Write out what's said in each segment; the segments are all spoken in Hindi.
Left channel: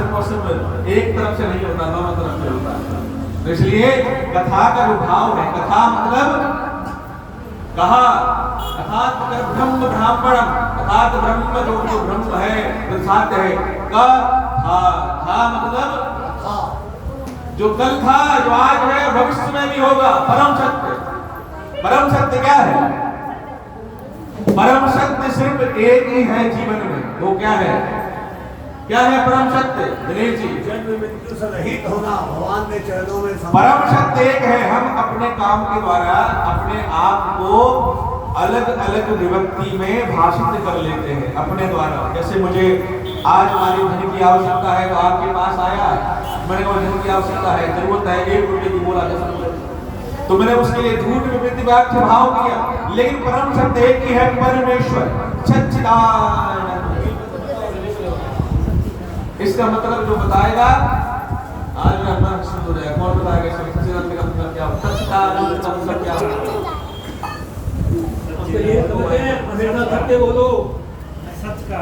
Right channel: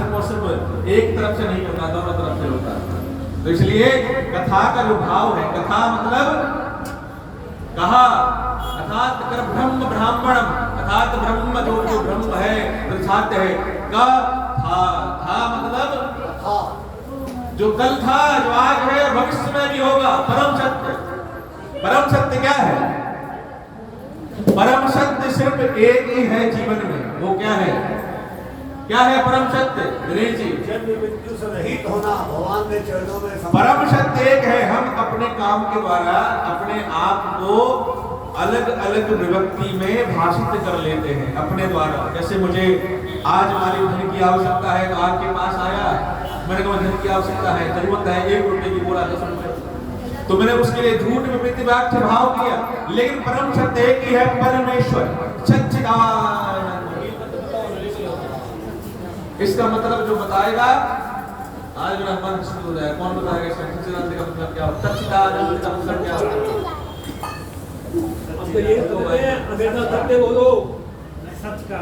सिर्फ और सिर्फ एक तरफ से नहीं होता, दोनों तरफ से होता है। तो इसलिए कथा का जो भाव है, कथा मतलब कहा, अर्थात ब्रह्म ब्राह्मणम, अर्थात ब्रह्म जो ब्रह्म है, प्रसाद है, का था मतलब जो कल था, जो आज है, भविष्य में भी होगा, परम सत्य। परम सत्य क्या है? परम सत्य सिर्फ एक ही है जीवन में, वो क्या है? क्या है परम सत्य? दिनेश जी, जन्म मृत्यु से रहित होना, भगवान के चरणों में परम सत्य एक है। हम अपने काम के द्वारा अपने आप को अलग अलग विभक्ति में भाषित कर लेते हैं अपने द्वारा। जैसे मुझे आज हमारी धन की आवश्यकता है, तो आपके पास आया, मैंने कहा धन की आवश्यकता है, जरूरत है 1 रुपए की, बोला 10 रुपए, तो मैंने उसके लिए झूठ विवृत्ति व्याख्या भाव किया। लेकिन परम सत्य एक ही है, परमेश्वर सच्चिदानंद। इसका मतलब जो बताएगा, आज मेरा मन शुरू हो जाएगा, कौन बताएगा इसका सच्चिदानंद का मतलब क्या होता है? सच्चिदानंद का मतलब क्या होता है? ये तो हमेशा सत्य बोलो। सच का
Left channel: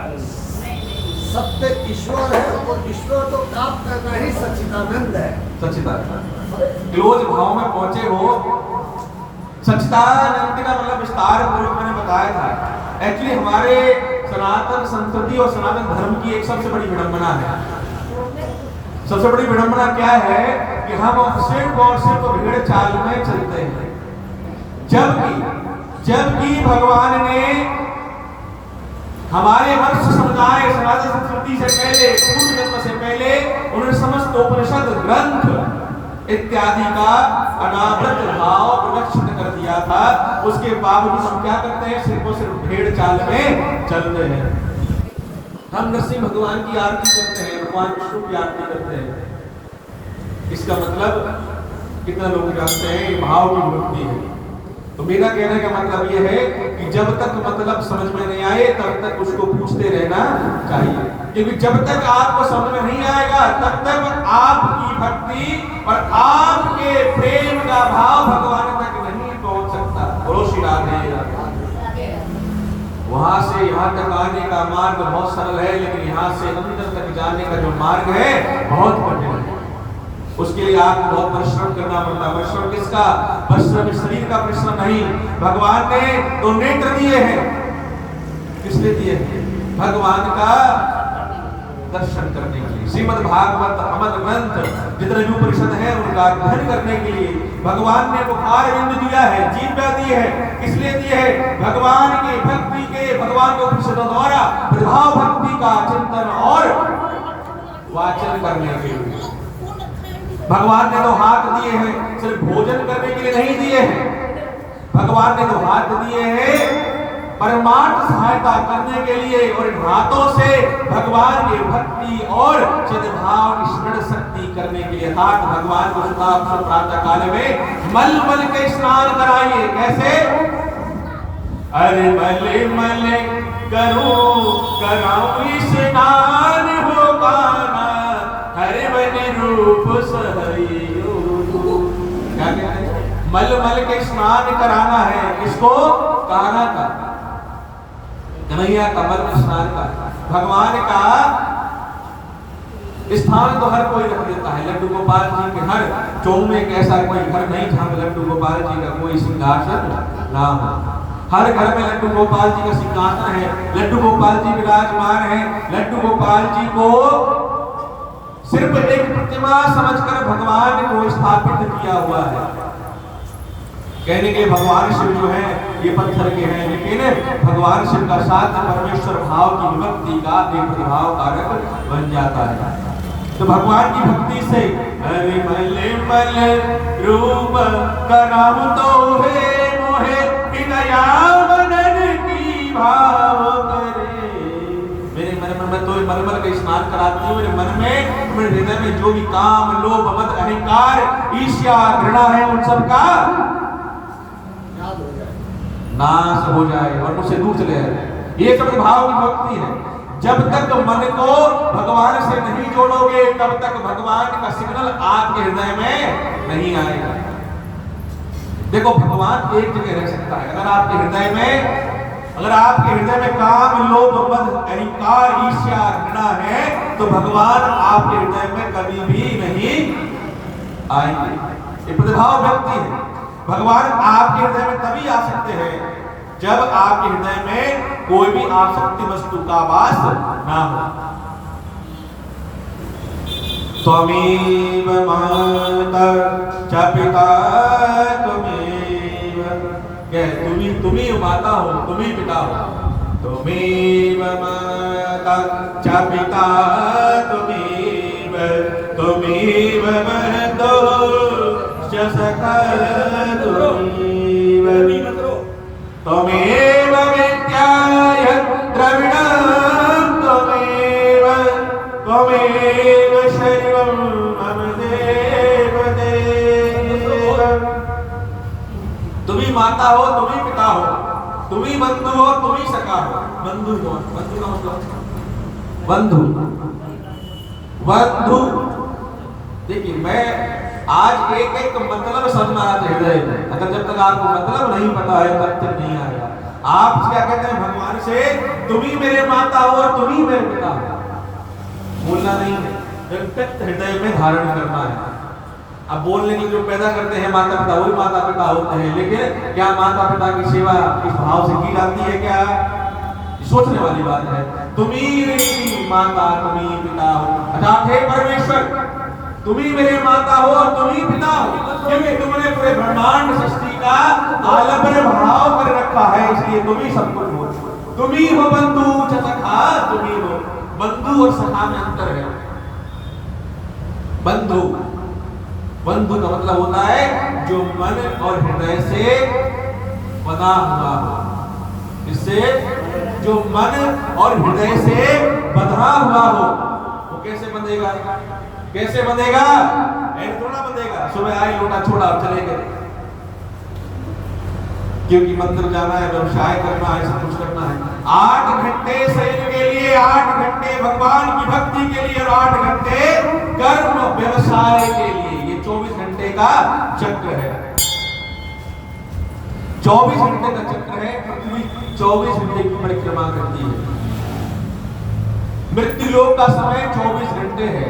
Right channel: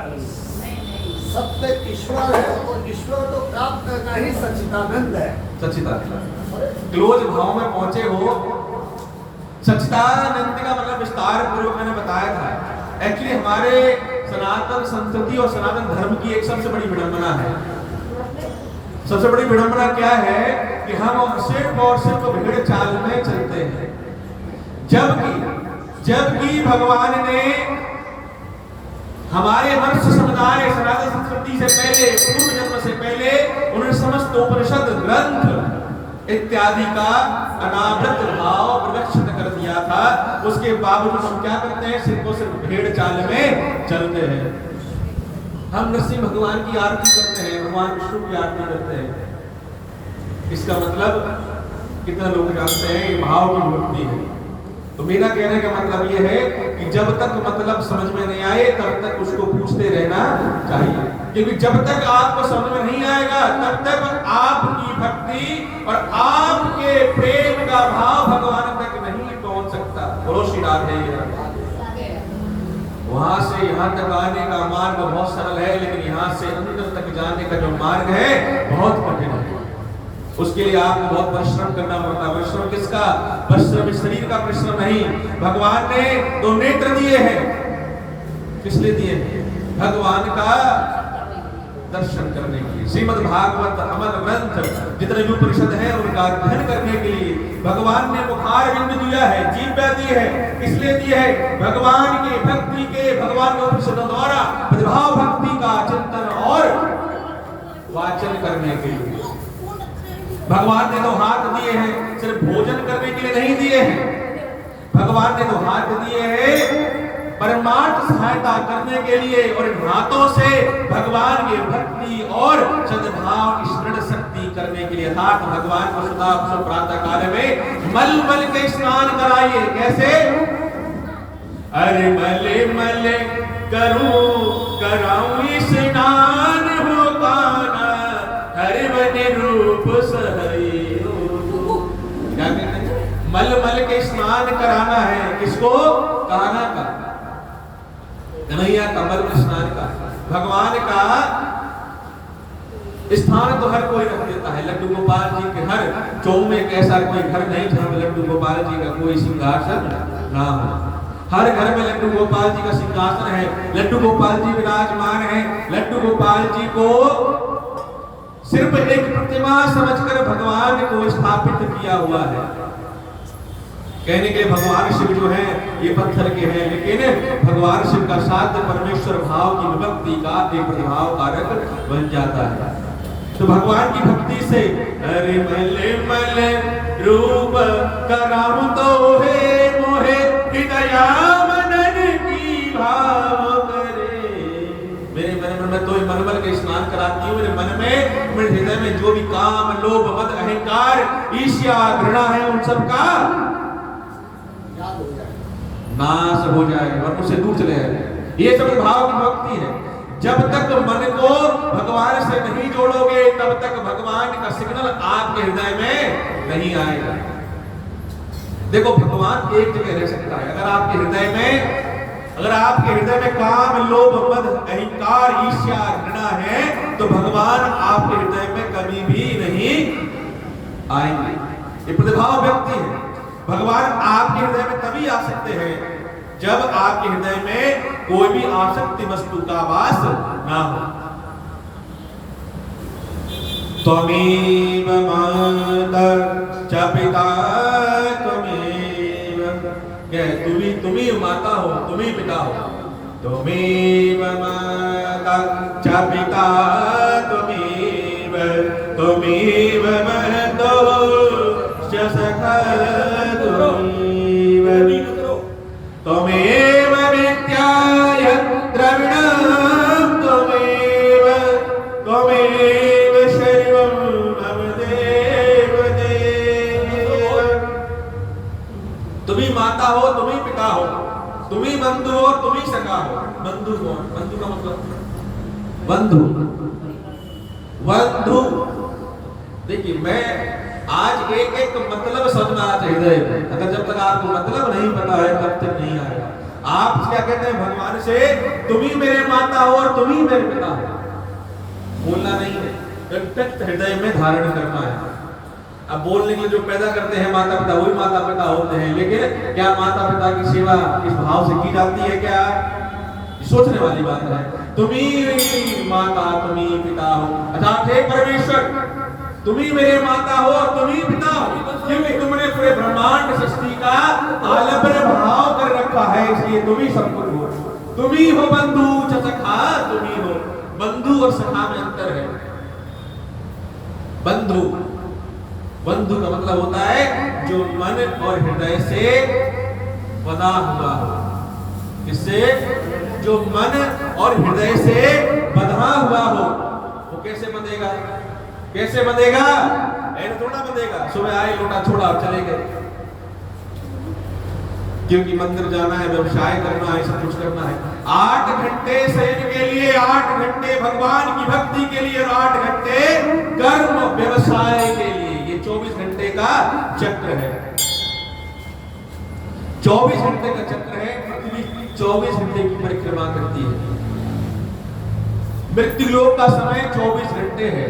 सत्य ईश्वर है और ईश्वर को प्राप्त करना ही सच्चिदानंद है। सच्चिदानंद क्लोज भाव में पहुंचे हो। सच्चिदानंद का मतलब विस्तार पूर्वक मैंने बताया था। एक्चुअली हमारे सनातन संस्कृति और सनातन धर्म की एक सबसे बड़ी विडंबना है। सबसे बड़ी विडंबना क्या है कि हम सिर्फ और सिर्फ भेड़ चाल में चलते हैं, जबकि भगवान ने हमारे मनुष्य समुदाय सनातन संस्कृति से पहले, पूर्व जन्म से पहले, उन्होंने समस्त उपनिषद ग्रंथ इत्यादि का अनावृत भाव प्रदर्शित कर दिया था। उसके बावजूद हम क्या करते हैं? सिर्फ और सिर्फ भेड़ चाल में चलते हैं। हम नरसिंह भगवान की आरती करते हैं, भगवान विष्णु की आरती करते हैं। इसका मतलब कितने लोग जानते हैं? ये भाव की विभक्ति है। तो मेरा कहने का मतलब ये है कि जब तक मतलब समझ में नहीं आए तब तक उसको पूछते रहना चाहिए, क्योंकि जब तक आपको समझ में नहीं आएगा तब तक आपकी भक्ति और आपके प्रेम का भाव भगवान तक नहीं पहुंच सकता। बोलो श्री राधे। वहां से यहाँ तक आने का मार्ग बहुत सरल है, लेकिन यहाँ से अंदर तक जाने का जो मार्ग है बहुत कठिन है। उसके लिए आपको बहुत परिश्रम करना पड़ता है। परिश्रम किसका? परिश्रम शरीर का परिश्रम नहीं। भगवान ने 2 नेत्र दिए हैं, किस लिए दिए? भगवान का दर्शन करने के लिए। श्रीमद् भागवत अमर ग्रंथ जितने भी उपनिषद हैं उनका अध्ययन करने के लिए भगवान ने मुखार बिंदु दिया है, जीभ दी है। किस लिए दी है? भगवान की भक्ति के, भगवान के उपनिषदों द्वारा प्रभाव भक्ति का चिंतन और वाचन करने के लिए। भगवान ने 2 हाथ दिए हैं, सिर्फ भोजन करने के लिए नहीं दिए हैं। भगवान ने 2 हाथ दिए हैं परमार्थ सहायता करने के लिए, और इन हाथों से भगवान की भक्ति और सद्भाव स्मरण शक्ति करने के लिए। अर्थात भगवान को सदा प्रातः काल में मल मल के स्नान कराइए। कैसे? अरे मले मले करूं कराऊं स्नान हो गाना, हरे बने रूप सहयो। क्या कहते हैं? मल मल के स्नान कराना है। किसको? कान्हा का, कन्हैया का मल स्नान का। भगवान का स्थान तो हर कोई रख देता है। लड्डू गोपाल जी के हर चौक में एक ऐसा कोई घर नहीं जहां लड्डू गोपाल जी का कोई सिंहासन ना हो। हर घर में लड्डू गोपाल जी का सिंहासन है, लड्डू गोपाल जी विराजमान है। लड्डू गोपाल जी को सिर्फ एक प्रतिमा समझकर भगवान को स्थापित किया हुआ है। कहने के भगवान शिव जो है ये पत्थर के हैं, लेकिन भगवान शिव का साथ परमेश्वर भाव की विभक्ति का एक प्रभाव कारक बन जाता है। तो भगवान की भक्ति से हरि मले मले रूप कराम तो है मोहे हृदया मनन की भाव करे। मेरे मन में तो मलमल का स्नान कराती हूँ। मेरे मन में, मेरे हृदय में जो भी काम, लोभ, मद, अहंकार, ईर्ष्या, घृणा है, उन सब का नाश हो जाए और मुझसे दूर चले जाए। ये सब भाव की भक्ति है। जब तक मन को भगवान से नहीं जोड़ोगे तब तक भगवान का सिग्नल आपके हृदय में नहीं आएगा। देखो भगवान एक जगह रह सकता है। अगर आपके हृदय में काम, लोभ, मद, अहंकार, ईर्ष्या, घृणा है तो भगवान आपके हृदय में कभी भी नहीं आएंगे। ये प्रतिभाव व्यक्ति है। भगवान आपके हृदय में तभी आ सकते हैं जब आपके हृदय में कोई भी आसक्ति वस्तु का वास ना हो। त्वमेव माता च पिता त्वमेव, तुम ही माता हो, तुम ही पिता हो। त्वमेव माता च पिता त्वमेव, त्वमेव बन्धो च सखा त्वमेव, त्वमेव विद्याय द्रविणं त्वमेव, त्वमेव शैवं मम देव देव। तुम ही माता हो, तुम ही पिता हो, तुम ही बंधु हो, तुम ही सखा हो। बंधु कौन? बंधु का मतलब बंधु, बंधु। देखिए, मैं आज एक एक मतलब समझना हृदय में, अगर जब तक आपको मतलब नहीं पता है तब तक नहीं आएगा। आप क्या कहते हैं भगवान से, तुम ही मेरे माता हो और तुम ही मेरे पिता हो। बोलना नहीं है, व्यक्त हृदय में धारण करना है। अब बोलने के लिए जो पैदा करते हैं माता पिता, वही माता पिता होते हैं, लेकिन क्या माता पिता की सेवा इस भाव से की जाती है? क्या सोचने वाली बात है। तुम ही माता, तुम ही पिता हो। अच्छा, हे परमेश्वर, तुम ही मेरे माता हो और तुम ही पिता हो, क्योंकि तुमने पूरे ब्रह्मांड सृष्टि का आलम्बन भाव कर रखा है, इसलिए तुम ही सब कुछ हो। तुम ही हो बंधु च सखा, तुम ही हो। बंधु और सखा में अंतर है। बंधु, बंधु का मतलब होता है जो मन और हृदय से बना हुआ हो। इससे जो मन और हृदय से बंधा हुआ हो, वो कैसे बंधेगा? कैसे बंधेगा? ऐसे थोड़ा बंधेगा, सुबह आए लोटा छोड़ा और चले गए। क्योंकि मंदिर जाना है, व्यवसाय करना है, सब कुछ करना है। 8 घंटे शयन के लिए, 8 घंटे भगवान की भक्ति के लिए और 8 घंटे कर्म व्यवसाय के लिए। ये 24 घंटे का चक्र है। 24 घंटे का चक्र है। पृथ्वी 24 घंटे की परिक्रमा करती है। मृत्यु लोक का समय 24 घंटे है।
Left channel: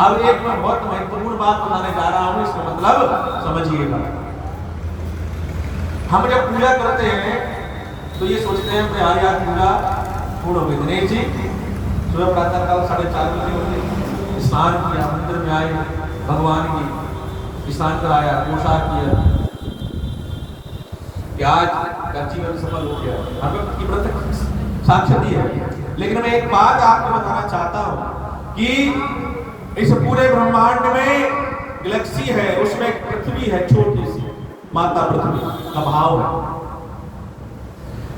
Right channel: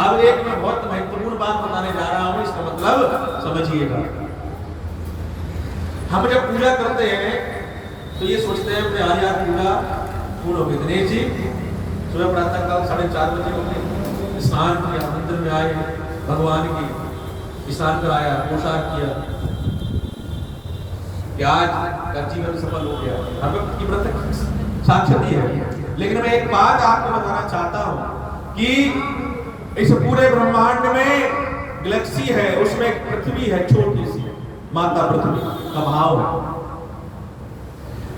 अब एक मैं बहुत महत्वपूर्ण बात बताने जा रहा हूं, इसका मतलब समझिएगा। हम जब पूजा करते हैं तो ये सोचते हैं आज पूजा पूर्ण हो गई। दिनेश जी सुबह प्रातः काल 4:30 बजे होंगे, स्नान किया, मंदिर में आए, भगवान की स्नान कराया, पोशाक किया, आज का जीवन सफल हो गया। भगवत की प्रत्यक्ष साक्षाती है। लेकिन मैं एक बात आपको बताना चाहता हूं कि इस पूरे ब्रह्मांड में गैलेक्सी है, उसमें एक पृथ्वी है, छोटी सी माता पृथ्वी का भाव है।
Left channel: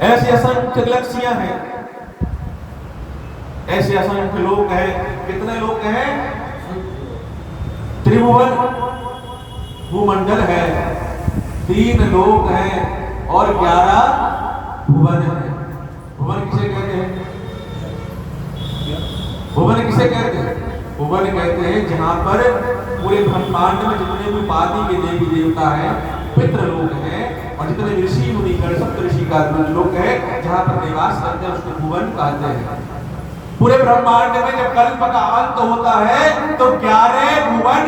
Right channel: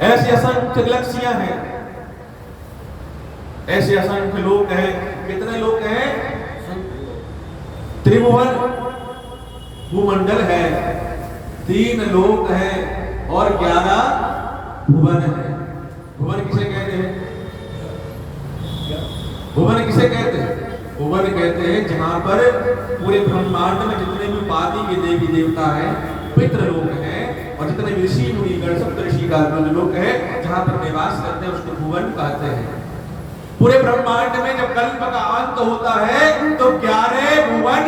ऐसे असंख्य गैलेक्सियां हैं, ऐसे असंख्य लोक हैं। कितने लोक हैं? त्रिभुवन भूमंडल है, 3 लोक हैं और 11 भुवन है। भुवन किसे कहते हैं? भुवन किसे कहते हैं? भुवन कहते हैं जहां पर पूरे ब्रह्मांड में जितने भी उपाधि के देवी देवता हैं, पितृ लोग हैं, और जितने भी ऋषि मुनि गण सप्त ऋषि का लोग हैं, जहां पर निवास करते हैं, उसको भुवन कहते हैं। पूरे ब्रह्मांड में जब कल्प का अंत होता है तो 11 भुवन,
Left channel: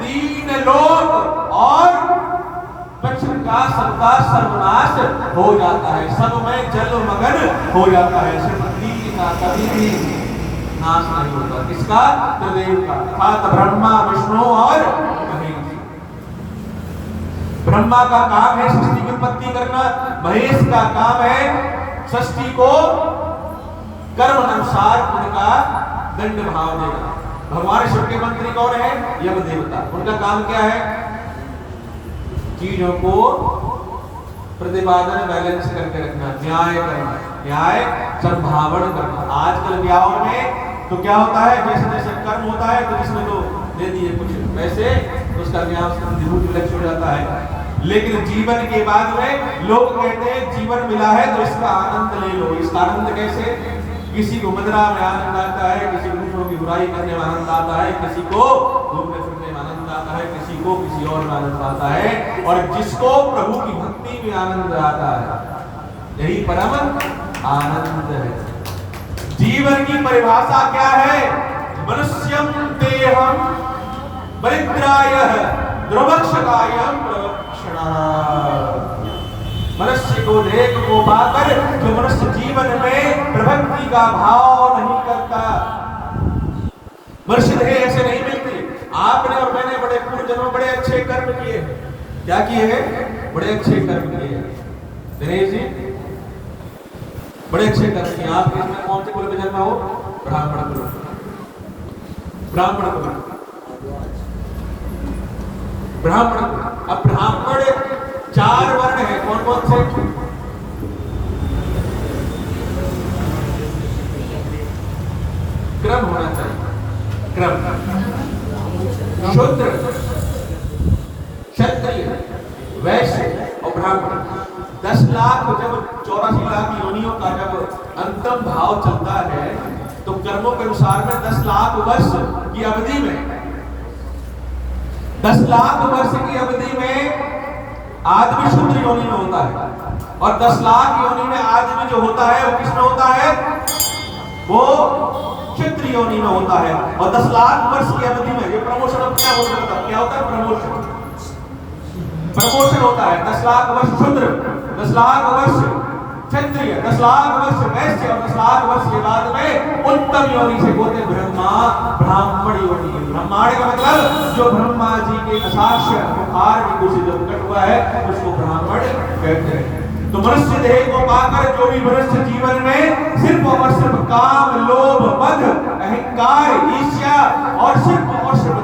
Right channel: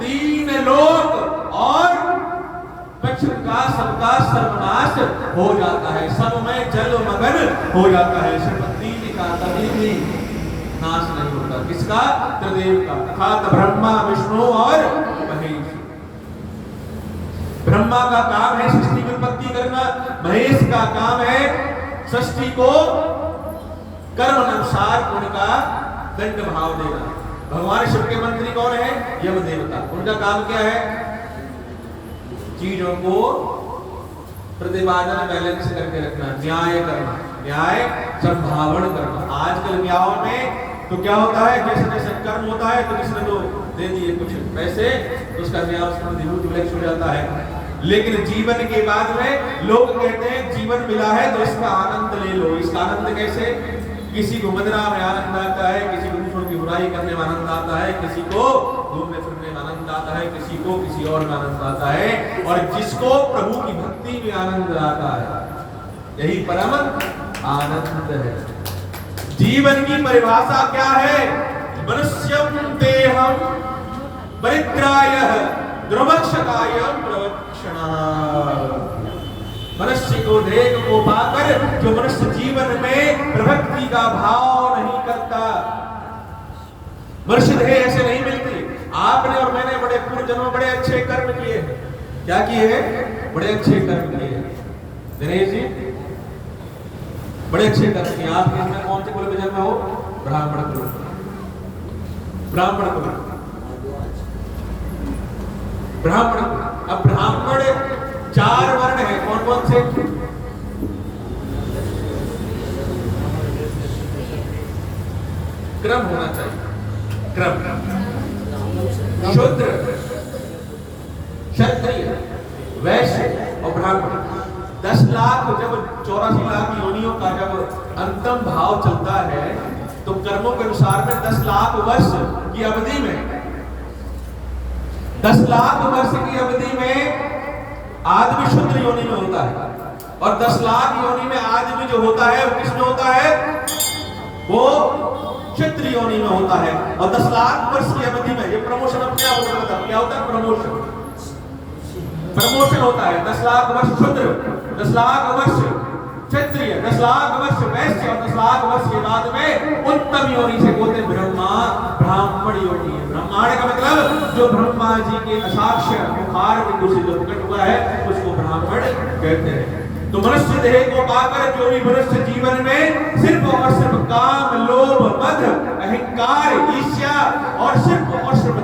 3 लोक और पृथ्वी का सबका सर्वनाश हो जाता है। सब में जल मगन हो जाता है। सिर्फ 3 का कभी भी नाश नहीं होता। किसका? त्रिदेव का, अर्थात ब्रह्मा, विष्णु और महेश। ब्रह्मा का काम है सृष्टि की उत्पत्ति करना, महेश का काम है सृष्टि को कर्म अनुसार उनका दंड भाव देना। भगवान शिव के मंत्री कौन है? यम देवता। उनका काम क्या है? चीजों को प्रतिपादन बैलेंस करके रखना, न्याय करना, न्याय संभावना करना। आजकल न्यायों में तो क्या होता है, जैसे जैसे कर्म होता है तो जिसने तो दे दिए कुछ पैसे, उसका न्याय उसका विलक्ष हो जाता है। लेकिन जीवन के बाद में लोग कहते हैं जीवन मिला है तो इसका आनंद ले लो। इसका आनंद कैसे? किसी को मदिरा में आनंद आता है, किसी को दूसरों की बुराई करने में आनंद आता है, किसी को घूमने फिरने में आनंद आता है, किसी को किसी और में आनंद आता है, और जिसको प्रभु की भक्ति में आनंद आता है, यही परम आनंद है। जीवन की परिभाषा क्या है? मनुष्यम देहम परित्रायः द्रवक्षकायम प्रवक्षणः। मनुष्य को देह को पाकर जो मनुष्य जीवन में प्रभक्ति का भाव नहीं करता, मनुष्य देह ऐसे नहीं मिलती। आपने और मैंने बड़े पूर्व जन्म बड़े अच्छे कर्म किए हैं। क्या किए हैं? बड़े अच्छे कर्म किए हैं। दिनेश जी बड़े अच्छे कर्म किए। आप इसमें कौन से कुल में जन्म हो? ब्राह्मण कुल। ब्राह्मण कुल, ब्राह्मण। अब ब्राह्मण 4 वर्ण है, कौन कौन से? क्रम होना चाहिए, क्रम। शूद्र, क्षत्रिय, वैश्य और ब्राह्मण। 10 लाख जब 84 लाख योनियों का जब अंतिम भाव चलता है तो कर्मों के अनुसार में 10 लाख वर्ष की अवधि में 10 लाख वर्ष की अवधि में आदमी शूद्र योनि में होता है, और 10 लाख योनि में आदमी जो होता है वो किसमें होता है? वो क्षत्रिय योनि में होता है। और 10 लाख वर्ष की अवधि में ये प्रमोशन अब क्या होता है? क्या होता है? प्रमोशन, प्रमोशन होता है। 10 लाख वर्ष शूद्र, 10 लाख वर्ष क्षत्रिय, 10 लाख वर्ष वैश्य, और 10 लाख वर्ष के बाद में उत्तम योनि से होते ब्रह्मा ब्राह्मण योनि। ब्रह्मांड का मतलब जो ब्रह्मा जी के असाक्ष्य मुखार बिंदु से जो प्रकट हुआ है उसको ब्राह्मण कहते हैं। तो मनुष्य देह को पाकर जो भी मनुष्य जीवन में सिर्फ और सिर्फ काम, लोभ, मद, अहंकार, ईर्ष्या और सिर्फ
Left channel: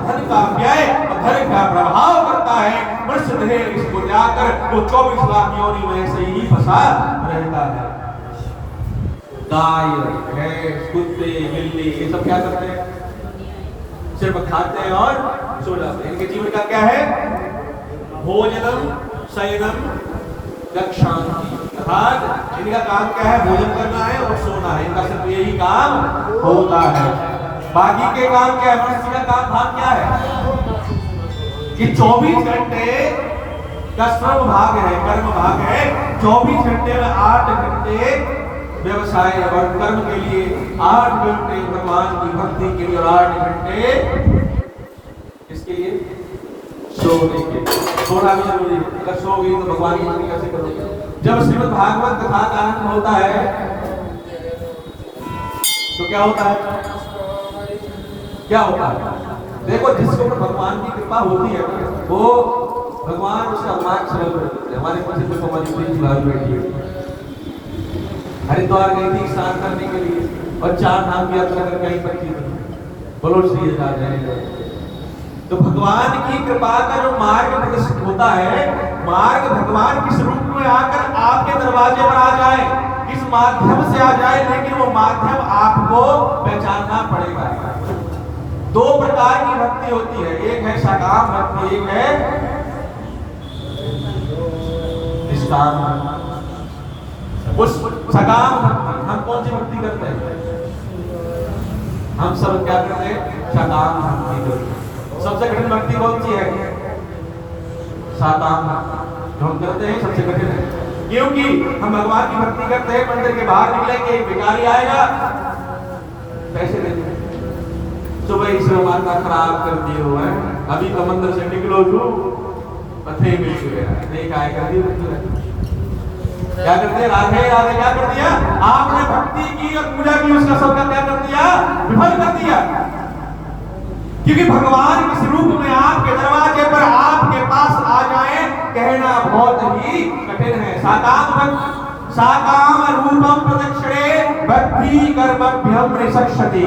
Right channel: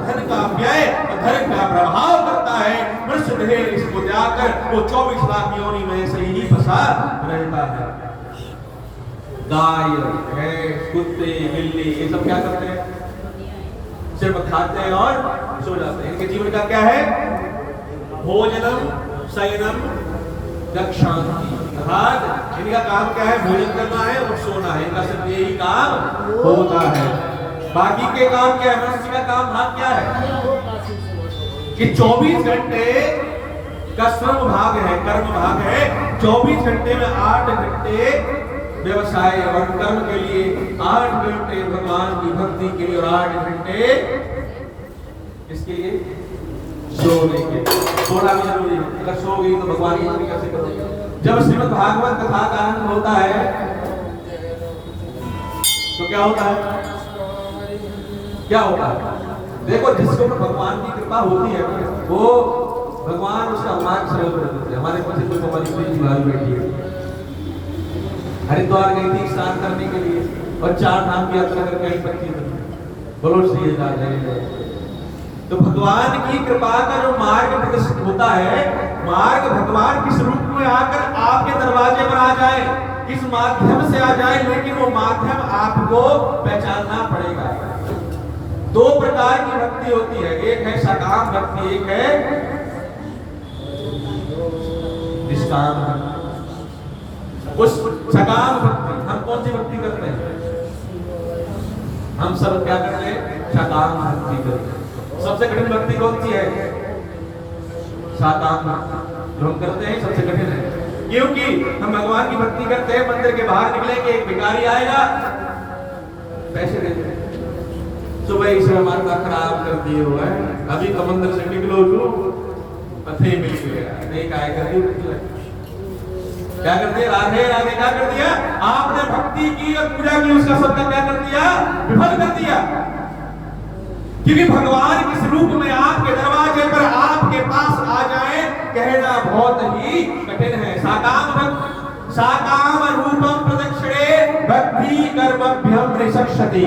धन का व्यय और धन का प्रभाव करता है, मनुष्य देह इसको त्यागकर वो 24 लाख योनि में ऐसे ही फंसा रहता है। गाय, भैंस, कुत्ते, बिल्ली ये सब क्या करते हैं? सिर्फ खाते हैं और सो जाते हैं। इनके जीवन का क्या है? भोजनम, शयनम, दक्षांति। अर्थात इनका काम क्या है? भोजन करना है और सोना है। इनका सिर्फ यही काम होता है। बाकी के काम क्या है? मनुष्य का काम भाग क्या है? कि 24 घंटे का श्रम भाग है, कर्म भाग है। 24 घंटे में 8 घंटे व्यवसाय और कर्म के लिए, 8 घंटे भगवान की भक्ति के लिए और 8 घंटे इसके लिए सोने के लिए। सोना भी जरूरी है। अगर सो गई तो भगवान की भक्ति कैसे करोगे? जब श्रीमद् भागवत कथा का आनंद होता है तो क्या होता है? क्या होता है? देखो, जिसके ऊपर भगवान की कृपा होती है वो भगवान उसका मार्ग सरल कर देते हैं। हमारे पीछे जो हमारी प्रीति भाई बैठी है, हरिद्वार गई थी स्नान करने के लिए और 4 धाम की यात्रा करके आई पत्नी बोलो श्री राधे। तो भगवान की कृपा का जो मार्ग प्रदर्शित होता है, मार्ग भगवान किस रूप में आकर आपके दरवाजे पर आ जाए, किस माध्यम से आ जाए, लेकिन वो माध्यम आपको पहचानना पड़ेगा। 2 प्रकार की भक्ति होती है, एक है सकाम भक्ति, एक है निष्काम भक्ति। उस सकाम भक्ति, हम कौन सी भक्ति करते हैं? हम सब क्या करते हैं? सकाम भक्ति करते हैं। सबसे कठिन भक्ति कौन सी है? साकाम भक्ति जो हम करते हैं सबसे कठिन है, क्योंकि हम भगवान की भक्ति करते हैं, मंदिर के बाहर निकलेंगे, एक भिखारी आएगा, पैसे देते हैं, सुबह ईश्वर माता खराब कर दिए हुआ है, अभी तो मंदिर से निकलो जो पथे मिल गया, नहीं काय कर दी। क्या कर दिया? राधे राधे क्या कर दिया? आपने भक्ति की और पूजा की, उसका सबका क्या कर दिया? विफल कर दिया। क्योंकि भगवान किस रूप में आपके दरवाजे पर आपके पास आ जाए, कहना बहुत ही कठिन है। साकाम रूपम प्रदक्षिणे भक्ति कर्मभ्यम निसक्षति।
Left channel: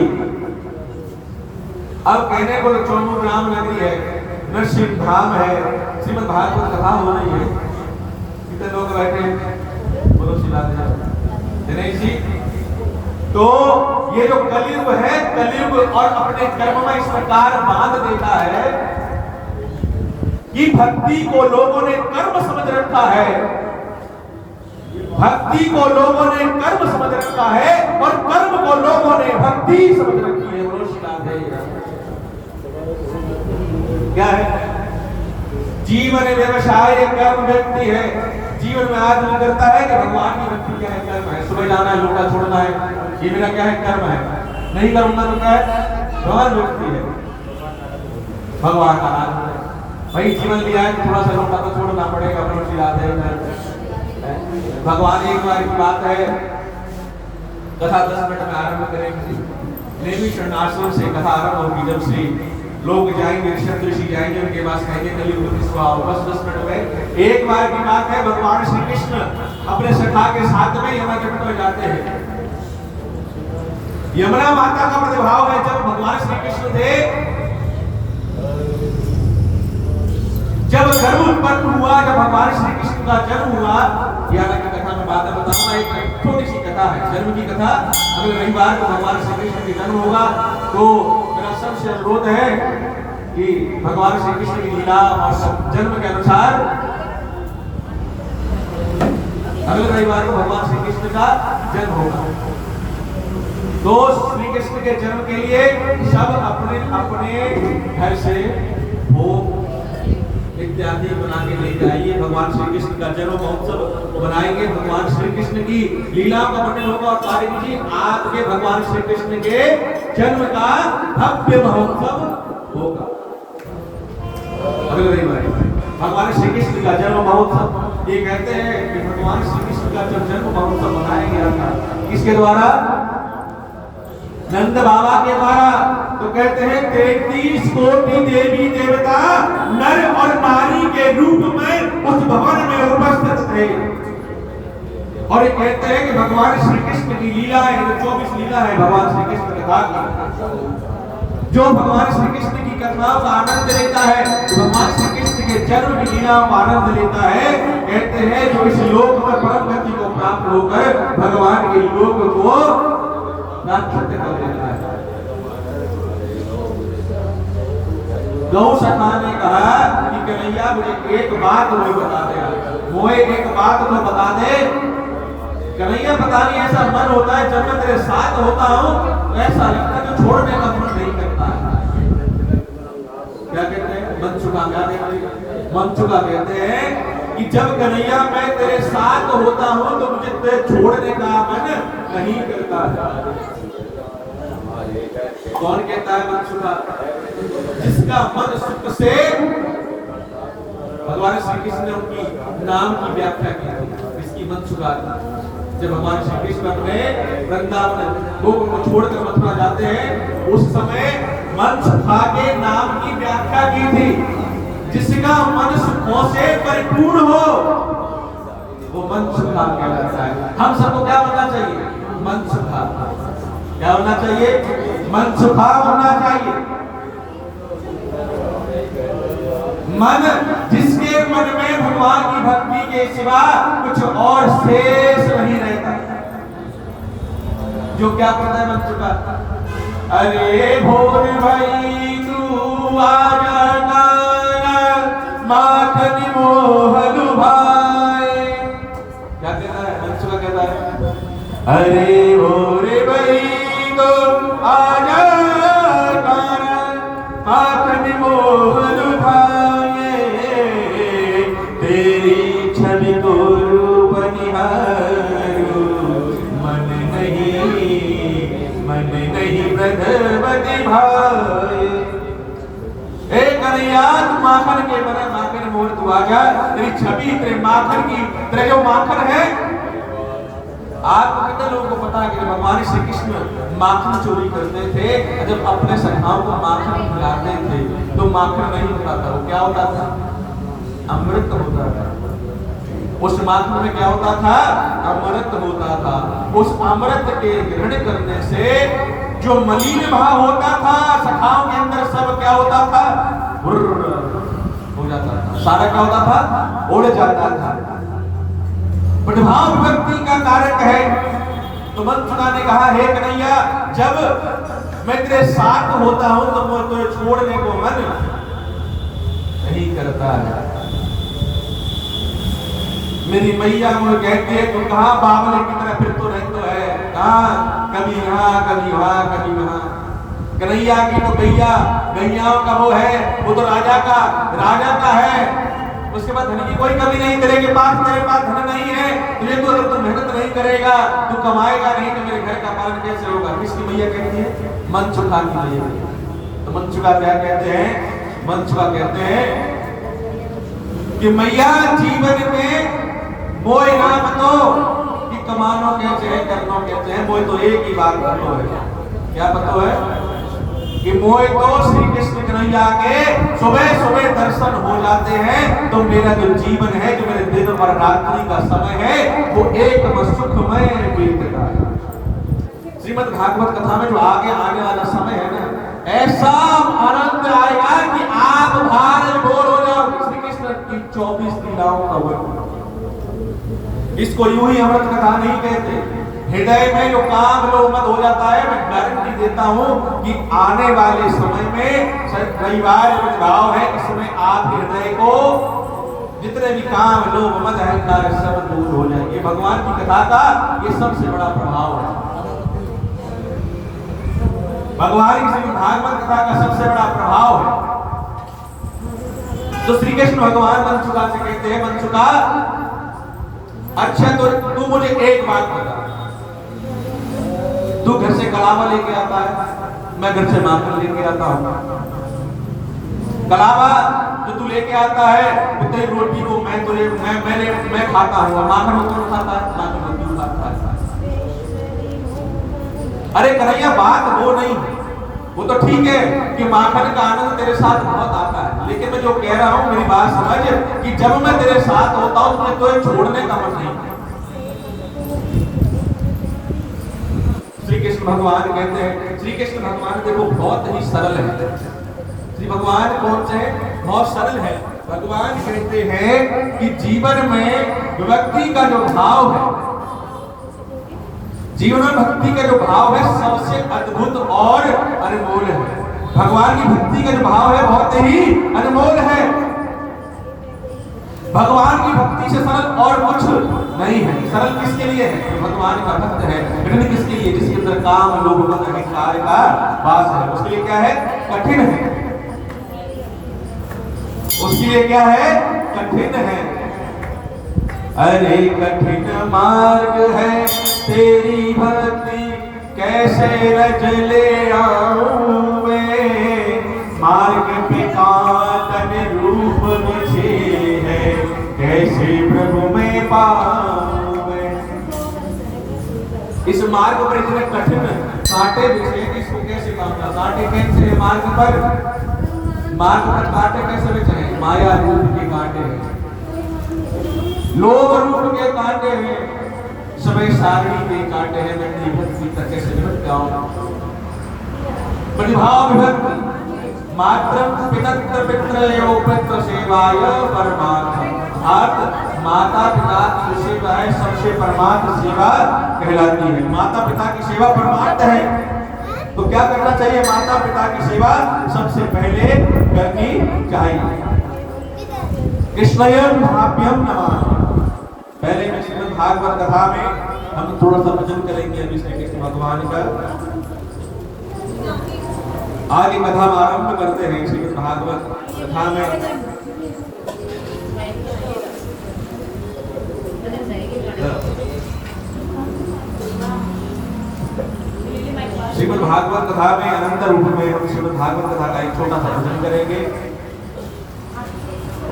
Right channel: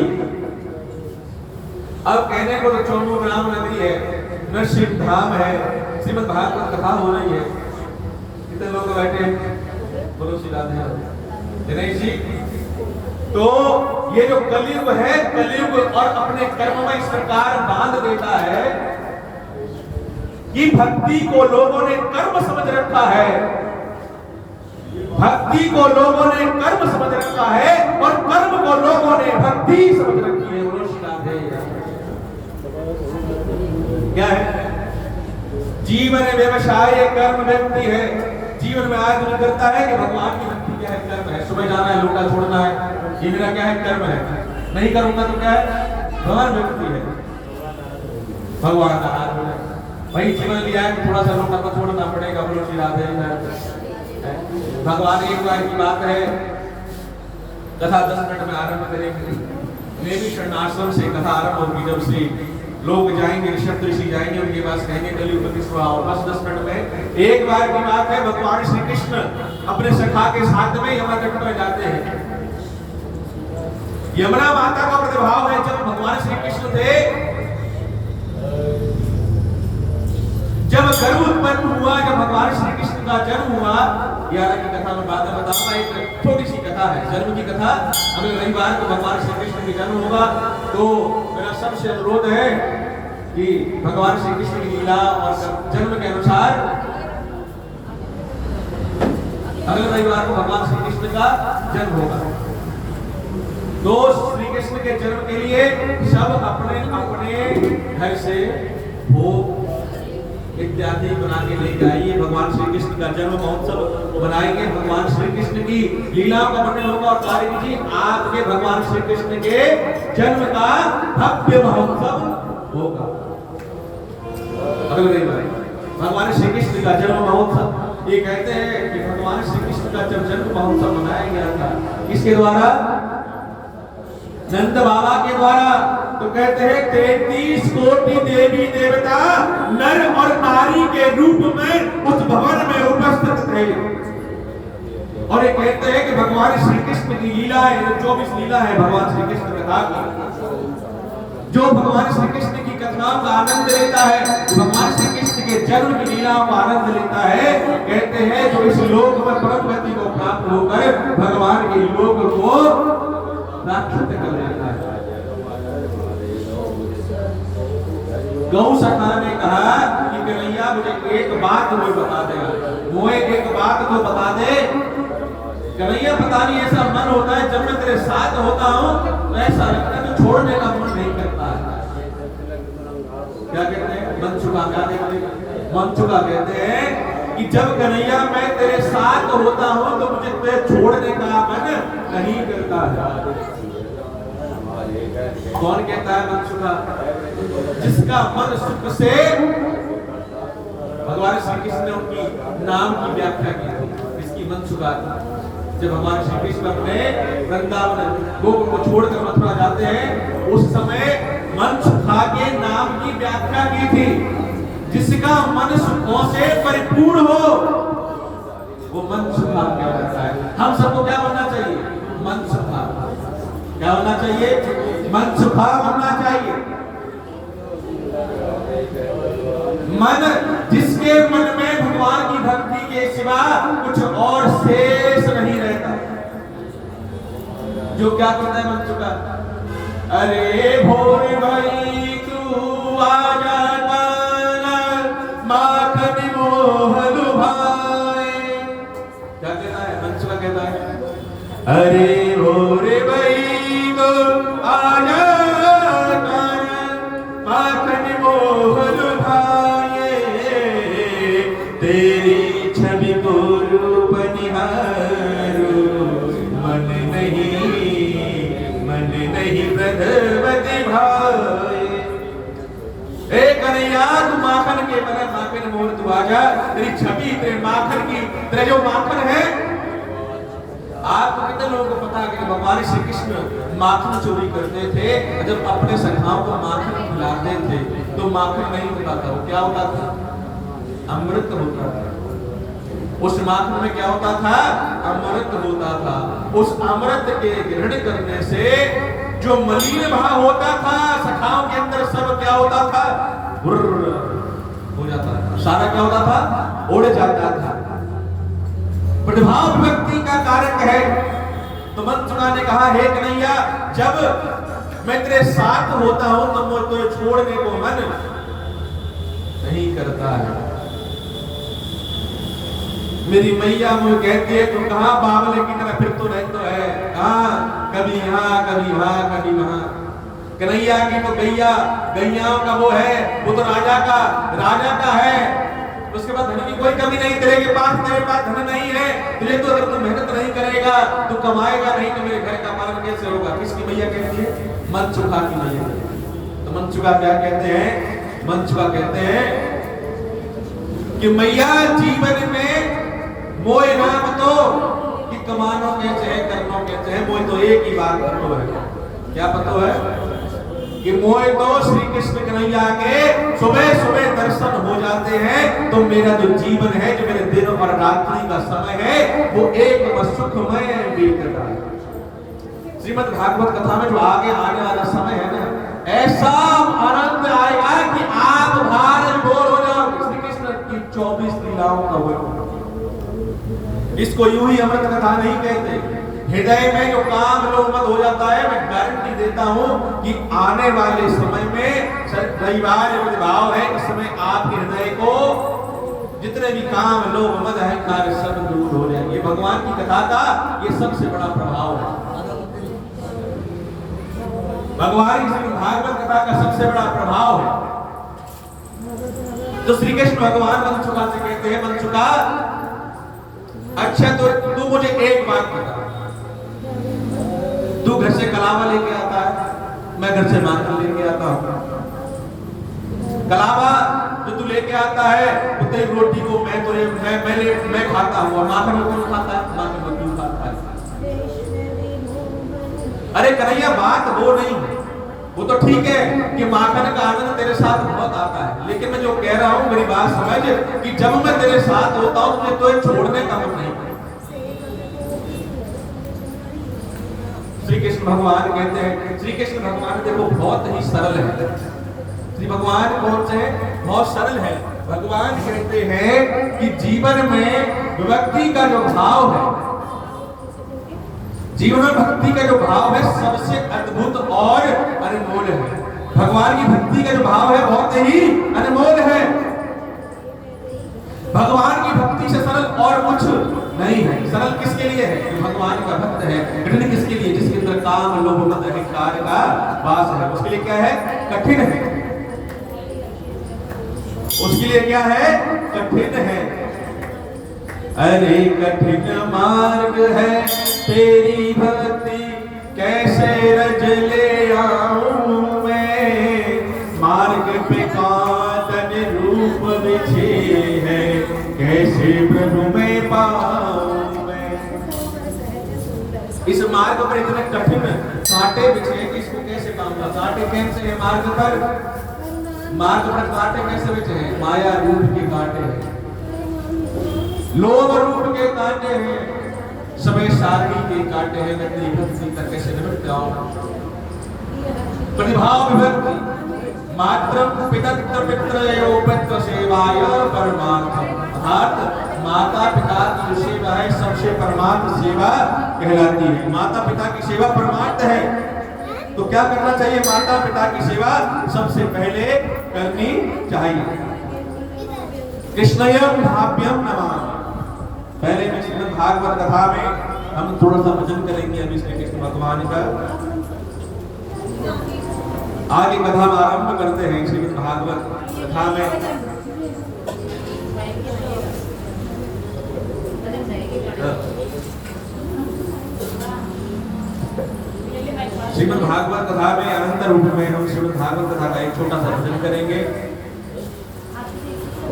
अब कहने को तो 94 ग्राम नगरी है, नरसिंह धाम है, श्रीमद् भागवत कथा हो रही है, कितने लोग बैठे हैं? बोलो सी बात है दिनेश जी। तो ये जो कलयुग है, कलयुग और अपने कर्म में इस प्रकार बांध देता है कि भक्ति को लोगों ने कर्म समझ रखा है, भक्ति को लोगों ने कर्म समझ रखा है और कर्म को लोगों ने भक्ति समझ रखी है। क्या है? जीवन व्यवसाय कर्म व्यक्ति है। जीवन में आदमी करता है कि भगवान की भक्ति क्या है? कर्म है। सुबह जाना है, लोटा छोड़ना है, ये मेरा क्या है? कर्म है। नहीं करूंगा तो क्या है? हर व्यक्ति है भगवान का नाम है। भाई जीवन लिया है तो थोड़ा सा लोटा तो छोड़ना पड़ेगा, बड़ी रात है। भगवान एक बार की बात है, कथा 10 मिनट में आरंभ करेंगे। नेमी शरण आश्रम से कथा आरंभ होगी। जब से लोग जाएंगे, ऋषभ ऋषि जाएंगे, उनके पास कहेंगे कलयुग विश्वास, बस 10 मिनट में एक बार की बात है। भगवान श्री कृष्ण अपने सखा के साथ में यमुना तट पर जाते हैं। यमुना माता का प्रतिभाव है, जब भगवान श्री कृष्ण थे, जब गर्भ उत्पन्न हुआ, जब भगवान श्री कृष्ण का जन्म हुआ, यार की कथा में बाद में बताऊंगा, एक छोटी सी कथा है, जन्म की कथा। अगले रविवार को भगवान श्री कृष्ण का जन्म होगा, तो मेरा सबसे अनुरोध है कि भगवान श्री कृष्ण की लीला और जन्म के अनुसार अगले रविवार को भगवान श्री कृष्ण का जन्म होगा। तो श्री कृष्ण के जन्म के लिए सब अपने अपने घर से भोग इत्यादि बना के ले जाइए। भगवान श्री कृष्ण का जन्म महोत्सव बनाएंगे, भगवान श्री कृष्ण की लीलाओं का वर्णन होगा और कार्य कीजिए। आपके भगवान श्री कृष्ण के जन्म का भव्य महोत्सव होगा अगले रविवार। भगवान श्री कृष्ण का जन्म महोत्सव, ये कहते हैं कि भगवान श्री कृष्ण का जब जन्म महोत्सव मनाया गया था, किसके द्वारा? नंद बाबा के द्वारा। तो कहते हैं 33 कोटि देवी देवता नर और नारी के रूप में उस भवन में उपस्थित थे। और ये कहते हैं कि भगवान श्री कृष्ण की लीला है, जो 24 लीला है भगवान श्री कृष्ण कथा की, जो भगवान श्री कृष्ण की कथाओं का आनंद लेता है, जो भगवान श्री कृष्ण के जन्म की लीलाओं का आनंद लेता है, कहते हैं जो इस लोक में परम गति को प्राप्त होकर भगवान के लोक को प्राप्त कर लेता है। गौ सखा ने कहा कि कन्हैया मुझे एक बात मुझे बता दे, मोए एक बात तो बता दे। कन्हैया पता नहीं ऐसा मन होता है, जब मैं तेरे साथ होता हूँ तो ऐसा लगता है तो छोड़ने का मन नहीं करता है। क्या कहते हैं? मन चुका। क्या कहते हैं? मन चुका कहते हैं कि जब कन्हैया मैं तेरे साथ होता हूँ तो मुझे तेरे छोड़ने का मन नहीं करता है। कौन कहता है मन चुका? जिसका मन सुख से, भगवान श्री कृष्ण ने उनकी नाम की व्याख्या की थी, इसकी मन चुका था। जब भगवान श्री कृष्ण अपने वृंदावन गोकुल को छोड़कर मथुरा जाते हैं, उस समय मन सुखा के नाम की व्याख्या की थी। जिसका मन सुखों से परिपूर्ण हो वो मन सुखा कहलाता है। हम सबको क्या होना चाहिए? मन सुखा। क्या होना चाहिए? मन सुखा होना चाहिए। मन जिसके मन में भगवान की भक्ति के सिवा कुछ और शेष नहीं रहता, जो क्या कहता है मन चुका? अरे भोर भाई तू आ जाना, माखन मोहन भाई। क्या कहता है? मन चुका कहता है अरे भोर भाई तू आ जाना, माखन मोहन भाई, तेरी छवि को रूप निहारो, मन नहीं ब्रजवती भाई। एक कन्हैया तू माखन के बना, माखन मोर तू आजा, तेरी छवि तेरे माखन की, तेरे जो माखन है। आपको कितने लोगों को पता है कि भगवान श्री कृष्ण माखन चोरी करते थे, जब अपने सखाओं को माखन खिलाते थे तो माखन नहीं होता था, वो क्या होता था? अमृत होता था। उस माखन में क्या होता था? अमृत होता था। उस अमृत के ग्रहण करने से जो मलिन भाव होता था सखाओं के अंदर, सब क्या होता था? हो जाता था, सारा क्या होता था? उड़ जाता था। प्रभाव व्यक्ति का कारक है। तो मन चुका ने कहा, हे कन्हैया जब मैं तेरे साथ होता हूं तो मैं तुझे छोड़ने को मन नहीं करता है। मेरी मैया मुझे कहती है तुम कहां बावले की तरह फिर तो रहते है, कहां कभी यहाँ कभी वहां कभी वहां। कन्हैया की तो गैयाओं का वो है, वो तो राजा का है। उसके बाद धन की कोई कमी नहीं, तेरे पास धन नहीं है, तुझे तो अगर तू मेहनत नहीं करेगा, तू कमाएगा नहीं तो मेरे घर का पालन कैसे होगा? किसकी मैया कहती है? मन चुका की मैया। मंचुका क्या कहते हैं? मंचुका कहते हैं कि मैया जीवन में मोय नाम तो कि कमानो कैसे है, करनो कैसे है, मोय तो एक ही बात पतो है। क्या पतो है? कि मोय तो श्री कृष्ण कन्हैया के सुबह सुबह दर्शन हो जाते हैं तो मेरा जो जीवन है, जो मेरे दिन और रात्रि का समय है, वो एक सुखमय बीतता है। श्रीमद् भागवत कथा में जो आगे आने वाला समय है ना, ऐसा आनंद आएगा कि आप भार बोर हो जाओगे। श्री कृष्ण की 24 लीलाओं का वर्णन, इसको यूं ही अमृत कथा नहीं कहते। हृदय में जो काम लोग मत हो जाता है, मैं गारंटी देता हूं कि आने वाले समय में रविवार भाव है, इस समय आपके हृदय को जितने भी काम लोग मत अहंकार सब दूर हो जाएंगे। भगवान की कथा का ये सबसे बड़ा प्रभाव है। भगवान की भागवत कथा का सबसे बड़ा प्रभाव है। तो श्री कृष्ण भगवान मंचुका से कहते हैं, मंचुका अच्छा तो तू मुझे एक बात बता, तू घर से कलावा लेके आता है, मैं घर से माखन लेके आता हूं। कलावा जो तू लेके आता है, तेरी रोटी को मैं खाता हूं, माखन तू खाता है, माखन तू खाता है। अरे कन्हैया बात वो नहीं है, वो तो ठीक है कि माखन का आनंद तेरे साथ बहुत आता है, लेकिन मैं जो कह रहा हूं मेरी बात समझ कि जब मैं तेरे साथ होता हूं तो छोड़ने का मन नहीं। श्री कृष्ण भगवान कहते हैं, श्री कृष्ण भगवान देखो बहुत ही सरल है। श्री भगवान कौन से बहुत सरल है। भगवान कहते हैं कि जीवन में व्यक्ति का जो भाव है, जीवन में भक्ति का जो भाव है सबसे अद्भुत और अनमोल है। भगवान की भक्ति का जो भाव है बहुत ही अनमोल है। भगवान की भक्ति से सरल और कुछ नहीं है। सरल किसके लिए है? भगवान का भक्त है। कठिन किसके लिए? जिसके अंदर काम लोभ मद अहंकार का वास है, उसके लिए क्या है? कठिन है। उसके लिए क्या है? कठिन है। अरे कठिन मार्ग है तेरी भक्ति, कैसे रज ले आऊं मैं। मार्ग पे कांदन रूप बिछे है, कैसे प्रभु में पाऊं मैं। इस मार्ग पर इतने कठिन कांटे बिछे कि इसको कैसे पाऊंगा। कांटे कैसे है मार्ग पर? मार्ग पर कांटे कैसे बिछे हैं? माया रूप के कांटे हैं, लोभ रूप के कांटे हैं, समय सारणी के कांटे हैं। मैं तेरी भक्ति तक कैसे निकट जाऊं। प्रतिभाव विभक्ति मात्रम पितृ पितृ एवं पुत्र सेवाय परमार्थम। अर्थात माता पिता की जो सेवा है सबसे परमार्थ सेवा कहलाती है। माता पिता की सेवा परमार्थ है, तो क्या करना चाहिए? माता पिता की सेवा सबसे पहले करनी चाहिए। कृष्णयं भाव्यं नमः। पहले में श्रीमद् भागवत कथा में हम थोड़ा सा भजन करेंगे अभी श्री कृष्ण भगवान का। आगे कथा आरंभ करते हैं श्रीमद् भागवत कथा में। श्रीमद् भागवत कथा में अनंत रूप में हम श्रीमद् भागवत कथा का एक छोटा सा भजन करेंगे।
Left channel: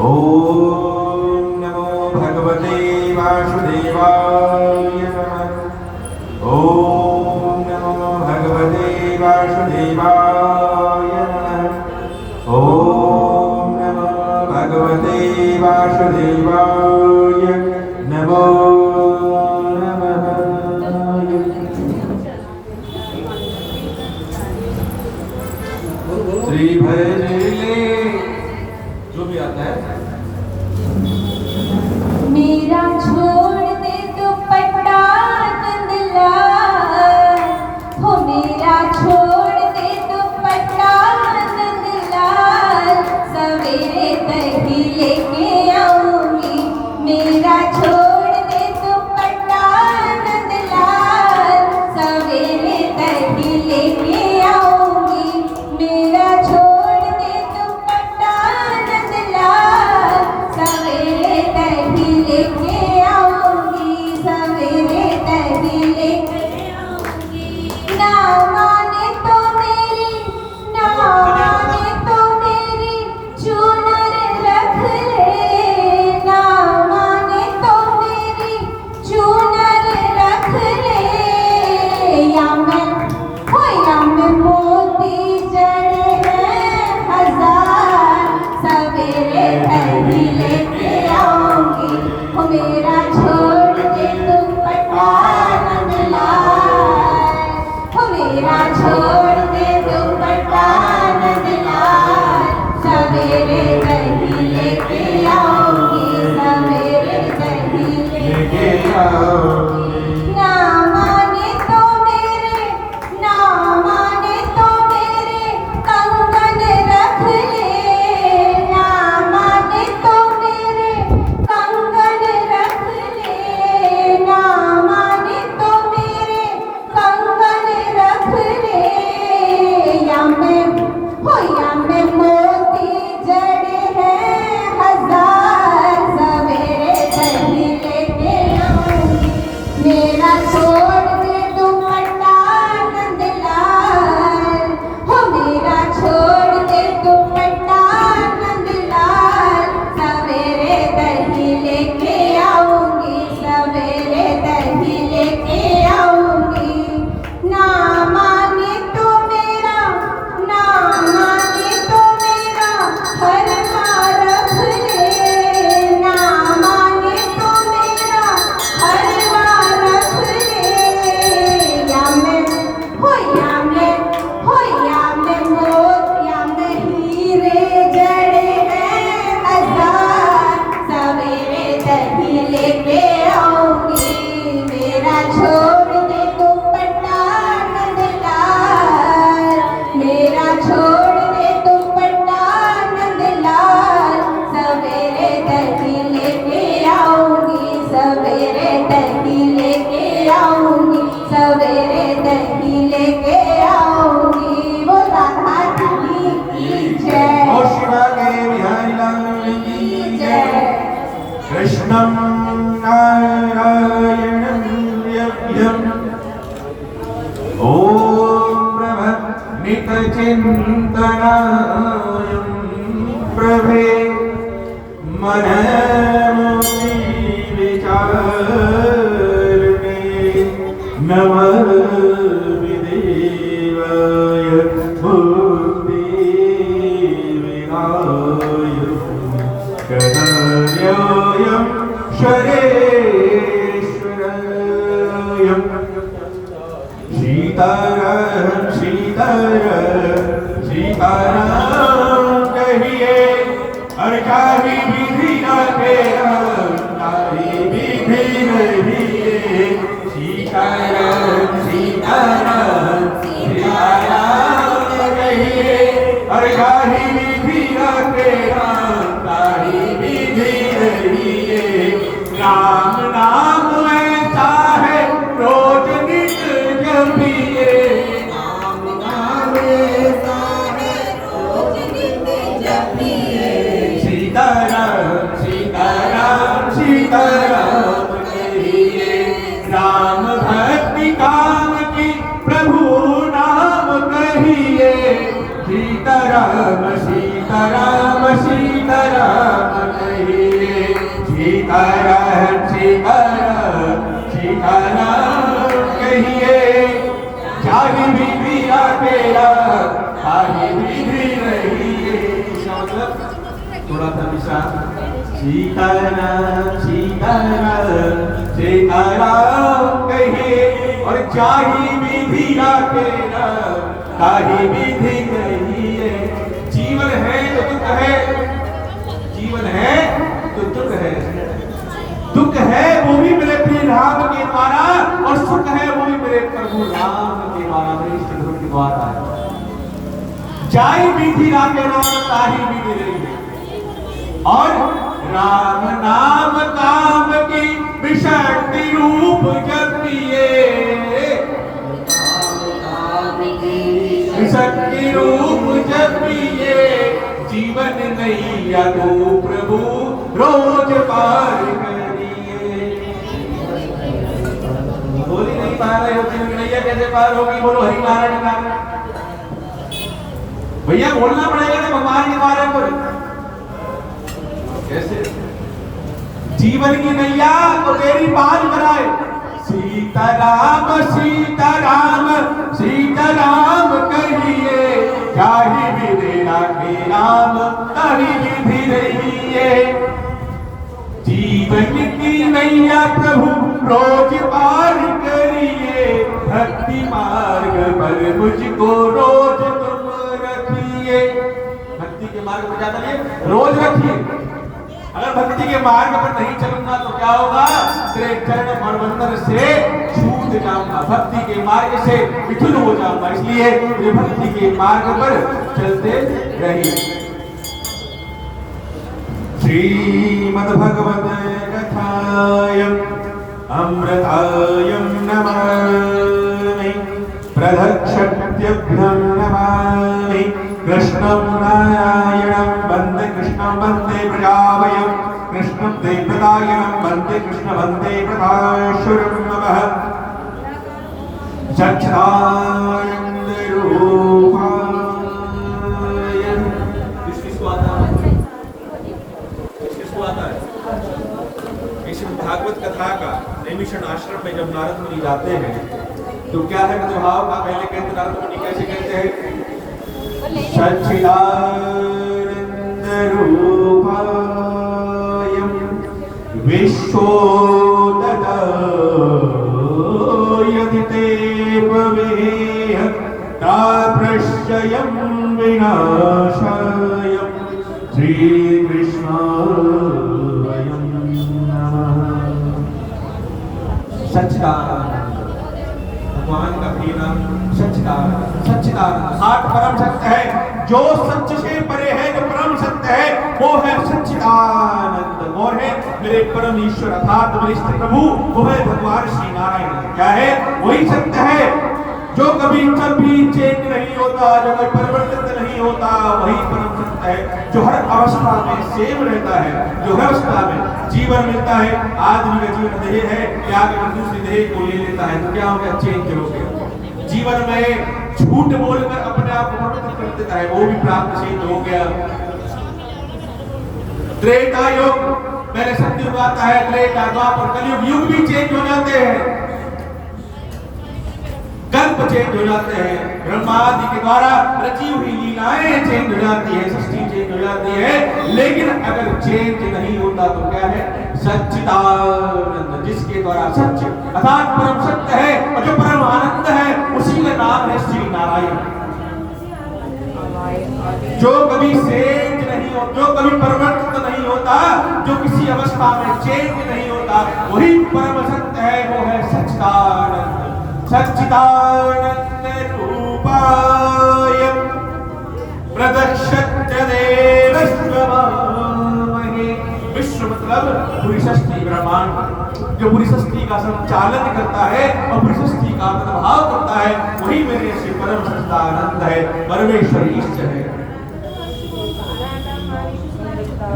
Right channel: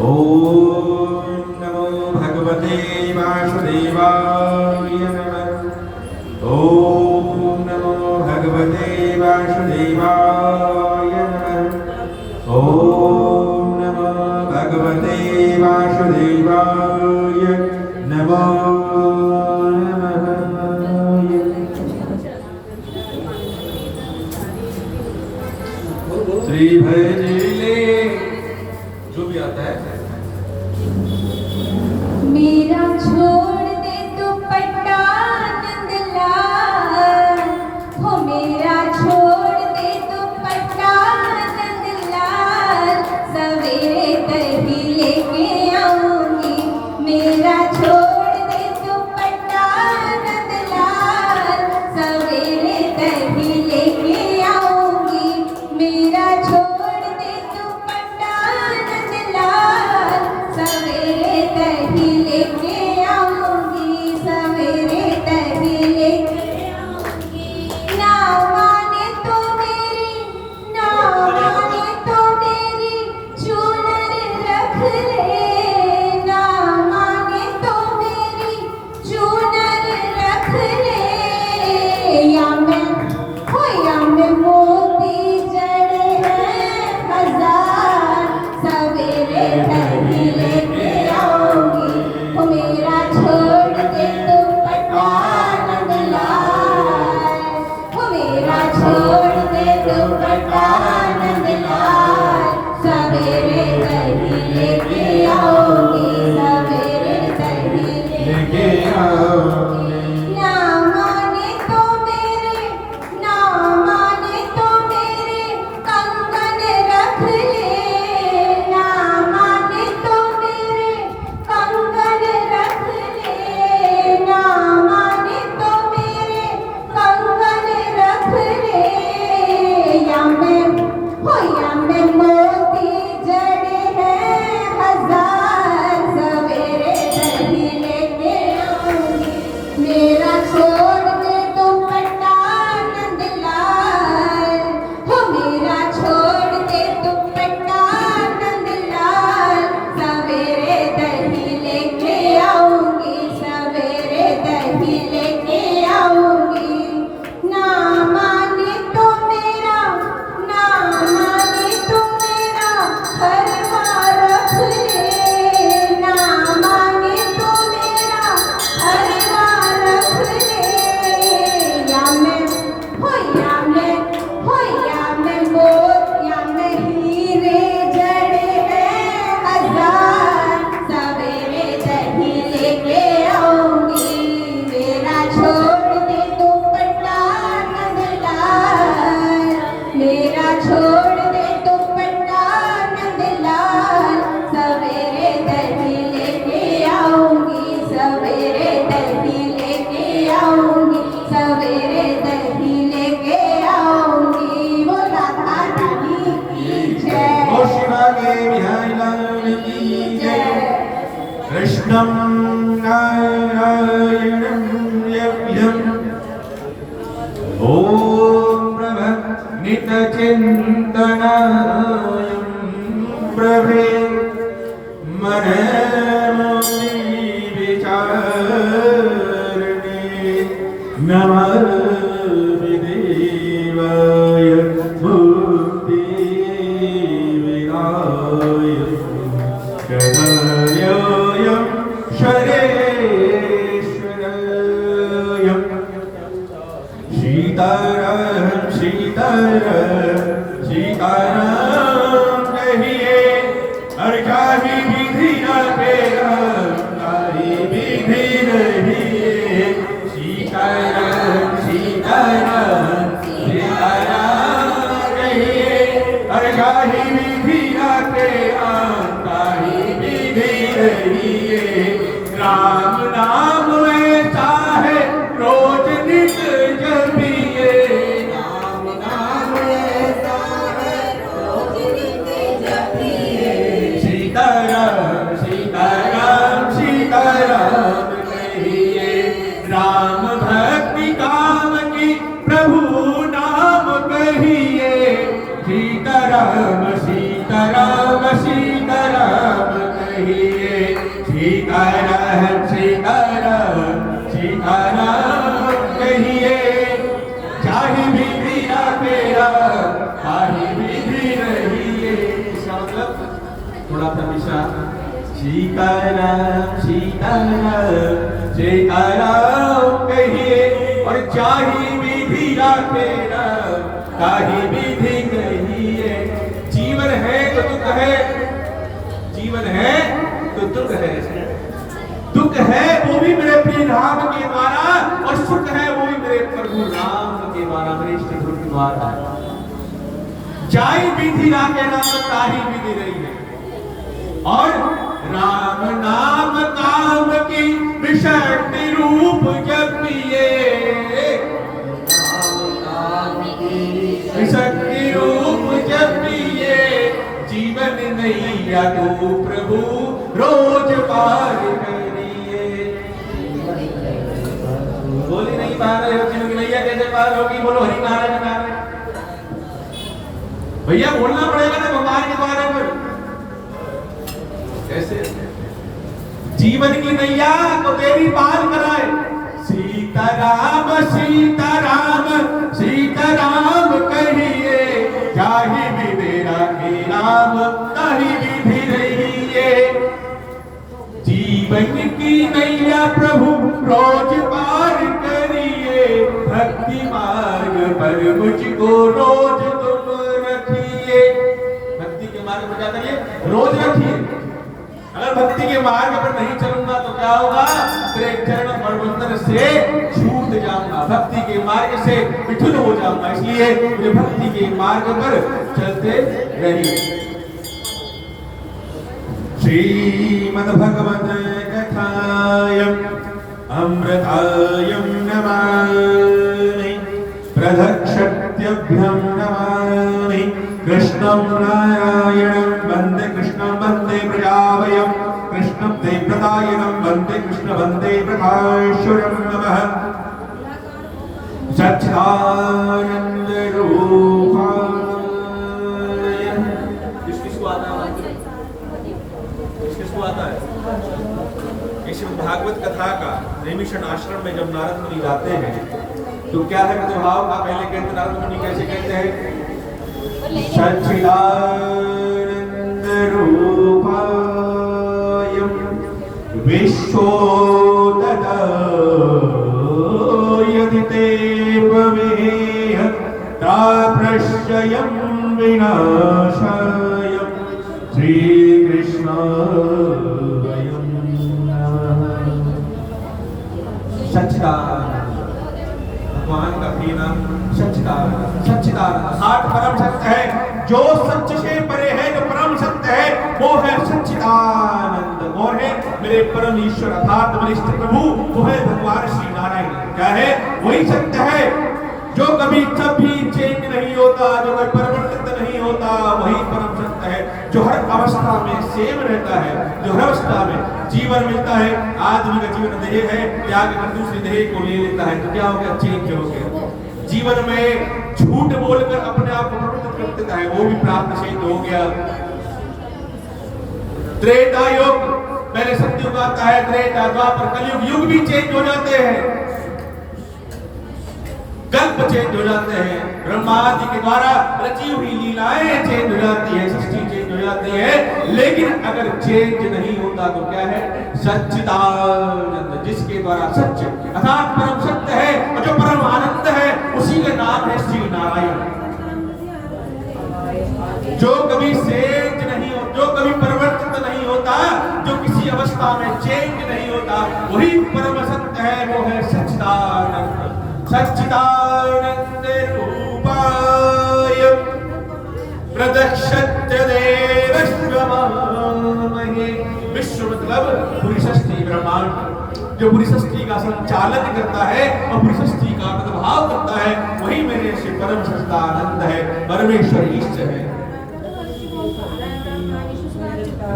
ओम नमो भगवते वासुदेवाय नमः। ओम नमो भगवते वासुदेवाय नमः। ओम नमो भगवते वासुदेवाय नमो नमः। श्री भजले जो भी आता है। मेरा छोड़ दे दुपट्टा नंदलाल, हो मेरा छोड़ दे दुपट्टा नंदलाल, सवेरे दही लेके आऊंगी। मेरा छोड़ दे दुपट्टा नंदलाल, सवेरे दही लेके आऊंगी। मेरा छोड़ दे दुपट्टा नंदलाल, सवेरे दही लेके आऊंगी। में मोती जड़े हैं हजार, सवेरे दही लेके आऊंगी। मेरा छोड़ दे दुपट्टा नंदलाल, हो मेरा छोड़ दे दुपट्टा नंदलाल, सवेरे दही लेके आऊंगी, सवेरे दही लेके आऊंगी। ना माने तो मेरा, ना माने तो मेरा हरवा रख ले, ना माने तो मेरा हरवा रख ले। या मैं मोत या मैं हीरे जड़े हैं हजार, सवेरे दही लेके आऊंगी। मेरा छोड़ दे दुपट्टा नंदलाल, मेरा छोड़ दे दुपट्टा नंदलाल, सवेरे दही लेके आऊंगी, सवेरे दही लेके आऊंगी, सवेरे दही लेके आऊंगी। वो राधा रानी की जय। ओ शिवा के बिहारी लाल की जय। कृष्णं नारायणं यज्ञं ॐ प्रभनित चिन्तनायं प्रभे मनमुक्ति विचारणे नमः देवाय मुक्ति विनाय शरण्योऽयं शरेश्वरयं सीताराम सीताराम सीताराम कहिए हर काही विधि न तेरा तारी विधि रहिए। सीताराम सीताराम सीताराम कहिए हर काही विधि न तेरा तारी विधि रहिए। राम नाम ऐसा है रोज नित जपिए, राम नाम ऐसा है रोज नित जपिए। सीताराम सीताराम सीताराम कहिए राम भक्ति काम की प्रभु नाम कहिए। सीताराम सीताराम सीताराम कहिए सीताराम सीताराम सीताराम कहिए। जाहि विधि तेरा ताहि विधि रहिए। इसका मतलब थोड़ा सा विचार। सीताराम सीताराम सीताराम कहिए और जाहि विधि तेरा ताहि विधि रहिए। जीवन है तो दुख है, जीवन है तो दुख है। दुख है वो भी मेरे प्रिय राम के द्वारा और सुख है वो भी मेरे प्रभु राम के द्वारा, मेरे इष्ट गुरु के द्वारा। जाई विधि राम के नाम ताही विधि रही है। और राम नाम काम की विशक्ति रूप जपिए, विशक्ति रूप जपिए। जीवन नैया तो प्रभु रोज पार करिए। बोल ही नहीं पा रहे हो, जीवन नैया कैसे पार होगी? बोलो हरि नारायण नारायण। भैया बोलना पड़ेगा ना भगवान के बारे में। कैसे? जीवन की नैया को तेरी पार कराए। सीताराम सीताराम सीताराम कहिए, जाहि विधि राखे राम ताहि विधि रहिए। जीवन की नैया प्रभु रोज पार करिए। भक्ति मार्ग पर मुझको रोज तुम रखिए। भक्ति के मार्ग पर जाता है रोज रखिए। अगर भक्ति के मार्ग पर नहीं चलूंगा तो क्या होगा? तेरे चरण मणिमंदिर से छूट जाऊंगा, भक्ति के मार्ग से विचुर हो जाऊंगा। इसलिए मुझे भक्ति के मार्ग पर चलते रहिए। श्रीमद्भगवत कथायं अमृतायं नमामि, प्रदक्षिणभ्यं नमामि। कृष्ण कृष्णं नारायणं वन्दे कृष्णं वन्दे प्रजापतिं कृष्णं देवदायनं वन्दे कृष्ण वन्दे प्रभास्वरं नमः सच्चिदानंद रूपाय। किसको आता है? किसको आता है? श्रीमद् भागवत कथा का नैमिषारण्य आश्रम में जब नारद मुनि जाते हैं तो क्या है भाव का? पहले कहते नारद मुनि कैसे कहते हैं? सच्चिदानंद रूपाय विश्वोदयदिते भवेह ताप्रश्चयं विनाशाय श्रीकृष्णाय नमः। सच्चिदानंद भगवान का भी नाम सच्चिदानंद। सच्चिदानंद साठ परम सत्य है, जो सत्य से परे है, जो परम सत्य है वो है सच्चिदानंद। और है मेरे परम ईश्वर अर्थात मेरे इष्ट प्रभु, वो है भगवान श्री नारायण। क्या है? वही सत्य है जो कभी कभी चेंज नहीं होता, जो कभी परिवर्तित नहीं होता, वही परम सत्य है जो हर अवस्था में सेम रहता है, जो हर अवस्था में जीवन मिलता है। आदमी का जीवन देह है, त्याग कर दूसरी देह को ले लेता है तो क्या हो गया? चेंज हो गया। जीवन में झूठ बोलकर अपने आप को पवित्र कर देता है, वो भी प्राप्त चेंज हो गया। त्रेता युग पहले सतयुग आता है, त्रेता द्वापर कलयुग, युग भी चेंज हो जाते हैं, कल्प चेंज हो जाते हैं, ब्रह्मा आदि के द्वारा रची हुई लीलाएं चेंज हो जाती है, सृष्टि चेंज हो जाती है। लेकिन अगर चेंज नहीं होता तो क्या है? सच्चिदानंद, जिसके द्वारा सत्य अर्थात परम सत्य है और जो परम आनंद है उसी का नाम है श्री नारायण। जो कभी चेंज नहीं हो, जो कभी परिवर्तित नहीं होता, जो किसी अवस्था में चेंज नहीं होता, वही परम सत्य है, वो है सच्चिदानंद। सच्चिदानंद रूपाय प्रदक्षिण देवस्वमहे। विश्व मतलब पूरी सृष्टि ब्रह्मांड, जो पूरी सृष्टि का संचालन करता है और पूरी सृष्टि का प्रभाव करता है, वही मेरे से परम सच्चिदानंद है, परमेश्वर ईश्वर है।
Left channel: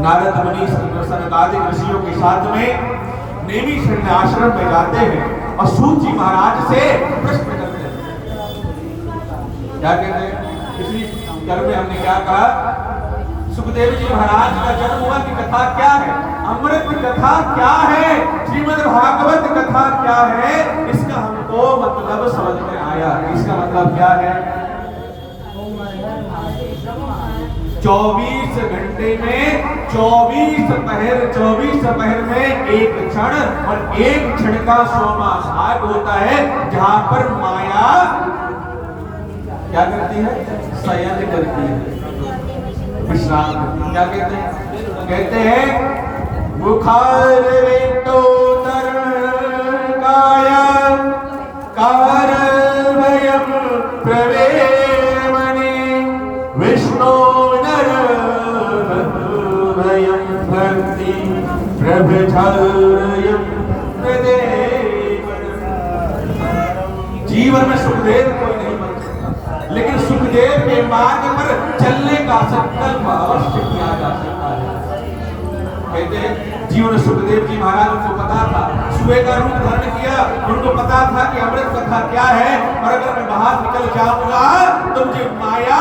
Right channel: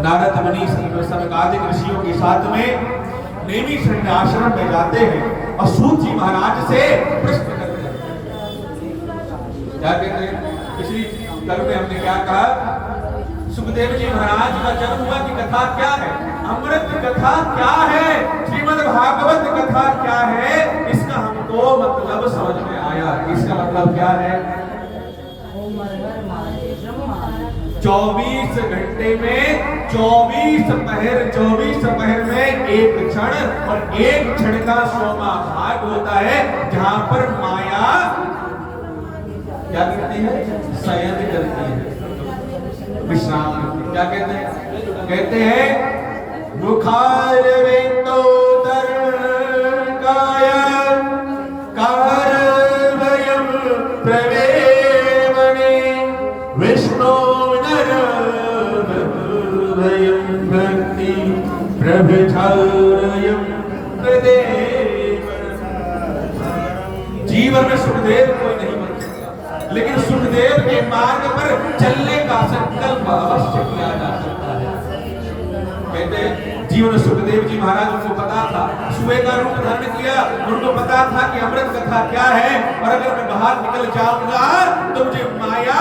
नारद मुनि सनकादिक ऋषियों के साथ में नैमिषारण्य आश्रम में जाते हैं और सूत जी महाराज से प्रश्न करते हैं। क्या कहते हैं? पिछली कल में हमने क्या कहा? सुखदेव जी महाराज का जन्म हुआ की कथा क्या है, अमृत की कथा क्या है, श्रीमद् भागवत कथा क्या है, इसका हमको मतलब समझ में आया। इसका मतलब क्या है? 24 घंटे में 24 पहर में एक क्षण, और एक क्षण का 100वां भाग होता है जहां पर माया क्या करती है? शयन करती है, विश्राम करती है। क्या कहते हैं? कहते हैं मुखारविंदोदर काया कारवयं प्रवेमणि विष्णु नरभयं भक्ति प्रभचारयं प्रदेव। जीवन में सुखदेव कोई नहीं बन सकता, लेकिन सुखदेव के मार्ग पर चलने का संकल्प अवश्य किया जा सकता है। कहते हैं जीवन सुखदेव जी महाराज, उनको पता था, सुबह का रूप धारण किया, उनको पता था कि अमृत कथा क्या है, और अगर मैं बाहर निकल जाऊंगा तो मुझे माया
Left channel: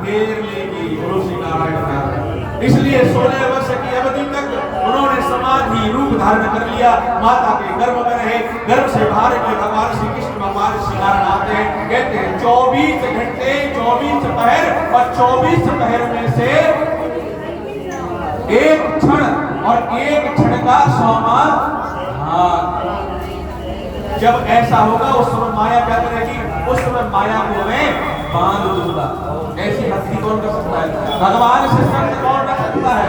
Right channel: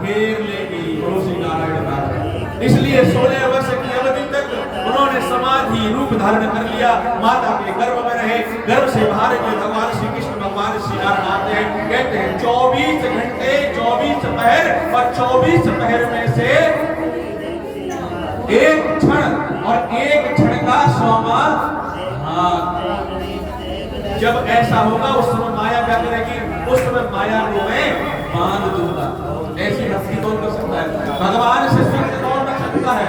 घेर लेगी। श्री नारायण नारायण। इसलिए 16 वर्ष की अवधि तक उन्होंने समाधि रूप धारण कर लिया, माता के गर्भ में रहे। गर्भ से बाहर निकले भगवान श्री कृष्ण, भगवान श्री नारायण आते हैं। कहते हैं 24 घंटे 24 पहर, और 24 पहर में से एक क्षण, और एक क्षण का 100वां भाग। जब ऐसा होगा उस समय माया क्या करेगी? उस समय माया को मैं बांध दूंगा। ऐसी भक्ति कौन कर सकता है? भगवान से सत्य कौन कर सकता है?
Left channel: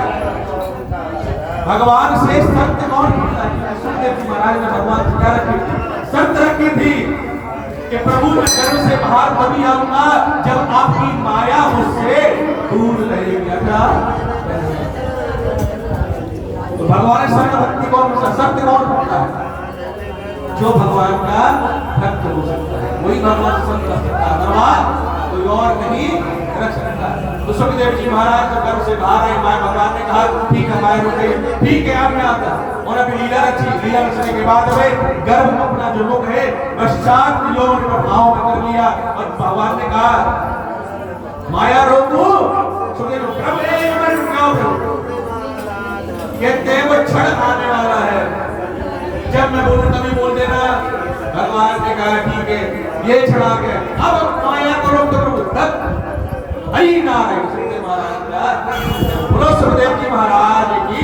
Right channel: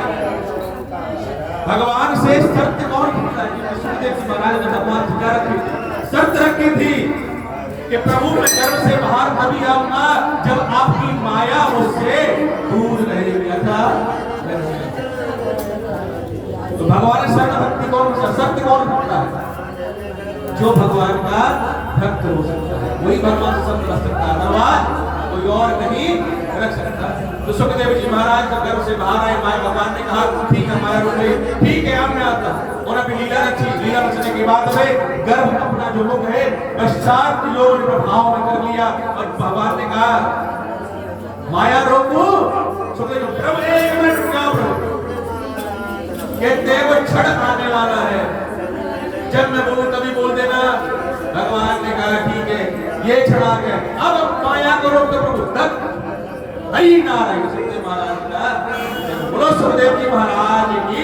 भगवान से सत्य कौन करता है? सुखदेव जी महाराज ने भगवान से क्या रखी? शर्त रखी थी कि प्रभु मैं गर्भ से बाहर तभी आऊंगा जब आपकी माया मुझसे दूर रहेगी। तो भगवान से सत्य भक्ति कौन करता है? सत्य कौन करता है? जो भगवान का भक्त हो सकता है, वही भगवान से सत्य कर सकता है, भगवान कोई और नहीं रख सकता। तो सुखदेव जी महाराज तो घर से बाहर आए, माया भगवान ने कहा ठीक है माया रुक गई, ठीक है अब मैं आता हूं। और अभी लीला रची, लीला रचने के बाद में गर्भ अपना जो मुख है पश्चात योग प्रभाव में कर लिया और भगवान ने कहा माया रोक दो। सुखदेव प्रभु एक मिनट रुको प्रभु, कहते हैं वो क्षण आने वाला है, जब मैं बोलूं तभी बोल देना। भगवान ने कहा ठीक है ये क्षण आ गया, अब माया को रोक दो प्रभु। तब हई नारायण सुखदेव महाराज का बोलो सुखदेव जी महाराज की।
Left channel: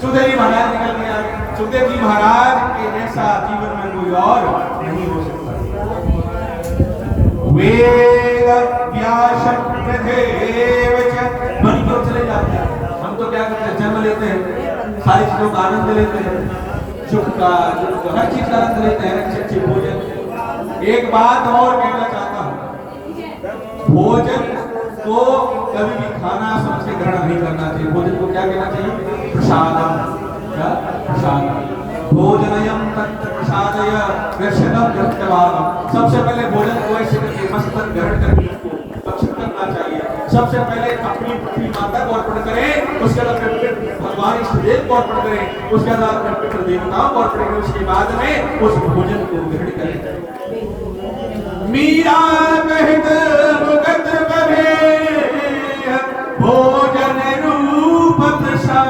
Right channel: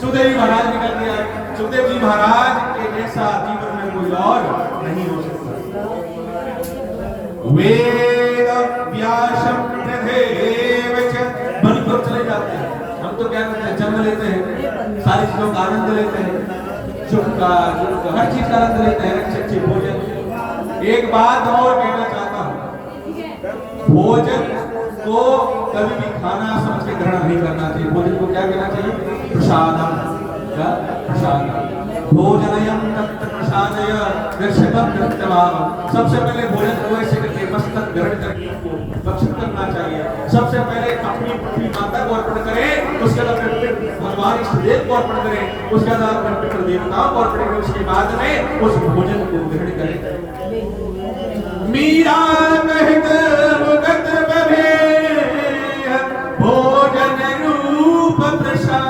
सुखदेव जी महाराज ने कह दिया सुखदेव जी महाराज के जैसा जीवन में कोई और नहीं हो सकता। वेद व्यासम प्रदेवच मन को चले जाते हैं। हम तो क्या करते हैं जन्म लेते हैं, सारी चीजों का आनंद लेते हैं, सुख का दुख का हर चीज का आनंद लेते हैं, अच्छे अच्छे भोजन। एक बात और कहना चाहता हूं, भोजन को कभी भी खाना समझ के ग्रहण नहीं करना चाहिए। भोजन को क्या कहना चाहिए? प्रसादम। क्या प्रसाद? भोजनयम तत्र प्रसादय दर्शकम दृष्टवाम। सबसे पहले भोजन को ऐसे करके मस्तक ग्रहण करके उसको भक्षण करना चाहिए। सबसे पहले अपनी पृथ्वी माता को अर्पण करें, उसके बाद भगवान इष्ट देव को अर्पण करें, उसके बाद अपने पितृ देवताओं को अर्पण करें, उसके बाद में उस भोजन को ग्रहण करें। मीरा कहत मुगत बभे भोजन रूप प्रसाद,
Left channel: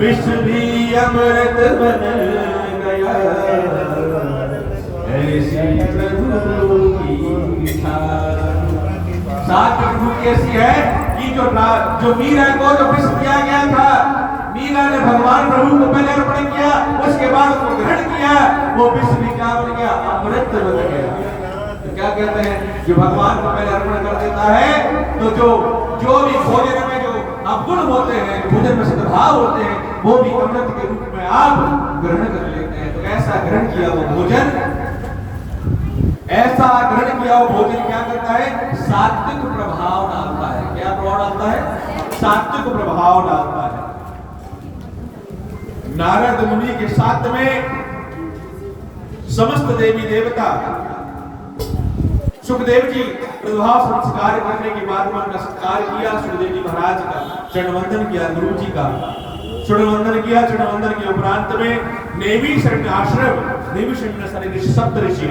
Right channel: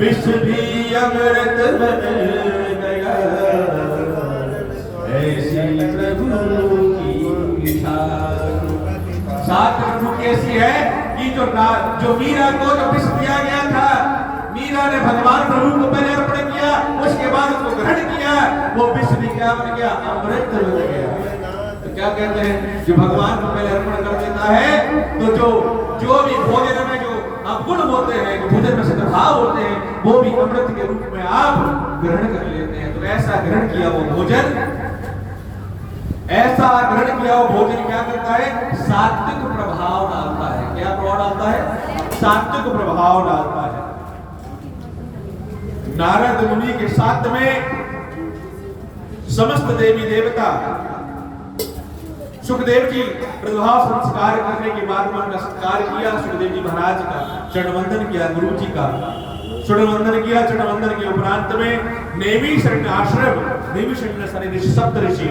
विष भी अमृत बन गया, ऐसी प्रभु की सात भूख ऐसी है कि जो मीरा को जो विष दिया गया था, मीरा ने भगवान प्रभु को पहले अर्पण किया, उसके बाद उसको ग्रहण किया, वो विष भी क्या बन गया? अमृत बन गया। तो क्या कहते हैं जो भगवान को पहले अर्पण कर देता है, तो जो भी भोजन में जो अवगुण होते हैं, भोजन में सद्भाव होते हैं, वो भी अमृत के रूप में आप ग्रहण कर लेते हैं। तो ऐसा ग्रहण किया वो भोजन, ऐसा ग्रहण किया वो भोजन क्या करता है? सात्विक प्रभाव डालता है। क्या प्रभाव डालता है? सात्विक प्रभाव डालता है। नारद मुनि के साथ में समस्त देवी देवता, सुखदेव जी प्रभाव संस्कार करने के बाद में उनका सत्कार किया। सुखदेव जी महाराज का चरणवंदन किया, गुरु जी का चरणवंदन किया। चरणवंदन के उपरांत में नेमी शरण आश्रम, नेमी शरण सारे ऋषि, सप्त ऋषि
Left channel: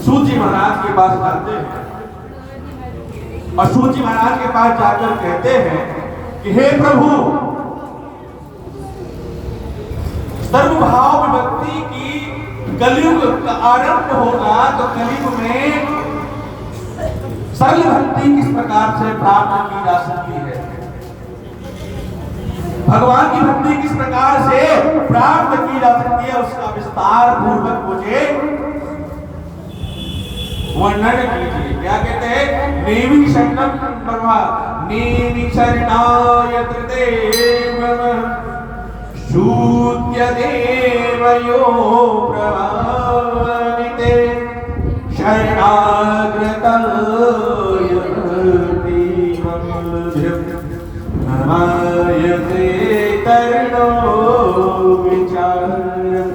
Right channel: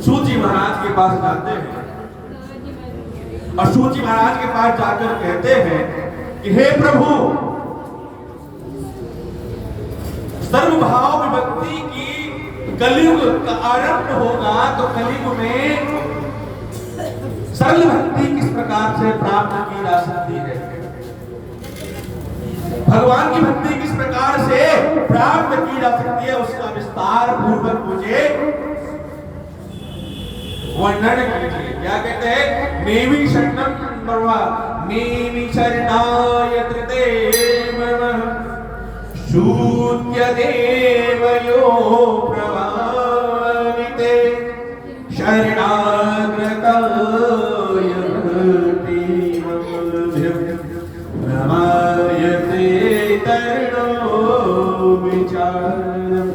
सूत जी महाराज के पास जाते हैं और सूत जी महाराज के पास जाकर कहते हैं कि हे प्रभु, सर्वभाव विभक्ति की कलयुग का आरंभ होगा, तो कलयुग में सरल भक्ति किस प्रकार से प्राप्त की जा सकती है, भगवान की भक्ति किस प्रकार से प्राप्त की जा सकती है, उसका विस्तार पूर्वक मुझे वर्णन कीजिए। क्या कहते हैं? नेमि शरणम ब्रह्मा नेमि शरणाय देव शूद्य देवयो प्रवामिते शरणागताय भक्तिममध्यम नमायते तरणो विचारम।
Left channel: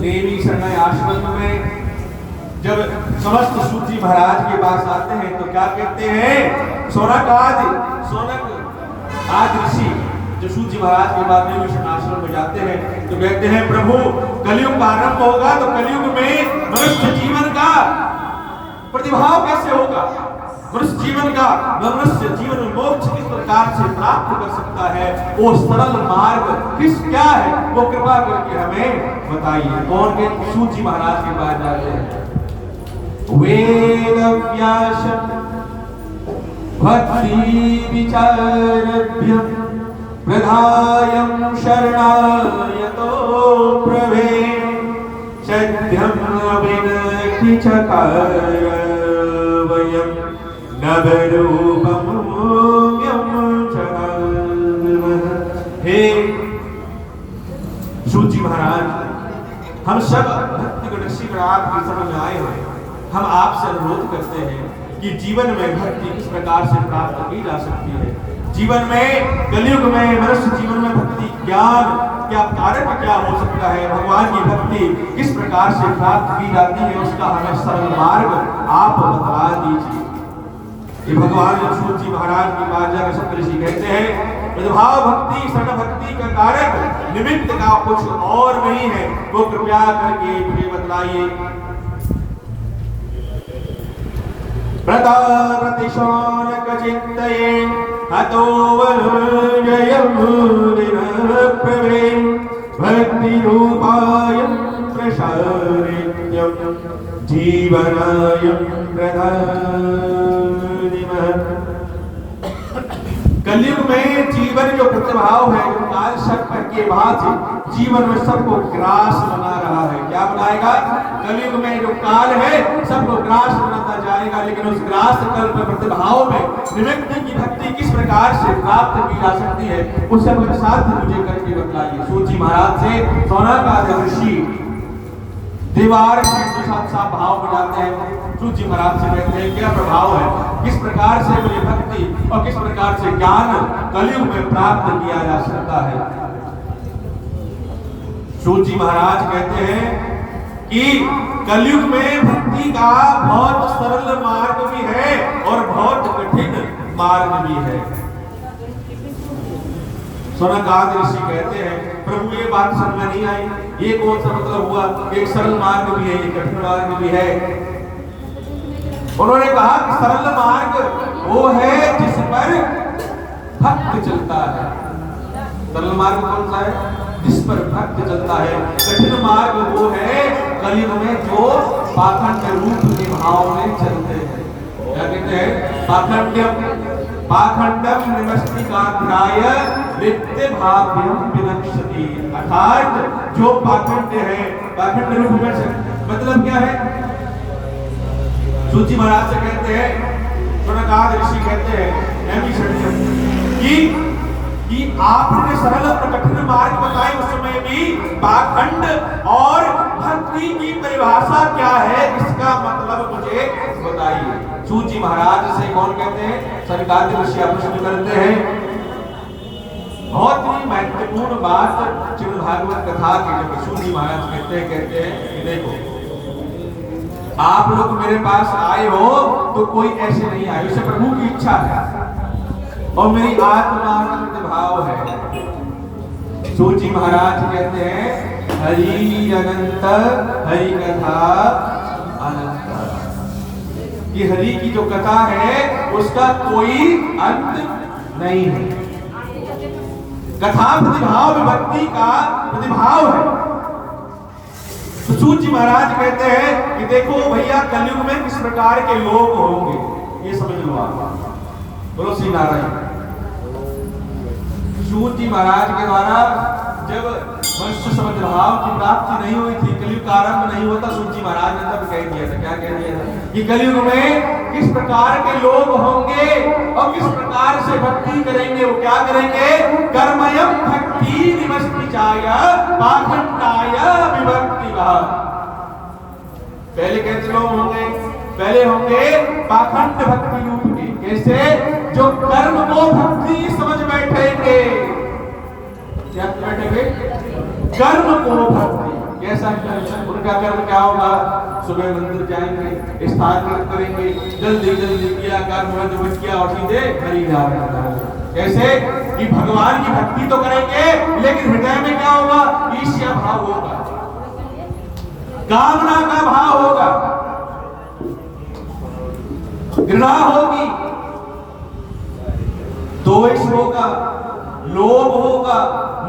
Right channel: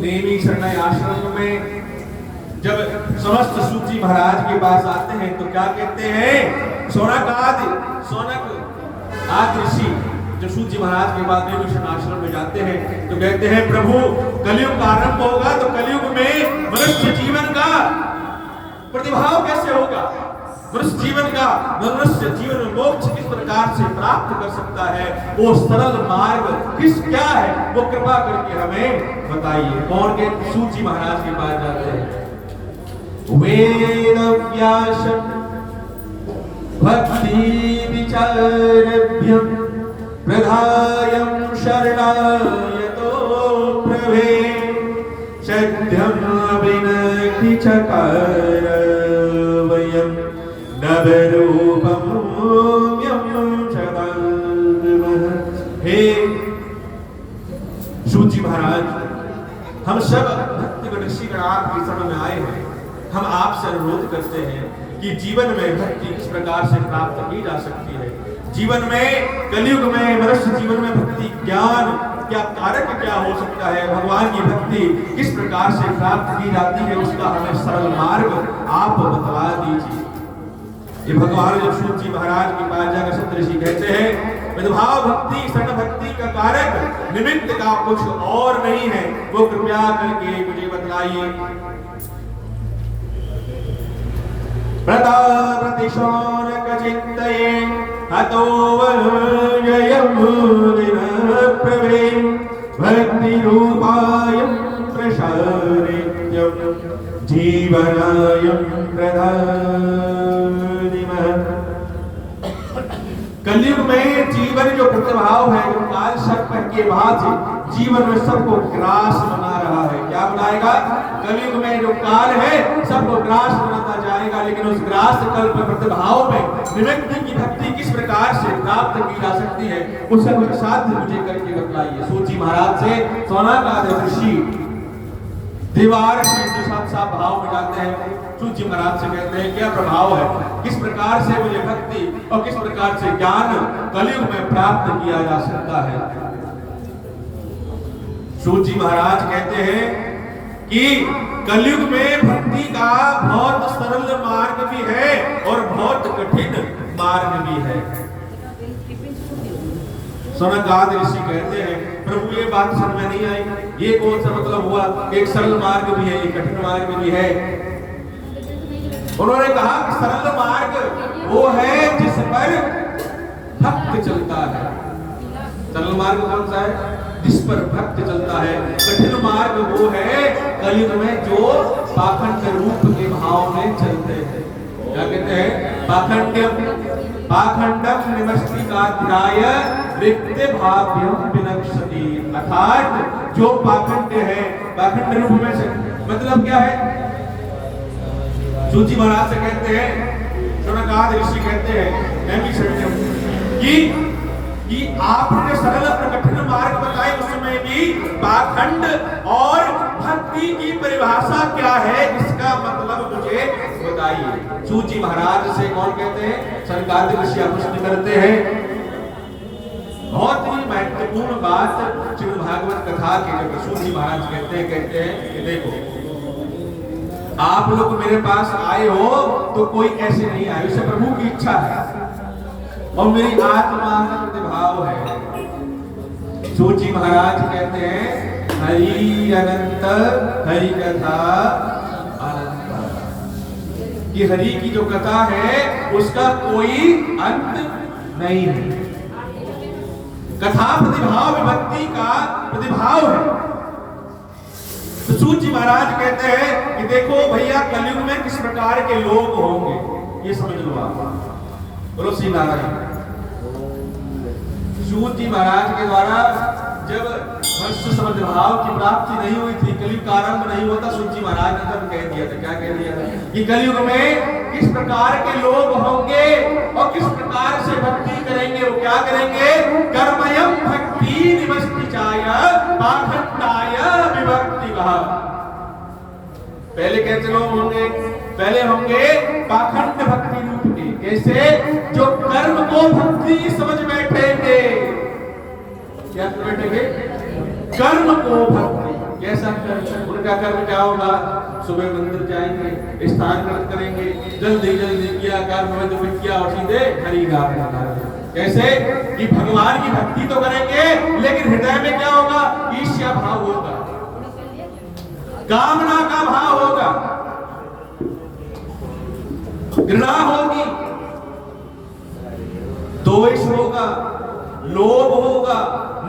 नेमी शरण आश्रम में जब समस्त सूत जी महाराज के पास आते हैं तो क्या कहते हैं? सोनक आदि ऋषि जो सूत जी महाराज के बाद नेमी आश्रम में जाते हैं तो कहते हैं प्रभु, कलयुग का आरंभ होगा, तो कलयुग में मनुष्य जीवन का प्रतिभाव कैसे होगा? मनुष्य जीवन में मोक्ष किस प्रकार से प्राप्त कर सकता है? वो सरल मार्ग क्या है? वो कृपा करके हमें बताइए। कौन के? सूत जी महाराज के पास जाते हैं। वेद व्यासम भक्ति विचारभ्यम प्रधायम शरणायतो प्रभे सत्यम विनखि चकार वयम नवरूपम हे सूत जी महाराज, हम सब भक्ति ऋषिगण आपके शरण में आए हैं। हम आपसे अनुरोध करते हैं कि जीवन में भक्ति किस प्रकार से प्राप्त की जा सकती है। जीवन में, कलयुग में, मनुष्य जीवन में भक्ति ज्ञान क्या कारक क्या हो सकता है, भगवान की भक्ति किस प्रकार से प्राप्त की जाती है, उसका हमें सरल मार्ग आप बतला दीजिए। ये भगवान जब सूत जी महाराज के पास जाकर सप्तऋषि कहते हैं विधभाव भक्ति शरण भक्ति का कारक निमित्त का कुछ और नहीं है, वो कृपया करके मुझे बतलाइए। प्रतिशौनक चित्तये हतो वलयं निरप्रवे भक्ति रूपायं प्रसारित्यं जीवनायं प्रधानिमः। कलयुग में जीवन जो प्रतिभाव है, जो काल सर्प के भांति जीवन में सबको ग्रास बना रहा है। क्या बनाएगा? कलयुग में जो काल है सबको ग्रास बनाता जाएगा, लेकिन उस ग्रास कल्प प्रतिभाव में निमित्त की भक्ति किस प्रकार से प्राप्त की जा सकती है, उसका कुछ साध्य मुझे करके बतलाइए। सूत जी महाराज से सौनकादि ऋषि दीवार के साथ साथ भाव बनाते हैं। सूत जी महाराज से कहते हैं क्या प्रभाव है, किस प्रकार से मुझे भक्ति और किस प्रकार से ज्ञान कलयुग में प्राप्त किया जा सकता है। सूत जी महाराज कहते हैं कि कलयुग में भक्ति का बहुत सरल मार्ग भी है और बहुत कठिन मार्ग भी है। सौनकादि ऋषि कहते हैं प्रभु ये बात समझ में नहीं आई, ये कौन सा मतलब हुआ, एक सरल मार्ग भी है, एक कठिन मार्ग भी है। उन्होंने कहा कि सरल मार्ग वो है जिस पर भक्त चलता है। सरल मार्ग कौन सा है? जिस पर भक्त चलता है। कठिन मार्ग वो है कलयुग में जो पाखंड रूप के भाव में चलते हैं। क्या कहते हैं? पाखंडम निमस्तिकाध्याय रिक्ते भाव्यम विनक्ष्यति। अर्थात जो पाखंड है, पाखंड रूप में मतलब क्या है? सूत जी महाराज से कहते हैं, सौनकादि ऋषि कहते हैं कि आपने सरल और कठिन मार्ग बताए, उसमें भी पाखंड और भक्ति की परिभाषा क्या है, इसका मतलब मुझे बताइए। सूत जी महाराज से कौन कहते हैं? सौनकादि ऋषि प्रश्न करते हैं। बहुत ही महत्वपूर्ण बात श्रीमद् भागवत कथा के जब सूत जी महाराज कहते हैं कि देखो आप लोग मेरे पास आए हो तो कोई ऐसे नहीं आए, इसे प्रभु की इच्छा है और मेरी आत्मा भाव है। सूत जी महाराज कहते हैं हरि अनंत हरि कथा अनंत, कि हरि की जो कथा है उसका कोई अंत नहीं है। कथा प्रतिभाव भक्ति का प्रतिभाव है। तो सूत जी महाराज कहते हैं कि देखो भैया कलयुग में किस प्रकार के लोग होंगे, ये समझ लो आप। बोलो श्री नारायण। सूत जी महाराज के द्वारा जब मनुष्य समझभाव की प्राप्ति नहीं हुई थी, कलयुग का आरंभ नहीं हुआ था, सूत जी महाराज ने तब कह दिया था, क्या कह दिया था कि कलयुग में किस प्रकार के लोग होंगे और किस प्रकार से भक्ति करेंगे। वो क्या करेंगे? कर्मयम भक्ति निवस्तिचाय पाखंडाय विभक्ति कहा। पहले कैसे लोग होंगे? पहले होंगे पाखंड भक्ति रूप के। कैसे? जो कर्म को भक्ति समझ बैठेंगे। क्या बैठेंगे? कर्म को भक्ति। कैसा कर्म? उनका कर्म क्या होगा? सुबह मंदिर जाएंगे, स्नान करेंगे, जल्दी जल्दी किया कर्म में तो किया और सीधे हरि नाम। कैसे? कि भगवान की भक्ति तो करेंगे लेकिन हृदय में क्या होगा? ईर्ष्या भाव होगा, कामना का भाव होगा, घृणा होगी, द्वेष होगा, लोभ होगा,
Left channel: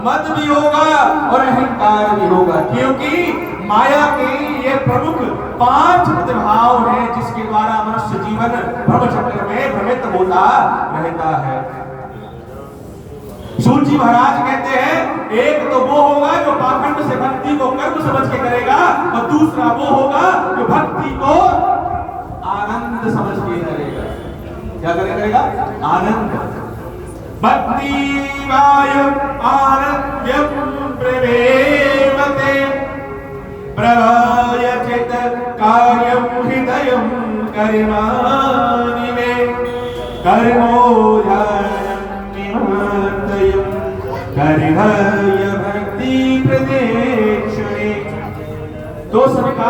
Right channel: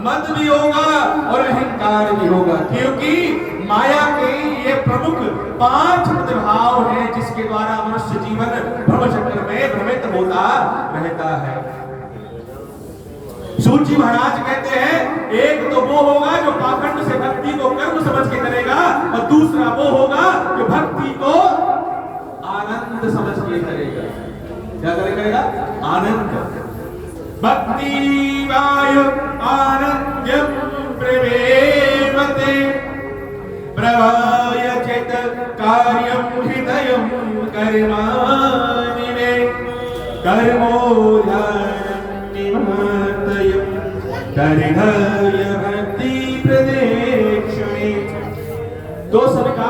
मद भी होगा और अहंकार भी होगा। क्योंकि माया के ये प्रमुख 5 प्रतिभाव हैं जिसके द्वारा मनुष्य जीवन भ्रमचक्र में भ्रमित होता रहता है। सूत जी महाराज कहते हैं एक तो वो होगा जो पाखंड से भक्ति को कर्म समझ के करेगा और दूसरा वो होगा जो भक्ति को आनंद समझ के करेगा। क्या करेगा? आनंद। भक्ति वायु आनंद्यम प्रवेवते प्रभाय चेत कार्यम हृदयम कर्माणि मे कर्मो ध्यानम निवर्तयम् कर्णय भक्ति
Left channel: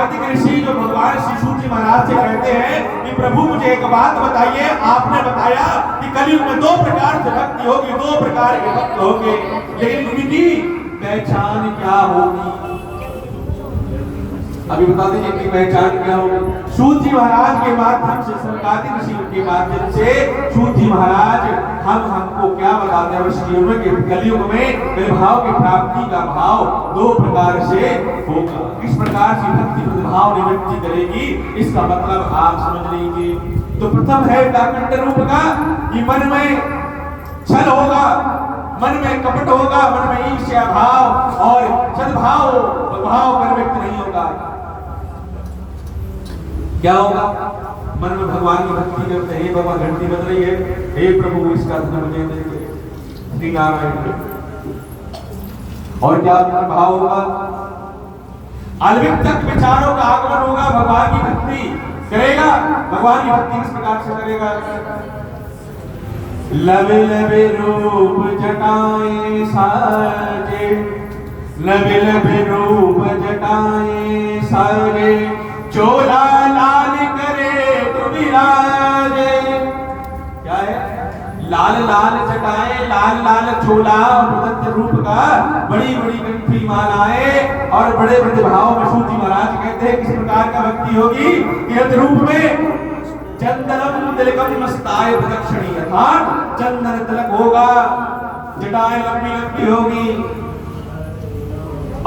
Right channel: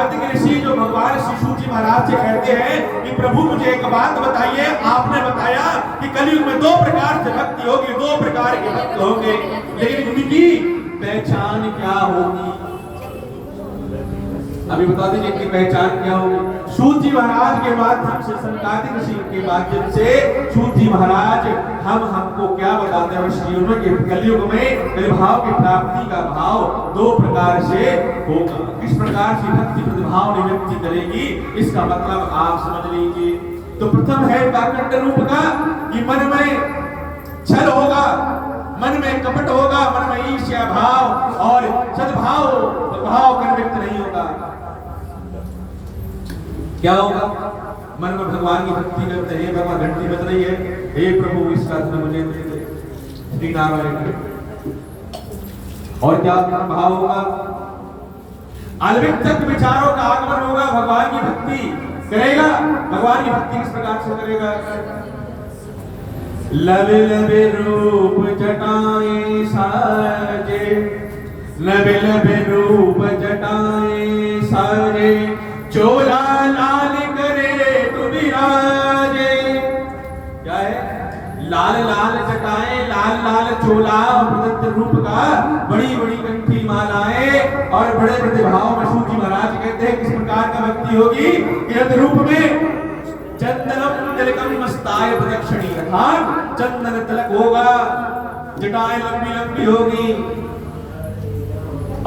कार्तिक ऋषि जो भगवान श्री सूत जी महाराज से कहते हैं कि प्रभु मुझे एक बात बताइए, आपने बताया कि कलयुग में 2 प्रकार से भक्ति होगी, 2 प्रकार के भक्त होंगे, लेकिन उनकी पहचान क्या होगी? अभी बता दीजिए कि पहचान क्या होगी। सूत जी महाराज के माध्यम से, कार्तिक ऋषि के माध्यम से सूत जी महाराज हमको क्या बताते हैं? ऋषियों के कलयुग में प्रतिभाव की प्राप्ति का भाव 2 प्रकार से होगा। किस प्रकार से भक्ति प्रतिभाव निवृत्ति करेगी, इसका मतलब आप समझ लीजिए। तो प्रथम है काकंड रूप का, कि मन में छल होगा, मन में कपट होगा, मन में ईर्ष्या भाव और सद्भाव भाव प्रवृत्त नहीं होगा। क्या होगा? मन में भगवान की भक्ति करते हैं, भगवान घंटी बज रही है, हे प्रभु इसका धन मुझे दे दे, श्री नारायण। और क्या भाव होगा? अलविक विचारों का आगमन होगा, भगवान की भक्ति करेगा। भगवान की भक्ति किस प्रकार से करेगा? लवे लवे रूप जटाएं साजे, लवे लवे रूप जटाएं साजे, चोला लाल करे तु विराजे। क्या है? लाल लाल जटाएं, लाल लाल चोला और प्रदत्त रूप का, बड़ी बड़ी कंठी मालाएं और बड़े बड़े भाव में सूत जी महाराज कहते हैं किस प्रकार का भक्ति होगी? कि रूप में चंदनम तिलकम मस्ताय प्रदक्षिणी, अर्थात चंदन तिलक होगा, जटाएं लंबी लंबी होगी,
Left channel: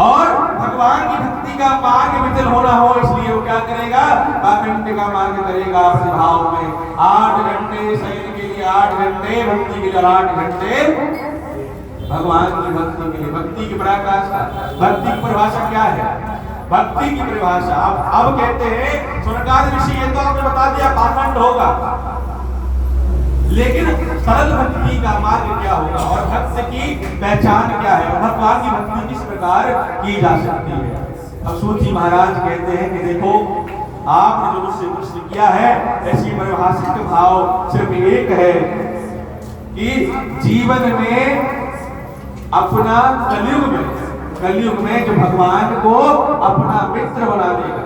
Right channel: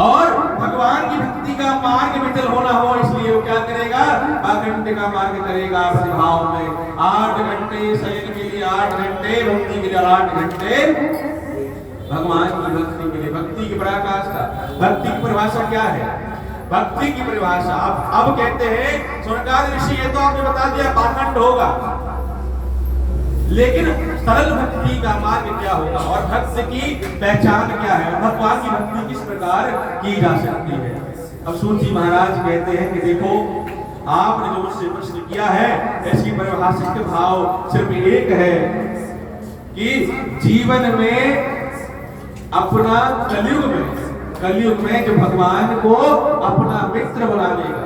और भगवान की भक्ति का मार्ग विचल होना हो, इसलिए वो क्या करेगा? काकंड का मार्ग करेगा प्रतिभाव में। 8 घंटे शयन के लिए 8 घंटे, भक्ति के लिए 8 घंटे, भगवान की भक्ति के लिए। भक्ति की पराकाष्ठा, भक्ति की परिभाषा क्या है? भक्ति की परिभाषा अब कहते हैं स्वर्गादि ऋषि, ये तो आपने बता दिया काकंड होगा, लेकिन सरल भक्ति का मार्ग क्या होगा और भक्त की पहचान क्या है और भगवान की भक्ति किस प्रकार की जा सकती है? अब सूत जी महाराज कहते हैं कि देखो, आपने जो मुझसे प्रश्न किया है, इसकी परिभाषिक भाव सिर्फ एक है कि जीवन में अपना कलयुग में जो भगवान को अपना मित्र बना लेगा,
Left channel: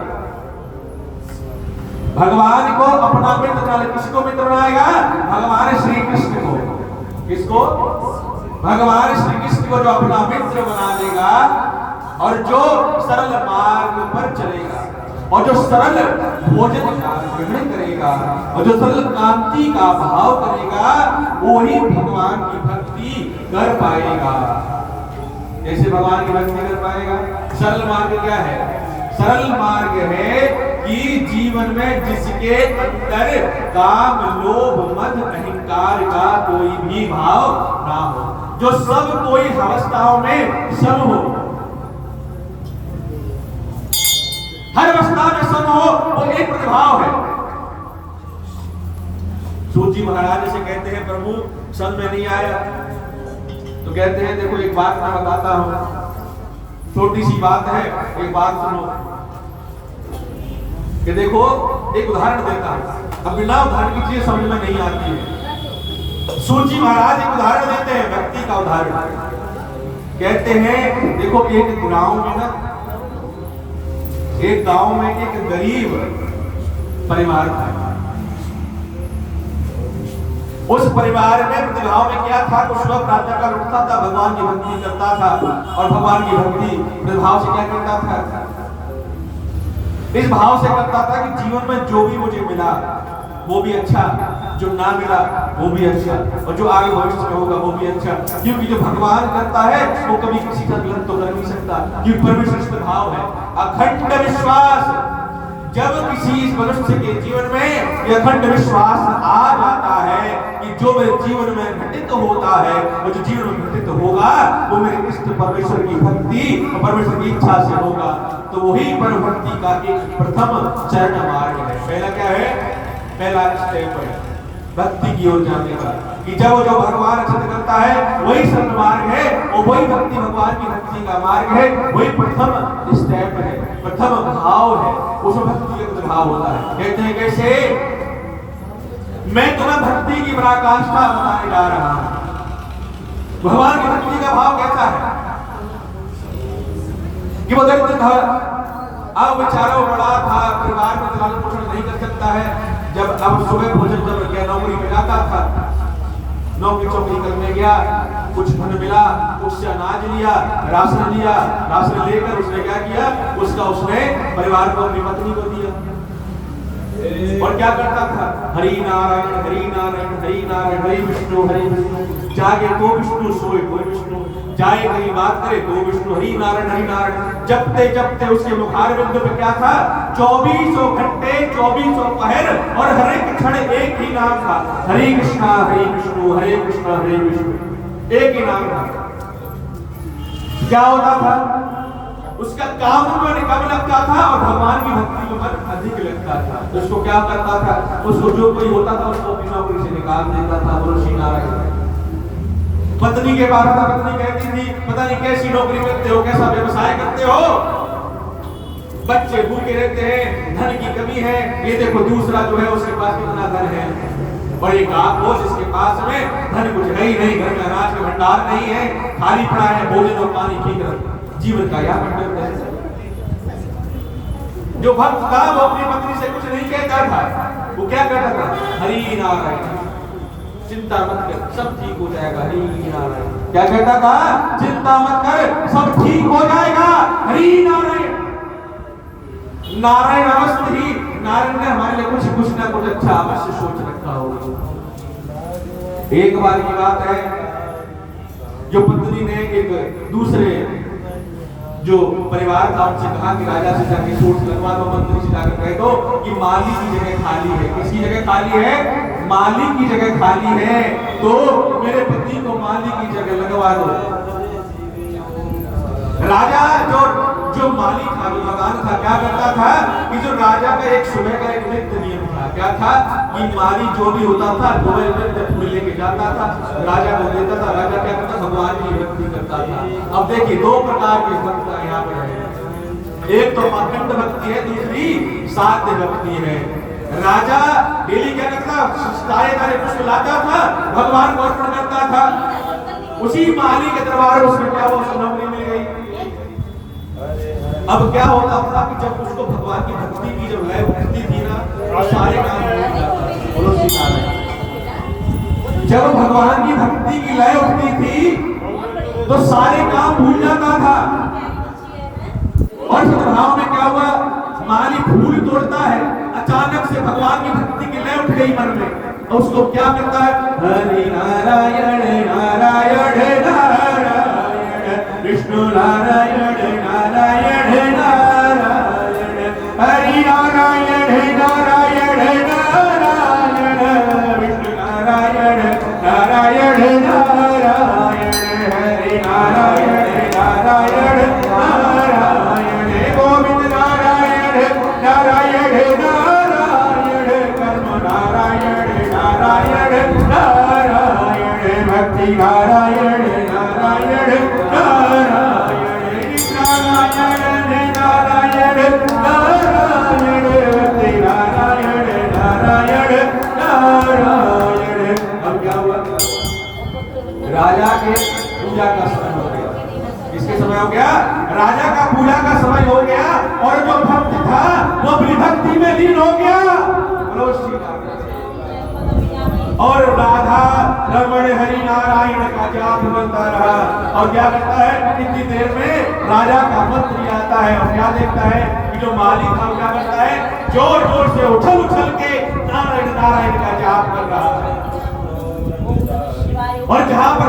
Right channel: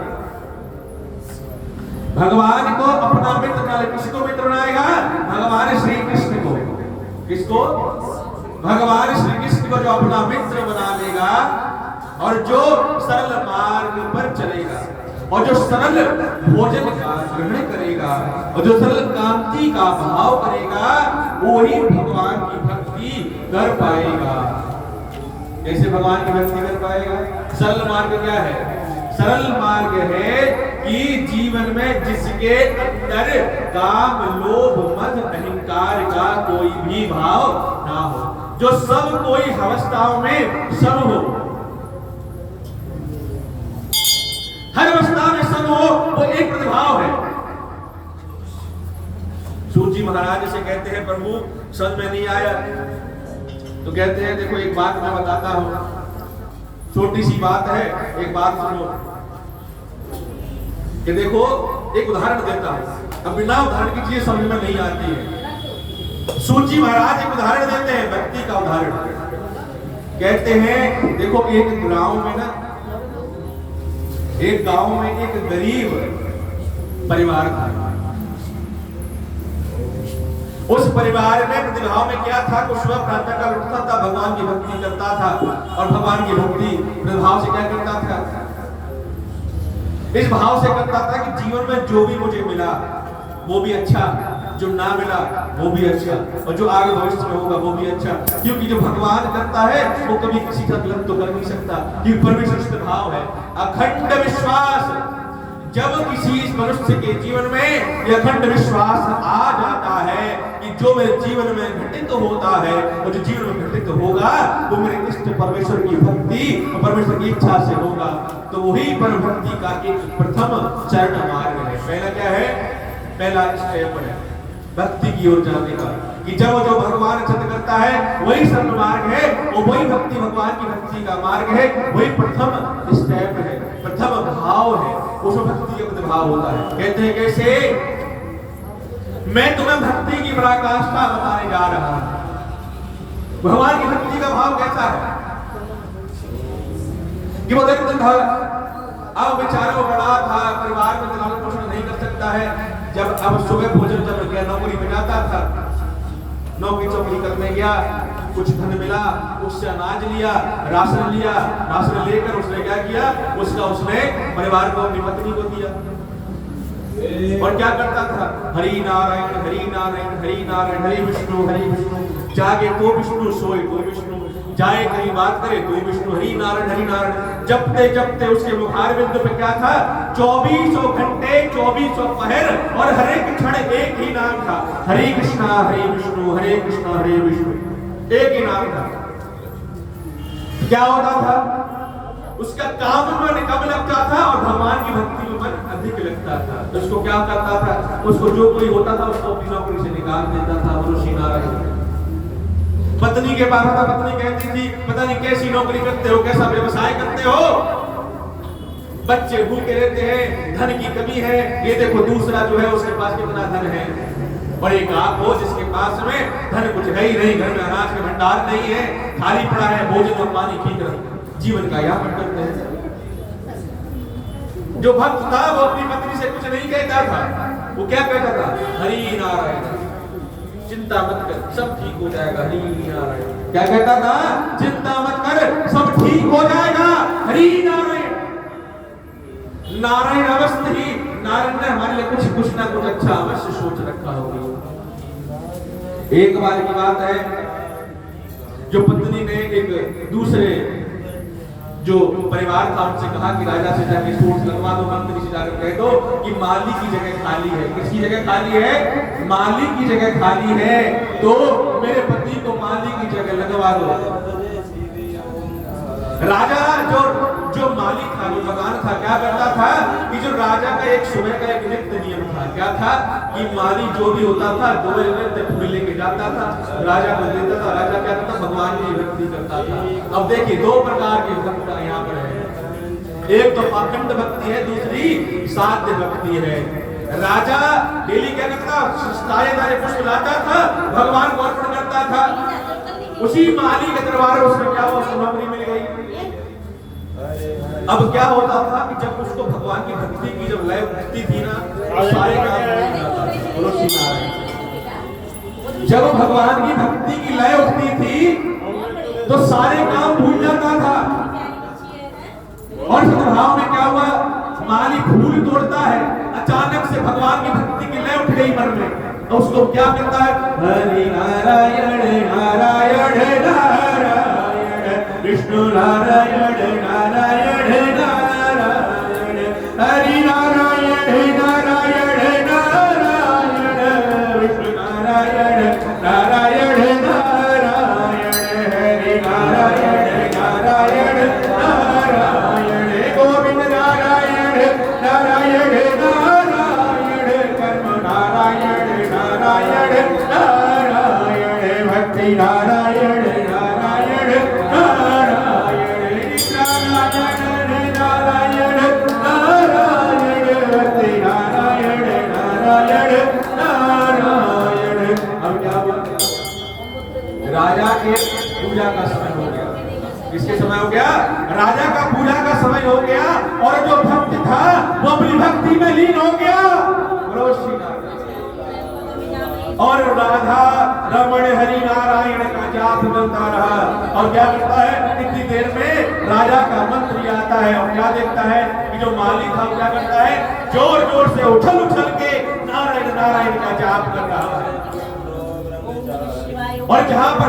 भगवान को अपना मित्र बना ले। किसको मित्र बनाएगा? भगवान श्री कृष्ण को। किसको? भगवान श्री कृष्ण को जो अपना मित्र बना लेगा और जो सरल मार्ग पर चलेगा और जो सरल भोजन का ग्रहण करेगा और जो सरल कांति का भाव करेगा, वो ही भगवान की भक्ति कर पाएगा। कैसे भगवान की भक्ति कर पाएगा? सरल मार्ग क्या है? सरल मार्ग है कि जीवन में जिसके अंदर काम, लोभ, मद, अहंकार का कोई भी भाव ना हो, जो सब कोई अवस्थाओं में सम हो, हर अवस्था में सम हो, वो एक प्रतिभाव है। सूत जी महाराज से कहते हैं प्रभु समझ में नहीं आया, तो कहते हैं देखो एक बात मैं बताता हूं, छोटी सी बात है, एक बात सुनो। कि देखो एक उदाहरण देता हूं, अब बिना उदाहरण की चीज समझ में नहीं आती है। सूत जी महाराज एक उदाहरण देते हैं, व्यक्ति का उदाहरण। कहते हैं देखो एक गांव में एक गरीब परिवार था। उस परिवार में प्रतिभाव में क्या था? कुछ सुबह प्रातः काल उठता था, भगवान की भक्ति करता था और भगवान की भक्ति प्रतिभाव से क्या करता था? इस भाव से करता था कि जीवन में जो भी मुझे मिला वो भी अच्छा, जो ना मिला वो भी अच्छा, और जो आगे भविष्य में होगा वो भी अच्छा, क्योंकि जो भगवान करता है वो कभी किसी का गलत तो कर नहीं सकता, क्योंकि परमेश्वर भाव है। अखंड विश्वास, जब किसी मनुष्य के जीवन में यह अखंड विश्वास आ जाता है कि जो मेरे जीवन में घटित होता है और जो जीवन में घटित होगा वो मेरे इष्ट परमेश्वर की भक्ति और परमेश्वर की इच्छा से होगा, तो वही परम भक्ति का एक प्रथम चरण मार्ग है। पहला क्या है? पहला स्टेप है भक्ति की ओर जाने का, कि जब वो जो भगवान चिंतन करता है वही सरल मार्ग है, और वही भक्ति भगवान की भक्ति का मार्ग है, वही प्रथम स्टेप है, प्रथम भाव है, उसमें भक्ति का भाव होता है। कहते हैं कैसे? मैं तुम्हें भक्ति की पराकाष्ठा बताने जा रहा हूं। भगवान की भक्ति का भाव कैसा है कि वो देखते अब बेचारा वो बड़ा था, परिवार में लालन पोषण नहीं कर सकता है। जब अब सुबह भोजन जब गया, नौकरी पे जाता था, नौकरी चौकरी करने गया, कुछ धन मिला, उससे अनाज लिया, राशन लिया, राशन लेकर उसने क्या किया, उसने परिवार को, अपनी पत्नी को दिया। और क्या करता था, हरि नारायण हरि नारायण हरि नारायण, हरि विष्णु हरि विष्णु, जागे तो विष्णु, सोए तो विष्णु, जाए कहीं बात करे तो विष्णु, हरि नारायण हरि नारायण। जपते जपते उसके मुखारविंद पे क्या था, 2400 घंटे 2400 पहर और हर एक क्षण एक ही नाम था, हरे कृष्णा हरे विष्णु हरे कृष्णा हरे विष्णु, एक ही नाम था। क्या होता था, उसका काम में कम लगता था और भगवान की भक्ति में मन अधिक लगता था। तो उसको क्या करता था, उसको जो कोई होता था उसको अपनी नौकरी से निकाल देता था। बोलो श्री नारायण। पत्नी के पास था, पत्नी कहती थी पता नहीं कैसी नौकरी करते हो, कैसा व्यवसाय करते हो, बच्चे भूखे रहते हैं, धन की कमी है, ये देखो दूसरा जो है उसके पास कितना धन है, और एक आप हो जिसके पास में धन कुछ है ही नहीं, घर में अनाज के भंडार नहीं है, खाली पड़ा है, भोजन और पानी की तरफ जीवन का यापन करते हैं। जो भक्त था वो अपनी पत्नी से कुछ नहीं कहता था, वो क्या कहता था, हरि नारायण, चिंता मत कर सब ठीक हो जाएगा, हरि नारायण। क्या कहता था, चिंता मत कर सब ठीक हो जाएगा, हरि नारायण। नारायण अवस्था ही, नारायण ने हमारे लिए कुछ ना कुछ अच्छा अवश्य सोच रखा होगा। एक बार की बात है, जो पत्नी ने एक दूसरे जो परिवार था उनसे कहा कि राजा से जाके सोर्स लगवा दो, मंत्री से जाकर कह दो कि माली की जगह खाली है। किसकी जगह खाली है, माली की जगह खाली है, तो मेरे पति को माली की जगह लगवा दो। राजा जो माली था, जो भगवान था, क्या करता था कि जो राजा का एक सुबह का एक नित्य नियम था, क्या था कि माली जो भी होता था वो नित्य फूल लेके जाता था, राजा को देता था। राजा क्या करता, भगवान की भक्ति करता था। अब देखिए दो प्रकार की भक्ति यहाँ पर है, एक तो पाखंड भक्ति है, दूसरी साध्य भक्ति है। राजा डेली क्या करता, तारे पुष्प लाता था, भगवान को अर्पण करता था। उसी माली के दरबार में उसमें क्या हुआ, उसको नौकरी मिल गई। अब क्या होता था कि जब उसको भगवान की भक्ति की जब लय उठती थी ना, तो सारे काम भूल जाता था। बोलो श्री नारायण। जब भगवान की भक्ति की लय उठती थी तो सारे काम भूल जाता था। और सद्भाव में क्या हुआ, माली फूल तोड़ता है, अचानक से भगवान की भक्ति की लय उठ गई मन में, तो उसको क्या करता है, हरि नारायण नारायण नारायण विष्णु नारायण नारायण नारायण, हरि नारायण नारायण नारायण विष्णु नारायण नारायण नारायण, हरि नारायण नारायण नारायण, गोविंद नारायण नारायण नारायण, कर्म नारायण नारायण नारायण, भक्ति नारायण नारायण राजा के पूजा का समय हो गया। किसके समय हो गया, राजा का पूजा का समय हो गया, और जो भक्त था वो अपनी भक्ति में लीन हो गया। और राधा रमण हरि नारायण का जाप करता रहा। और क्या करता है, इतनी देर में राजा का मंत्री आता है और क्या देखता है कि जो माली था वो क्या करता है, जोर जोर से उछल उछल के नारायण नारायण का जाप कर रहा है। और जहां पर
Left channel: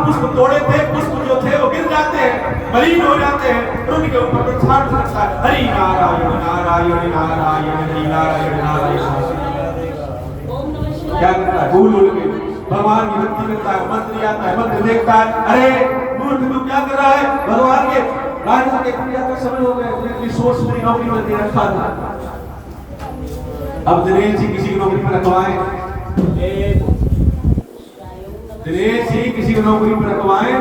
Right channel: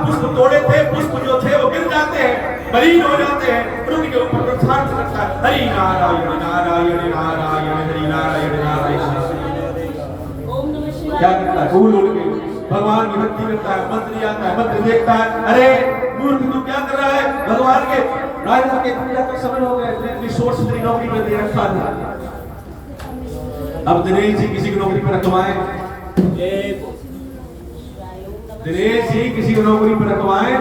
पुष्प तोड़े थे, पुष्प जो थे वो गिर जाते हैं, मलिन हो जाते हैं, और उनके ऊपर प्रसाद करता है, हरि नारायण नारायण नारायण हरि नारायण नारायण। क्या करता है, भूल उड़ के भगवान की भक्ति करता है। मंत्री आता है, मंत्री देखता है, अरे मूर्ख तू क्या कर रहा है, भगवान के राजा के पूजा का समय हो गया, इतनी सोच मेरी नौकरी पर दे रखा था। अब दिनेश जी किसी की नौकरी पर रखवाए, दिनेश जी किसी को नौकरी पर रखवाए,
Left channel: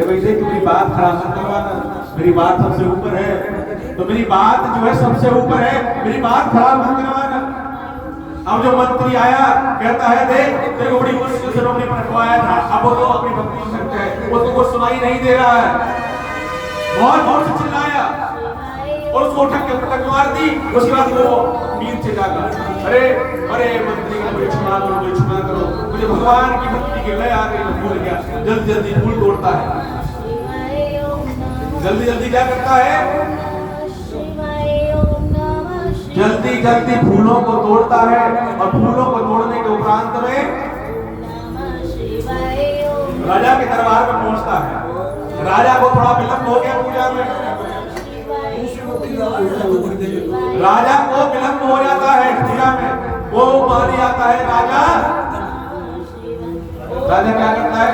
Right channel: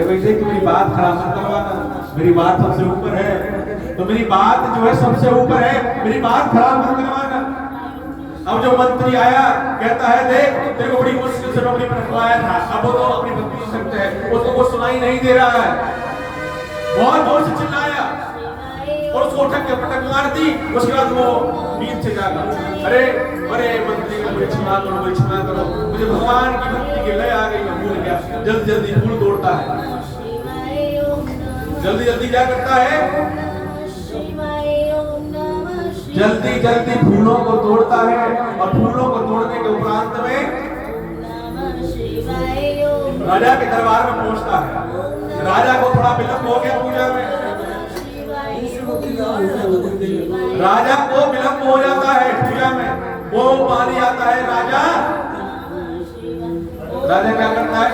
वैसे तुम्हारी बात खराब मत करवाना, मेरी बात सबसे ऊपर है, तो मेरी बात जो है सबसे ऊपर है, मेरी बात खराब मत करवाना। अब जो मंत्री आया कहता है, देख तेरे को बड़ी मुश्किल से नौकरी पर रखवाया था, अब वो तो अपनी भक्ति करते हैं, वो तो कुछ सुनाई नहीं दे रहा है। बहुत जोर से चिल्लाया और उसको उठक के पटक मार दी। उसके बाद वो नींद से जागा, अरे अरे मंत्री मुझे क्षमा करो, मुझे क्षमा करो, मुझे भगवान की भक्ति की लय आ गई, मैं भूल गया। जल्दी जल्दी फूल तोड़ता है, जल्दी जल्दी क्या करता है, जल्दी जल्दी फूलों को तोड़ता है। और फूलों को तोड़ने के उपरांत में राजा के दरबार में पहुंचता है। राजा को थोड़ा विलंब हो गया पूजा में, राजा को विलंब हो जाता है पूजा में। वो माली आता है, राजा क्या करता है,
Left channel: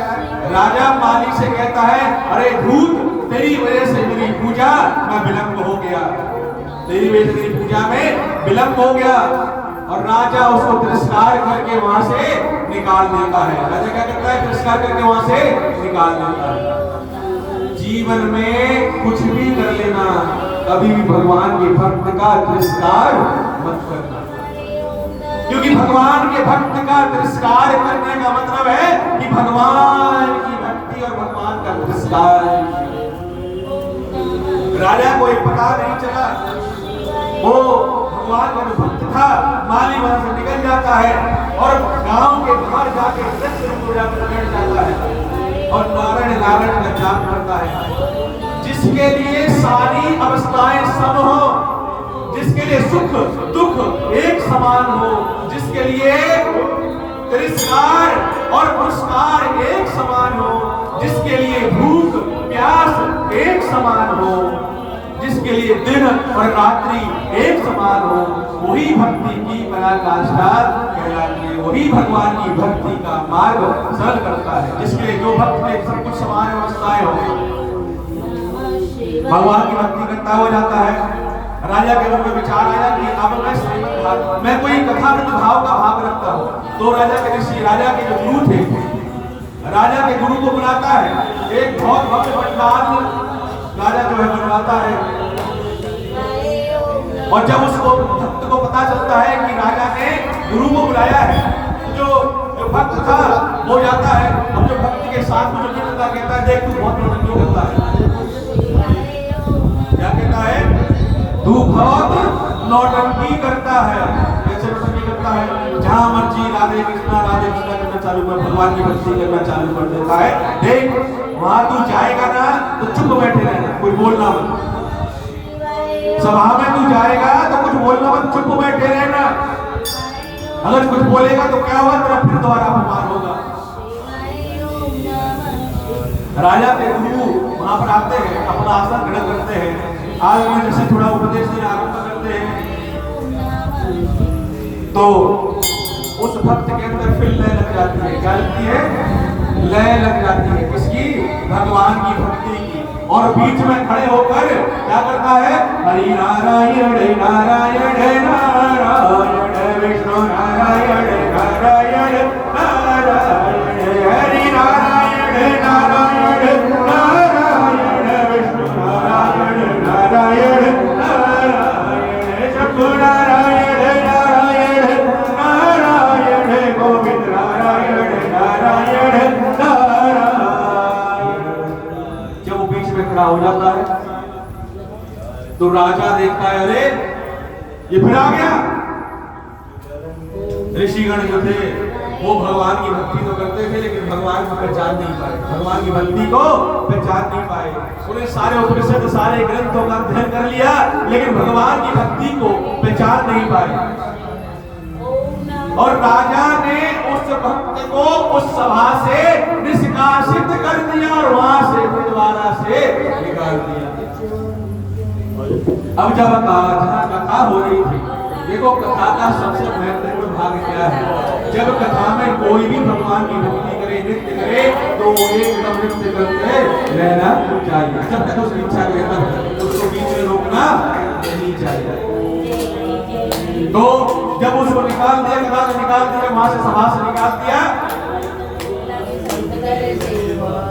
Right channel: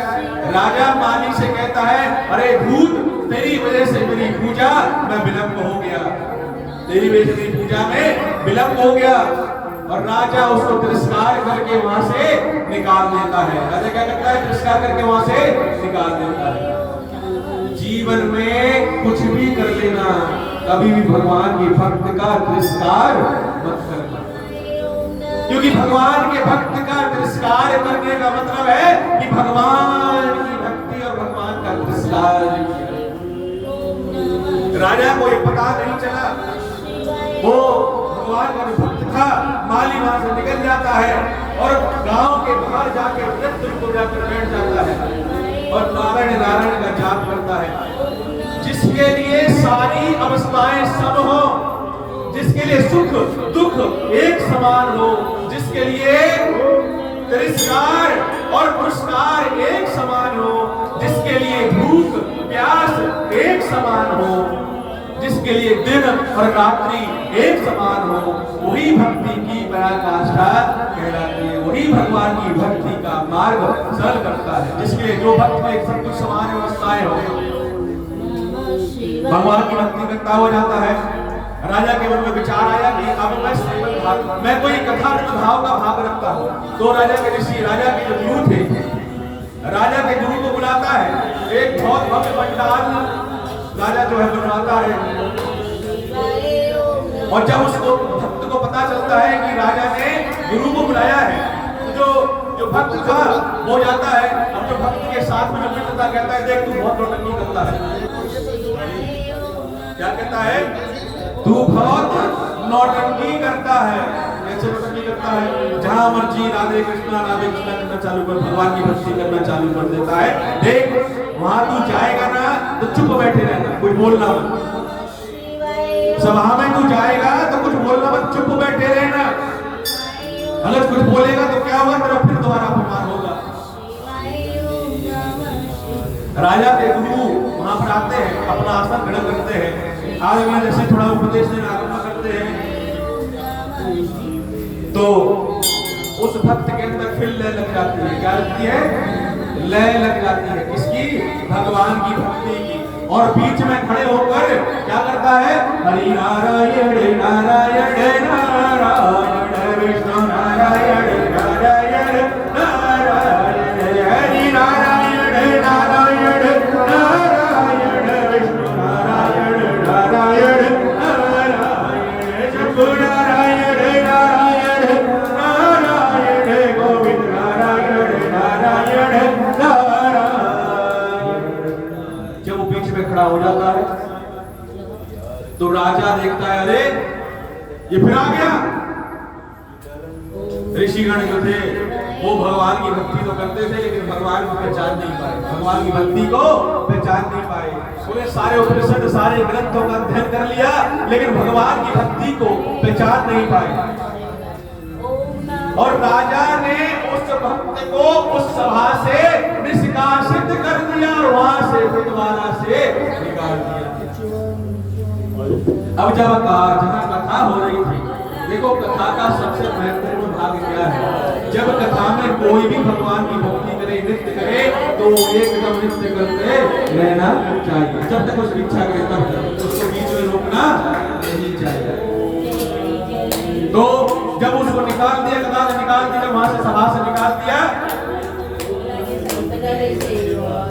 राजा माली से कहता है, अरे धूत, तेरी वजह से मेरी पूजा में विलंब हो गया, तेरी वजह से मेरी पूजा में विलंब हो गया। और राजा उसको तिरस्कार करके वहां से निकाल देता है। राजा क्या करता है, तिरस्कार करके वहां से निकाल देता है। जीवन में कुछ भी कर लेना, कभी भी भगवान के भक्त का तिरस्कार मत करना, क्योंकि भगवान के भक्त का तिरस्कार करने का मतलब है कि भगवान की भक्ति और भगवान का तिरस्कार। राजा को ये पता नहीं चला, वो भगवान का जो भक्त था माली वहां से निकल जाता है और गांव के बाहर जाके वृक्ष को जाकर बैठ जाता है और नारायण नारायण का जाप करता है। जिसके लिए सारी अवस्थाएं सम हो, जिसके लिए सुख दुख एक समान हो, जिसके लिए तिरस्कार और पुरस्कार एक समान हो, जिसके लिए भूख प्यास एक समान हो, जिसके लिए दिन और रात्रि एक समान हो, वही भक्ति की पराकाष्ठा कहलाती है, वही भगवान की भक्ति का मार्ग सरल करता है। जिसके लिए जो भक्त में सब कुछ समान अवस्थाएं हो, भगवान की भक्ति करता हो जाता है। राजा के मन में विचार आया कि अब मैं कोई कथानक भाव का भाग रखता हूँ। तो राजा के ऋषि, राजा के जो गुरु थे, राजा के गुरु को बुलाता है। एक बहुत भव्य पंडाल राजा जो है बनवाता है, और जब उसको भक्त को पता चलता है कि राजा ने गुरु को बुलाया है, तो जो भक्त था वो जाता है। अब जो भक्त के साथ में जो मित्र था कहता है, देख तू बहुत नौटंकी करता है। क्या कहता है, तू बहुत नौटंकी करता है। कैसे नौटंकी करता है, जहां मर्जी राधे कृष्णा करना चालू कर, भगवान की भक्ति करना चालू कर देता है। देख वहां तू जाएगा ना तो चुप बैठे रहना, कुछ बोलना मत। सभा में तू जाएगा तो कुछ बोलना मत, चुप बैठे रहना। अगर कुछ बोलेगा तो क्या हुआ, तेरा फिर दोबारा अपमान होगा। राजा के गुरु वहां पर आते हैं, अपना आसन खड़ा करते हैं, आज में जैसे थोड़ा उपदेश देना आरंभ करते हैं, तो उस भक्त के अंदर फिर लय लग जाती है। क्या लगती है, लय लग जाती है। किसकी, भगवान की भक्ति की। और बीच में खड़े होकर क्या करता है, हरि नारायण नारायण नारायण विष्णु नारायण नारायण नारायण, हरि नारायण नारायण नारायण विष्णु नारायण नारायण नारायण, शंभु नारायण नारायण नारायण, गोविंद नारायण नारायण नारायण। जब वो बीच में खड़ा हो जाता है तो राजा देखता है, अरे ये फिर आ गया। ऋषिगण जो थे वो भगवान की भक्ति तो करते थे, लेकिन भगवान को पहचान नहीं पाए, भगवान की भक्ति को पहचान नहीं पाए। उन्हें सारे उपनिषद सारे ग्रंथों का अध्ययन कर लिया, लेकिन भगवान की भक्ति को पहचान नहीं पाए। और राजा ने उस भक्त को उस सभा से निष्कासित कर दिया और वहां से दोबारा से निकाल दिया। अब जब जहां कथा हो रही थी, देखो कथा का सबसे महत्वपूर्ण भाग क्या है, जब कथा में कोई भी भगवान की भक्ति करे, नृत्य करे, तो एकदम नृत्य करते रहना चाहिए। जब तक उसकी इच्छा करे तब तक उसको बीच में रोकना नहीं चाहिए। तो जब उसको निकाल दिया, कथा से निकाल दिया, वहां से सभा से निकाल दिया,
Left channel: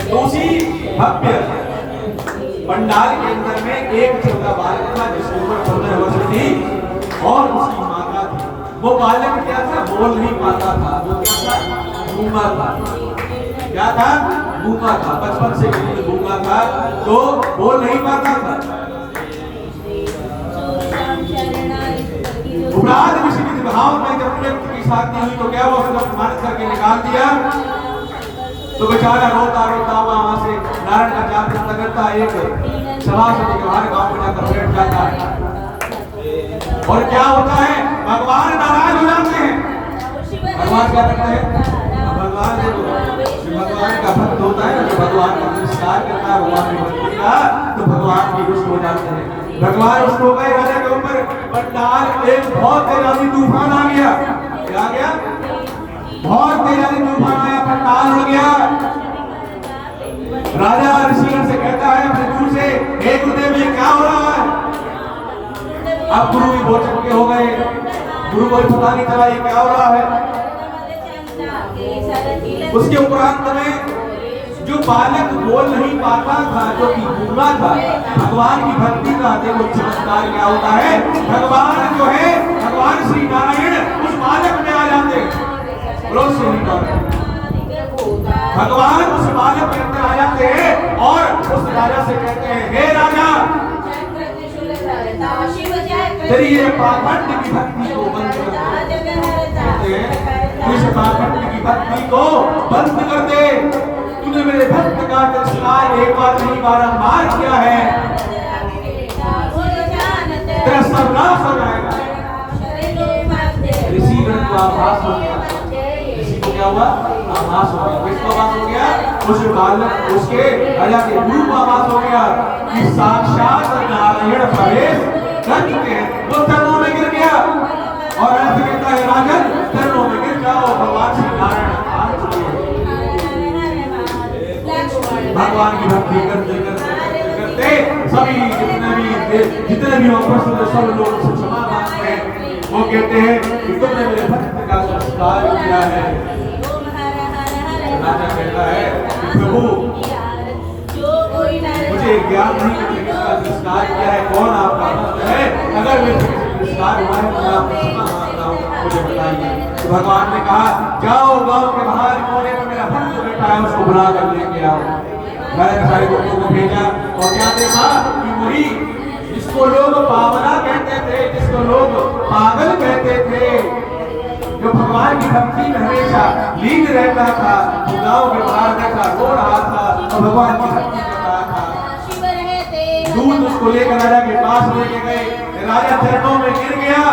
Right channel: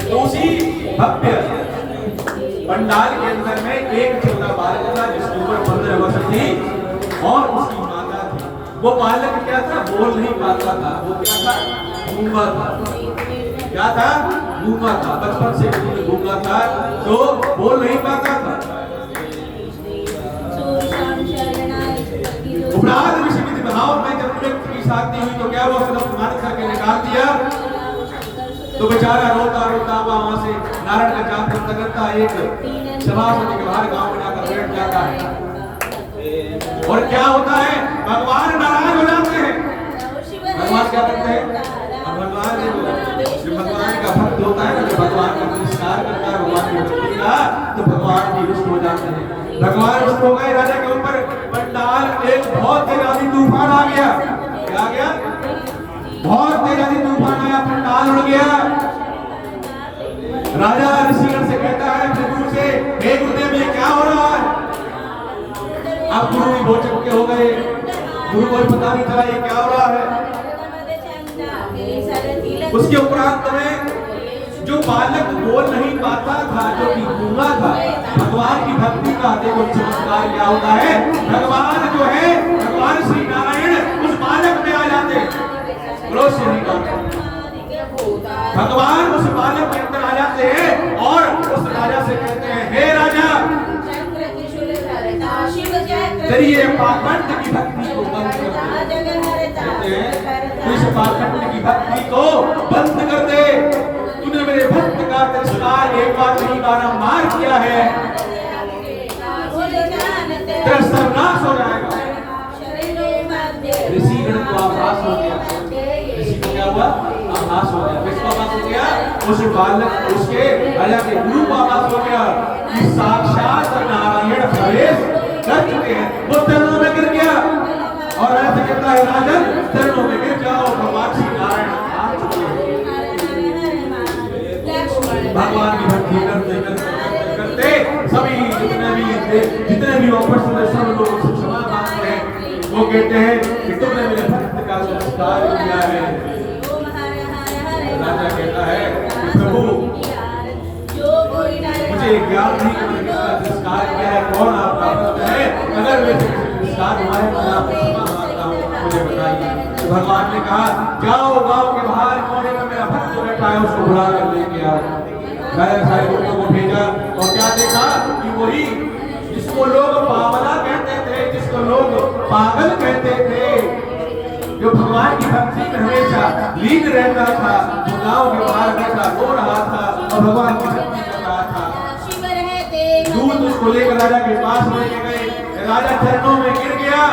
तो उसी भव्य पंडाल के अंदर में एक छोटा बालक था जिसकी उम्र 15 वर्ष थी और उसकी माता थी। वो बालक क्या था, बोल नहीं पाता था, वो क्या था, गूंगा था। क्या था, गूंगा था, बचपन से गूंगा था, तो बोल नहीं पाता था। उपराध विषय भाव में जब व्यक्ति की शादी हुई तो क्या वो उसने अपमानित करके निकाल दिया, तो बेचारा रोता रोता वहां से नारायण का जाप करता करता एक सभासद के बाहर गांव में जाकर बैठ जाता है। और क्या होता है, भगवान नाराज हो जाते हैं। भगवान क्या करते हैं, भगवान जो भगवान का भक्त होता है ना, जो भगवान का नमस्कार करता है भगवान की भक्ति का, तो भगवान भी रुष्ट हो जाते हैं। भगवान रुष्ट हो गए, राजा के ऊपर पंडाल एक बहुत तेज आंधी तूफान आ गया। क्या आ गया, बहुत तेज आंधी तूफान आया, पंडाल उड़ गया। राजा ऋषिगण से कहता है अपने गुरु से, हे गुरुदेव ये क्या हो रहा है। अब गुरु भी बहुत चक्के हो गए, गुरु को पता नहीं चला ये क्या हो रहा है। उसके उपरांत में जो बालक बोल नहीं पाता था, जो कि गूंगा था, भगवान की भक्ति का देखो चमत्कार क्या होता है। भगवान जो है, भगवान श्री नारायण उस बालक में आ जाते हैं। भगवान उस बालक के अंदर आ जाते हैं और उस राजा से कहते हैं, हे राजा तेरी ये पाखंड की भक्ति को बंद कर दे, इस पाखंड की भक्ति को बंद कर दे। तूने मेरे भक्त का तिरस्कार एक बार नहीं बारंबार किया है, तेरा सर्वनाश हो जाएगा। ऋषिगण को आभास हो गया, ऋषि को क्या हुआ, आभास हो गया। किसको आभास हो गया, उस बालक उसके राजा के गुरु को आभास हो गया कि साक्षात नारायण प्रवेश कर चुके हैं। वो चरणों में गिर गया और ऐसे कहता है, राजन चरणों में गिर जाओ, भगवान श्री नारायण आ चुके हैं। भगवान की भक्ति करते करते करते सभी जितने भी उपस्थित सब लोग उनसे क्षमा मांगते हैं। वो कहते हैं कि तुमने मेरे भक्त का संस्कार किया है। राजा कहता है कि प्रभु मुझे ज्ञान नहीं कि किसका संस्कार किया है, कौन आपका भक्त है। अगर मेरे से किसी संस्कार हुआ है तो मैं आपसे क्षमा मांगता हूँ, मुझे बताइए। तो भगवान ने कहा, जाओ गांव के बाहर कोने में मेरा भक्त बैठा है, उसको बुला कर लेके आओ। मैंने सारे लोगों को भेजा और क्या देखा कि वही जिसको लोग पावला कहते थे, जिसको लोग पागल कहते थे, जो भगवान की भक्ति में हमेशा लीन रहता था, वो गांव के बाहर बैठा रो रहा था और भगवान की भक्ति कर रहा था। दूध उसको लेकर राजा के पास लेके गए, राजा चरणों में गिर गया।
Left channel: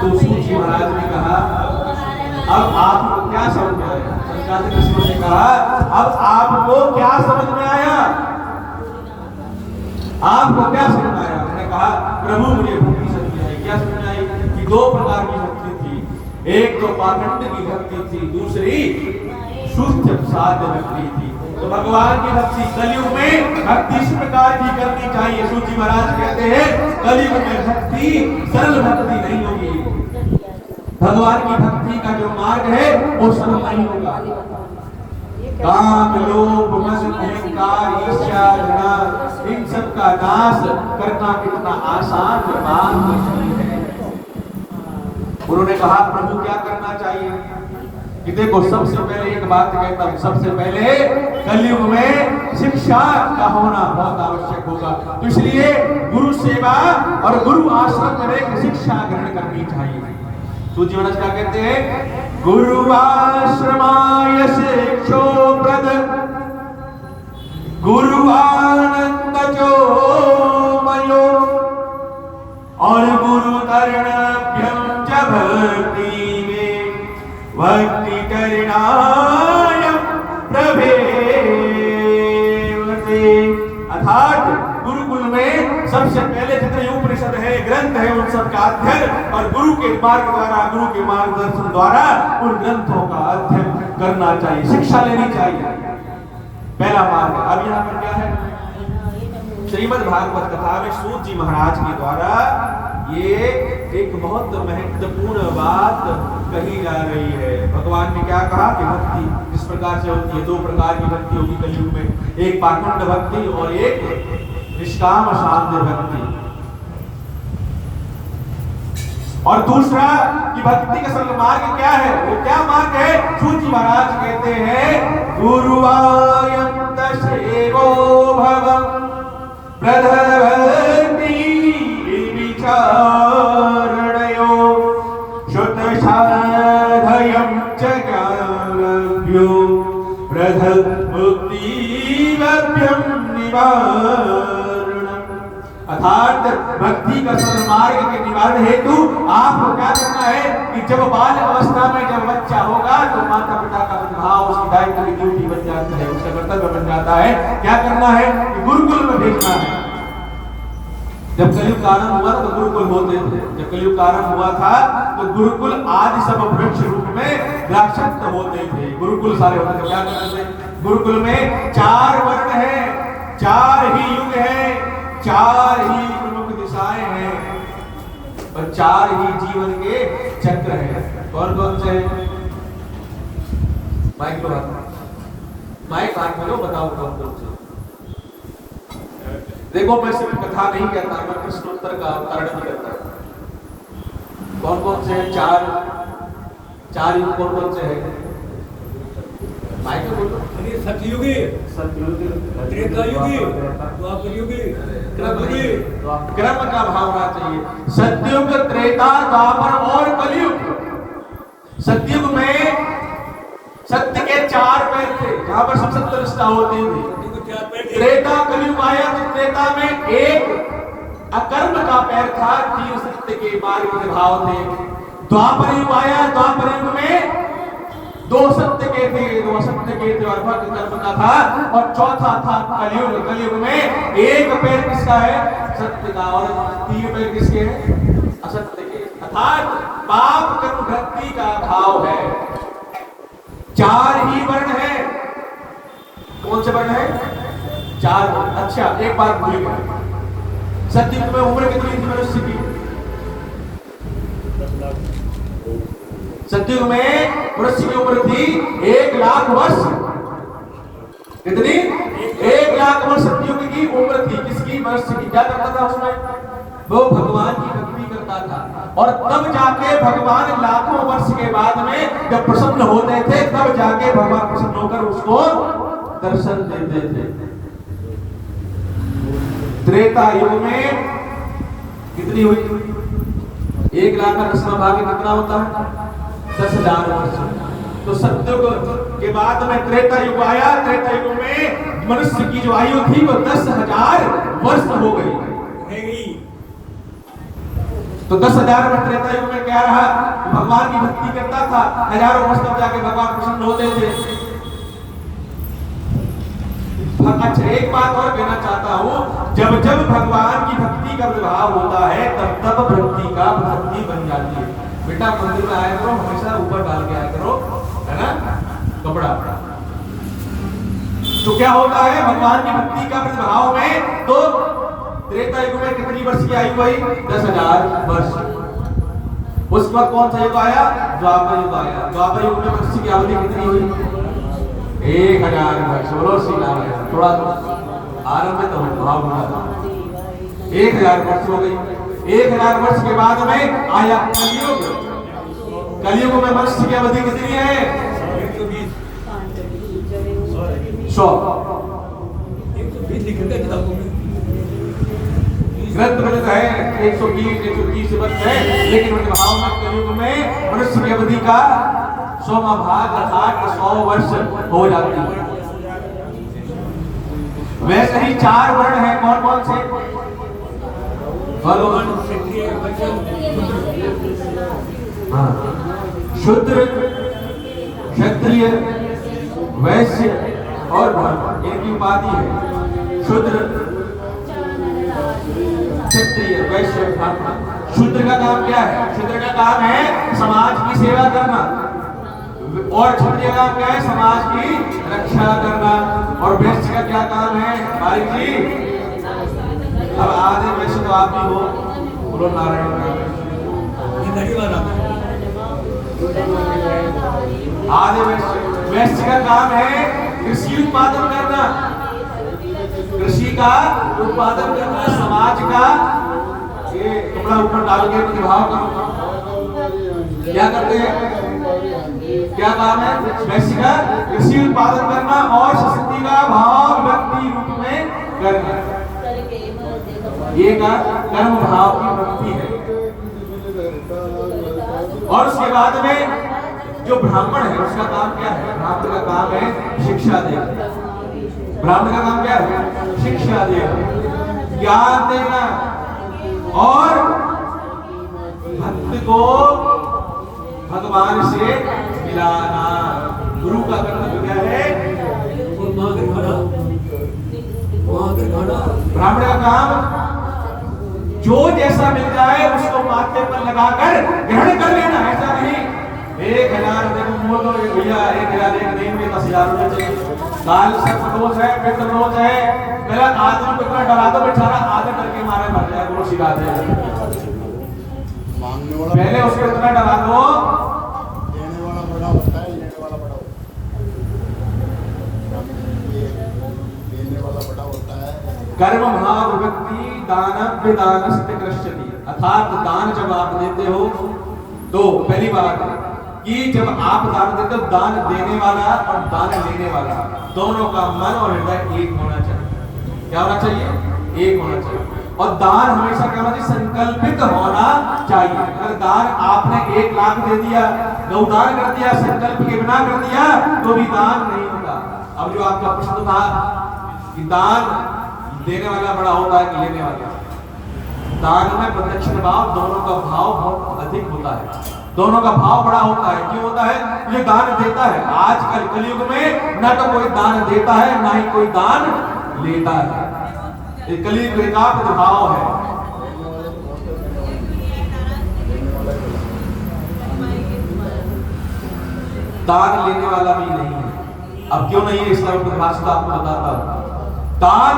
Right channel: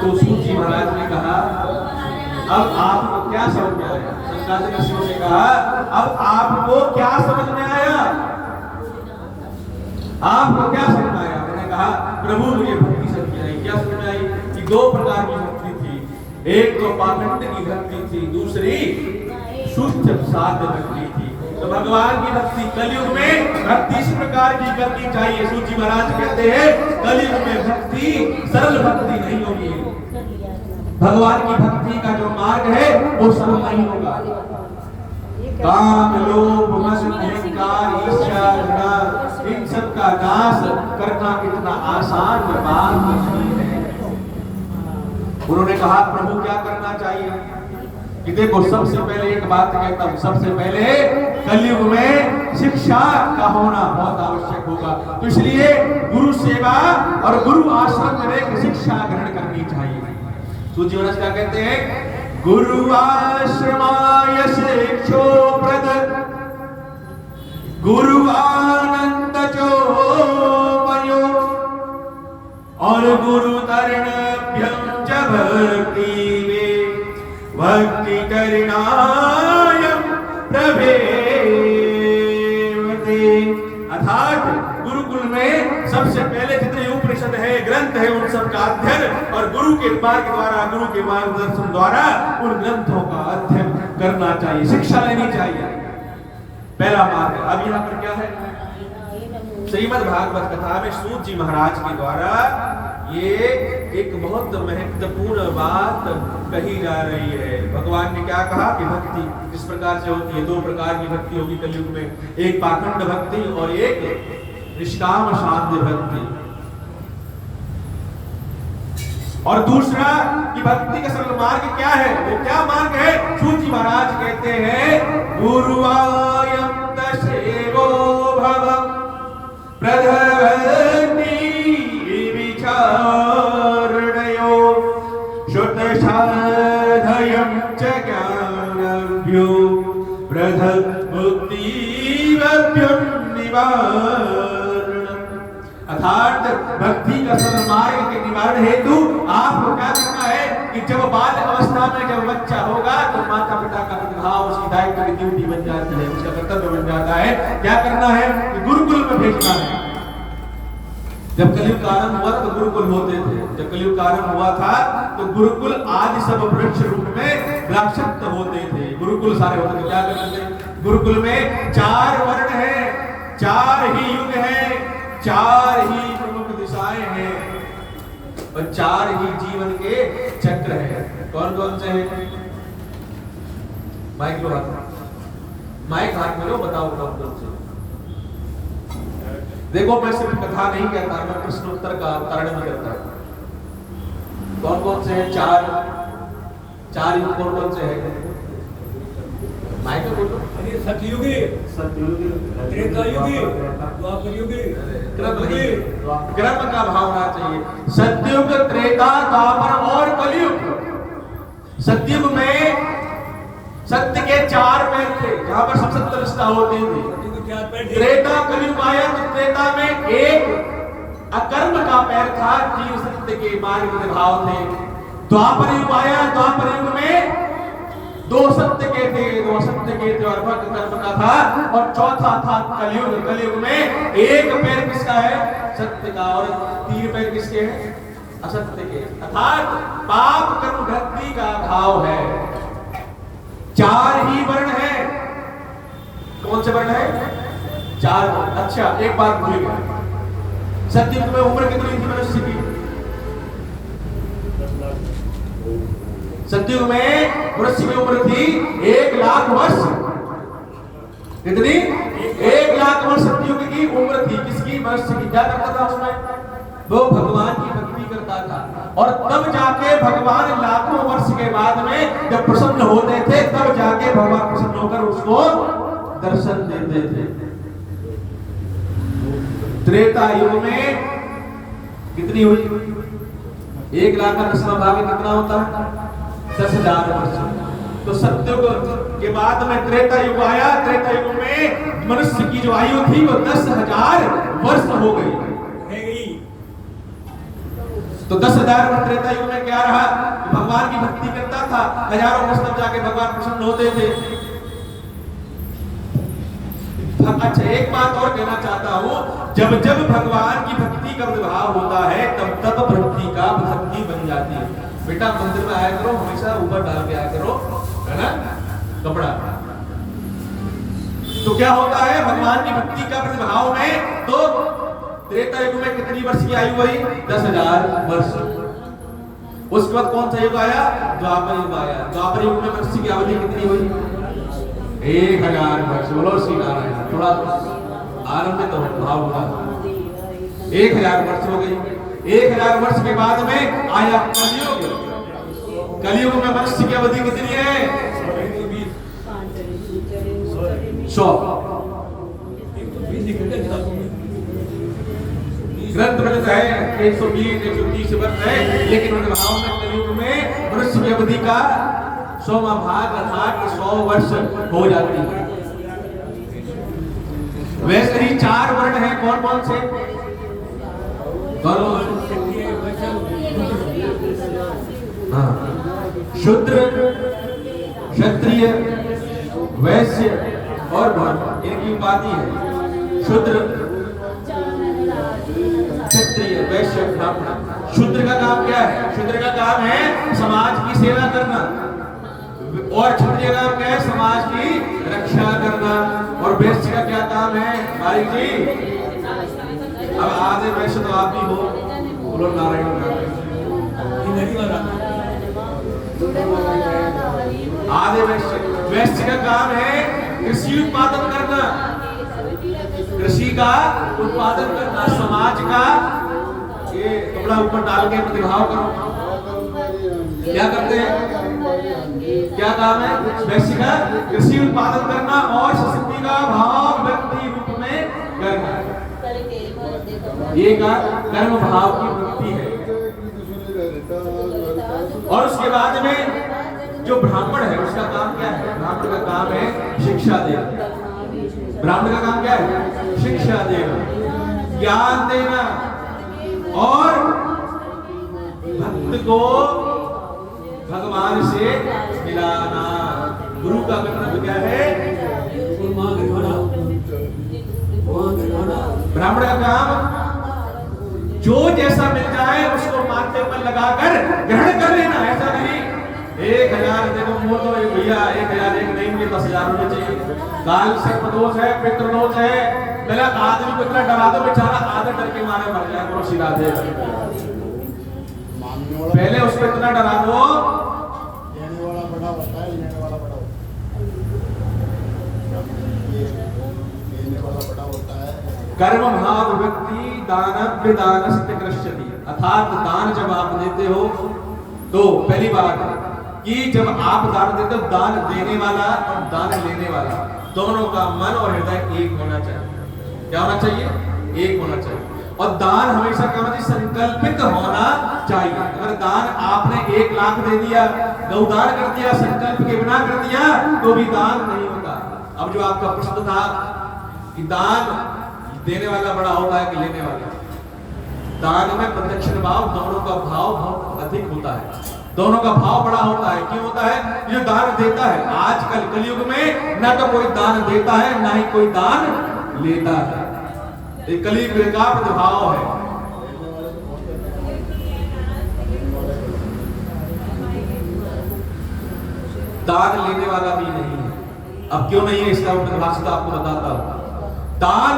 तो सूत जी महाराज ने कहा, अब आपको क्या समझ में आया। शंकराचार्य ऋषियों ने कहा, अब आपको क्या समझ में आया, आपको क्या समझ में आया। मैंने कहा, प्रभु मुझे भक्ति समझ में आई। क्या समझ में आई कि दो प्रकार की भक्ति थी, एक तो पाखंड की भक्ति थी, दूसरी शुद्ध साध्य भक्ति थी। तो भगवान की भक्ति कलयुग में भक्ति इस प्रकार की करनी चाहिए। सूची महाराज कहते हैं, कलयुग में भक्ति सरल भक्ति नहीं होगी। भगवान की भक्ति का जो मार्ग है वो सरल नहीं होगा। काम लोभ मद अहंकार ईर्ष्या घृणा इन सब का नाश करना कितना आसान बात नहीं है। उन्होंने कहा, प्रभु क्या करना चाहिए कि देखो, सबसे पहले एक बात कहता हूं, सबसे पहले कलयुग में शिक्षा का होना बहुत आवश्यक होगा। तो इसलिए गुरु सेवा और गुरु आश्रम में रहकर शिक्षा ग्रहण करनी चाहिए। सूची महाराज क्या कहते हैं, गुरु आश्रमाय शिक्षोप्रद गुरु आनंद जो मयो और गुरु तरणभ्यं च भक्ति में भक्ति करिणायं प्रभेवते। अर्थात गुरुकुल में सबसे पहले जितने उपनिषद है, ग्रंथ है, उन सब का अध्ययन और गुरु के मार्ग द्वारा, गुरु के मार्गदर्शन द्वारा उन ग्रंथों का अध्ययन करना चाहिए, शिक्षा लेनी चाहिए। पहला मार्ग है। अब यहाँ पर क्या है, श्रीमद् भागवत कथा में सूत जी महाराज के द्वारा ये एक बहुत महत्वपूर्ण बात कही जा रही है। भगवान ने क्या कहा कि भक्ति किस प्रकार से होती है। दो प्रकार की भक्ति होगी कलयुग में, एक पाखंड भक्ति और एक निष्काम शांत भक्ति। और दूसरा कि भक्ति का सरल मार्ग क्या है, वो क्या मार्ग है? सूत जी महाराज कहते हैं गुरुवायंत सेवो भव प्रधवती विचारणयो शुद्ध साधयं च ज्ञानभ्यो प्रधव मुक्तिवभ्यं निवारणम्। अर्थात भक्ति का सरल मार्ग के निवारण हेतु आपको क्या करना है कि जब बाल अवस्था में जब बच्चा होगा तो माता पिता का प्रतिभाव उसकी दायित्व की ड्यूटी बन जाती है, उसका कर्तव्य बन जाता है। क्या करना है कि गुरुकुल में भेजना है। जब कलयुग का आरंभ हुआ तो गुरुकुल होते थे, जब कलयुग का आरंभ हुआ था तो गुरुकुल आदि सब वृक्ष रूप में द्राक्षक्त होते थे, गुरुकुल सारे होते थे। क्या करते थे? गुरुकुल में 4 वर्ण है, 4 ही युग है, 4 ही प्रमुख दिशाएं हैं और 4 ही जीवन के चक्र हैं। कौन कौन से हैं? माइक लो हाथ में, माइक हाथ में लो, बताओ कौन कौन से। देखो मैं सिर्फ कथा नहीं कहता, मैं प्रश्नोत्तर का अवतरण भी करता है। कौन कौन से हैं? 4 युग कौन कौन से हैं? माइक में बोलो। सतयुगी, त्रेतायुगी, द्वापरयुगी, क्रम का भाव होना चाहिए। सतयुग, त्रेता, द्वापर और कलयुग। सतयुग में सत्य के 4 पैर थे, जहां पर सब सत्य निष्ठा होती थी। त्रेता कलयुग आया तो त्रेता में एक अकर्म का पैर था, 3 सत्य के मार्ग के भाव थे। द्वापर युग आया, द्वापर युग में 2 सत्य के थे, 2 असत्य के थे और भक्त कर्म का था। और चौथा था कलयुग, कलयुग में एक पैर किसका है? सत्य का, और 3 पैर किसके हैं? असत्य के। अर्थात पाप कर्म भक्ति का भाव है। 4 ही वर्ण है। कौन से वर्ण है? 4 वर्ण। अच्छा एक बात भूल गया, सतयुग में उम्र कितनी थी मनुष्य की? सतयुग में मनुष्य की उम्र थी 1 लाख वर्ष। कितनी? 1 लाख वर्ष सतयुग की उम्र थी। किसकी? मनुष्य की। क्या करता था उसमें? वो भगवान की भक्ति करता था। और तब जाके भगवान लाखों वर्ष के बाद में जब प्रसन्न होते थे, तब जाके भगवान प्रसन्न होकर उसको दर्शन देते थे। त्रेता युग में कितनी हुई? 1 लाख का 10वां भाग कितना होता है? 10,000 वर्ष। तो सतयुग के बाद में त्रेता युग आया। त्रेता युग में मनुष्य की जो आयु थी वो 10,000 वर्ष हो गई। तो 10,000 वर्ष त्रेता युग में क्या रहा? भगवान की भक्ति करता था, हजारों वर्ष तब जाके भगवान प्रसन्न होते थे। अच्छा एक बात और कहना चाहता हूं, जब जब भगवान की भक्ति का विभाव होता है तब तब भक्ति का भक्ति बन जाती है। बेटा मंदिर में आया करो, हमेशा ऊपर डाल के आया करो, है ना, कपड़ा। तो क्या होता है भगवान की भक्ति का प्रतिभाव में? तो त्रेता युग में कितनी वर्ष की आयु हुई? 10,000 वर्ष। उसके बाद कौन सा युग आया? द्वापर युग आया। द्वापर युग में मनुष्य की अवधि कितनी हुई? 1,000 वर्ष। बोलो श्री नारायण। थोड़ा आरंभ तो भाव होगा। 1,000 वर्ष हो गई। 1,000 वर्ष के बाद में आया कलयुग। कलयुग में मनुष्य की अवधि कितनी है? 100। ग्रंथ में है 120 130 वर्ष है, लेकिन उनके भाव में कलयुग में मनुष्य की अवधि का 100वां भाग अर्थात 100 वर्ष हो जाती है। वैसे ही 4 वर्ण हैं। कौन कौन से? शूद्र, क्षत्रिय, वैश्य और ब्राह्मण, इनकी उपाधि है। शूद्र, क्षत्रिय, वैश्य, ब्राह्मण। शूद्र का काम क्या है? शूद्र का काम है समाज की सेवा करना, और क्षत्रिय का काम क्या है? समाज की रक्षा करना। और वैश्य का क्या काम है? बारिक जी, अब आधे वैश्य तो आप भी हो, बोलो नारायण नारायण। आधे वैश्य का काम है कृषि उत्पादन करना, कृषि का उत्पादन करना, समाज का ये कपड़ा ऊपर डाल के प्रतिभाव करो। क्या करते हैं? क्या काम है? वैश्य का कृषि उत्पादन करना और शक्ति का भाव व्यक्ति रूप में करना, ये का कर्म भाव की वृत्ति है। और उसके बाद में जो ब्राह्मण है उसका काम क्या है? ब्राह्मण का काम है शिक्षा देना। ब्राह्मण का काम क्या है? शिक्षा देना, ज्ञान देना और भक्त को भगवान से मिलाना। गुरु का कर्तव्य क्या है? ब्राह्मण का काम जो जैसा मिल जाए उसको माथे पर लगाकर ग्रहण कर लेना। ऐसा नहीं 1000 देखो मोर दो भैया 1000 एक नहीं मुझे 10,000 रुपए चाहिए। काल सर्पदोष है, पितृदोष है, मेरा आदमी को इतना डरा दो बेचारा आधा डर के मारे मर जाए। बोलो सीधा दे, पहले उसको इतना डरा दो। देने वाला बड़ा होता है, लेने वाला बड़ा होता है। लेने वाला बड़ा होता है। कर्म भाव व्यक्ति दानव्य दानस्ते कृष्यति, अर्थात दान जब आप देते हो तो पहली बात कि जब आप दान देते हो, दान देने वाला और दान लेने वाला दोनों का मन और हृदय एक होना चाहिए। क्या होना चाहिए? एक होना चाहिए। और दान हमेशा क्या होना चाहिए? संकल्पित होना चाहिए। अगर दान आपने 1 लाख दे दिया, गौदान कर दिया, संकल्प के बिना कर दिया तो भी दान नहीं होता। अब जो आपका प्रश्न था कि दान देने वाला बड़ा होता है कि लेने वाला, दान में प्रदक्षिण भाव दोनों का भाव बहुत अधिक होता है, दोनों का भाव बड़ा होता है। क्यों होता है? जो दान देता है, आजकल कलयुग में ना तो कोई दान देता है ना ही कोई दान लेता है। ये कलयुग का प्रभाव है। दान लेने वाला भी नहीं है। अब क्यों नहीं है इसका परिभाषा आपको बताता हूं। दान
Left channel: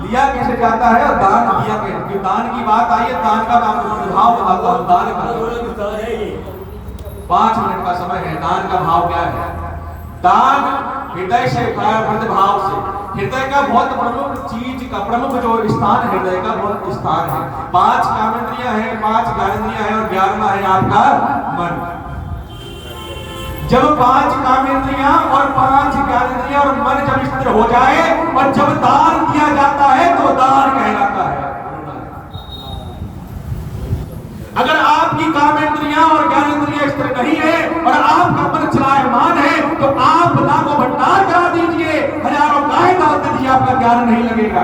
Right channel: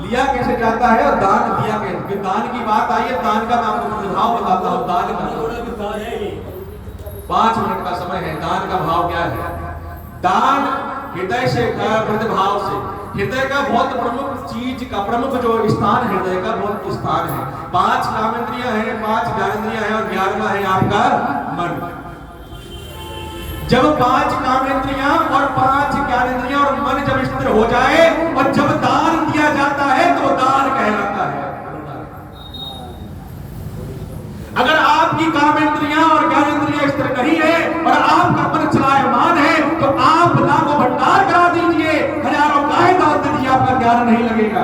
लिया कैसे जाता है और दान लिया कैसे? दान की बात आई है, दान का मैं आपको भाव बताता हूं। दान का 5 मिनट का समय है। दान का भाव क्या है? दान हृदय से भाव से, हृदय का बहुत प्रमुख चीज का प्रमुख जो स्थान हृदय का बहुत स्थान है। 5 कामेंद्रियां हैं, 5 ज्ञानेंद्रियां हैं और 11वां है आपका मन। जब 5 कामेंद्रियां और 5 ज्ञानेंद्रियां और मन जब स्थिर हो जाए और जब दान दिया जाता है तो दान कहलाता है। अगर आपकी कामेंद्रियां और ज्ञानेंद्रियां स्थिर नहीं है और आपका मन चलायमान है तो आप लाखों भंडार करा दीजिए, हजारों गाय दान दे दीजिए, आपका ज्ञान नहीं लगेगा।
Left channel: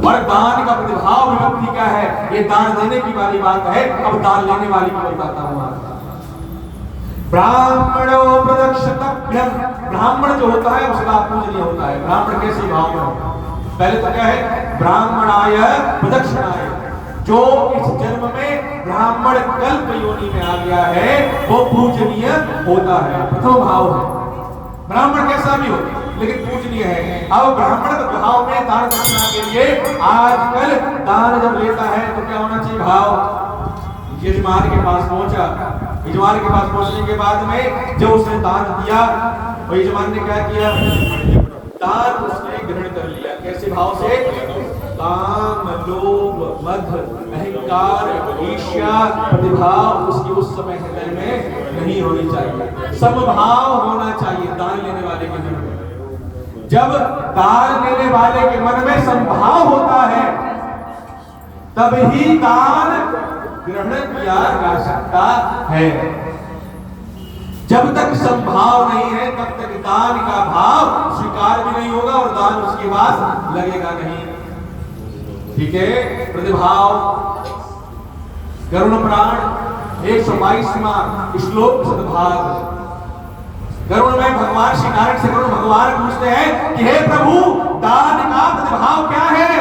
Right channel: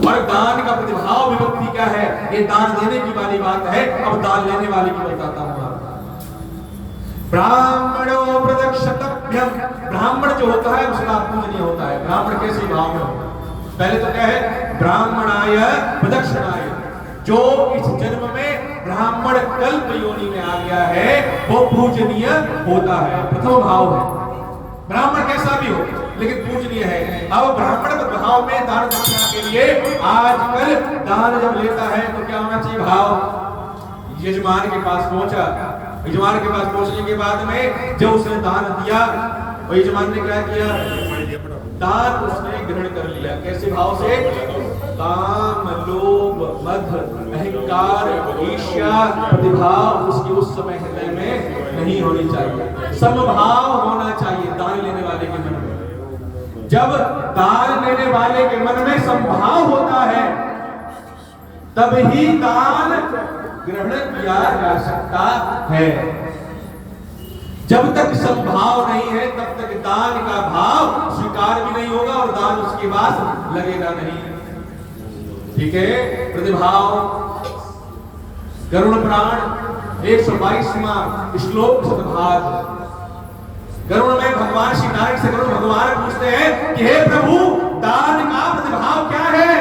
और दान का प्रतिभाव विभक्ति क्या है? ये दान देने की वाली बात है। अब दान लेने वाली की बताता हूं। ब्राह्मणो प्रदक्षितव्यम, ब्राह्मण जो होता है उसका पूजनीय होता है। ब्राह्मण कैसे भाव में होता है? पहले तो क्या है? ब्राह्मणाय प्रदक्षिणाय, जो इस जन्म में ब्राह्मण कल्प योनि में आ गया है वो पूजनीय होता है। प्रथम भाव है। ब्राह्मण कैसा भी हो लेकिन पूजनीय है। अब ब्राह्मण भाव में दान दक्षिणा के लिए आजकल दान जब लेता है तो क्या होना चाहिए? भाव यजमान के पास पहुंचा, यजमान के पास पहुंचने के बाद में जब उसने दान दिया और यजमान ने क्या किया? दान उसने ग्रहण कर लिया। कैसे भाव से? काम, लोभ, मद, अहंकार, ईर्ष्या, प्रतिभाव उसकी उस समय हृदय में नहीं होनी चाहिए। समभाव होना चाहिए दान लेने वाले के मन में। जब दान लेने वाले के मन में समभाव होता है तब ही दान ग्रहण किया जा सकता है। जब तक संभाव नहीं है तब तक दान का भाव स्वीकार भी नहीं होगा और दान उसके पास लगेगा नहीं। ठीक है? प्रतिभाव गरुड़ पुराण 122वां श्लोक सदभाग। गरुड़ में भगवान श्री नारायण से गरुड़ भगवान पूछते हैं कि हे प्रभु दान का प्रतिभाव क्या है?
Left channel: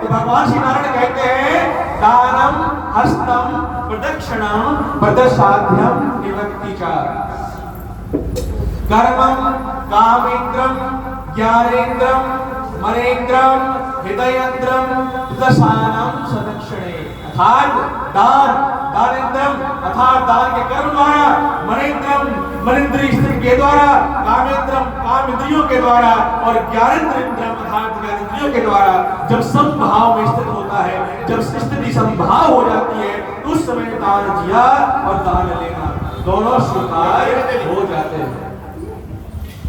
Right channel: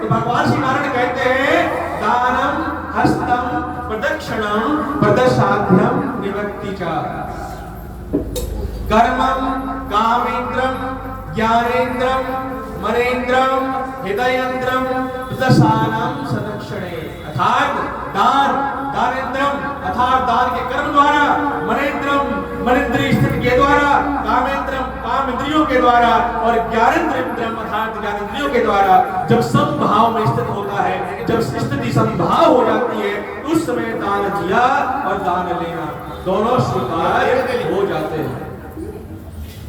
तो भगवान श्री नारायण कहते हैं दानम हस्तम प्रदक्षिणम प्रदशाध्यम निवृत्ति च कर्मम कामेन्द्रम ज्ञानेन्द्रम मनेन्द्रम हृदयेन्द्रम प्रदशानम सदक्षिणे। अर्थात दानेन्द्रम अर्थात दान के कर्म द्वारा, मनेन्द्रम मनेन्द्रिय स्थिति के द्वारा, कामेन्द्रम काम इंद्रियों के द्वारा और ज्ञानेन्द्रम अर्थात ज्ञानेन्द्रियों इंद्रियों के द्वारा जब समभाव में स्थित होता है, जब स्थिति समभाव हो जाती है, उस समय दान दिया और दान लेना दोनों स्वीकार हो जाते हैं।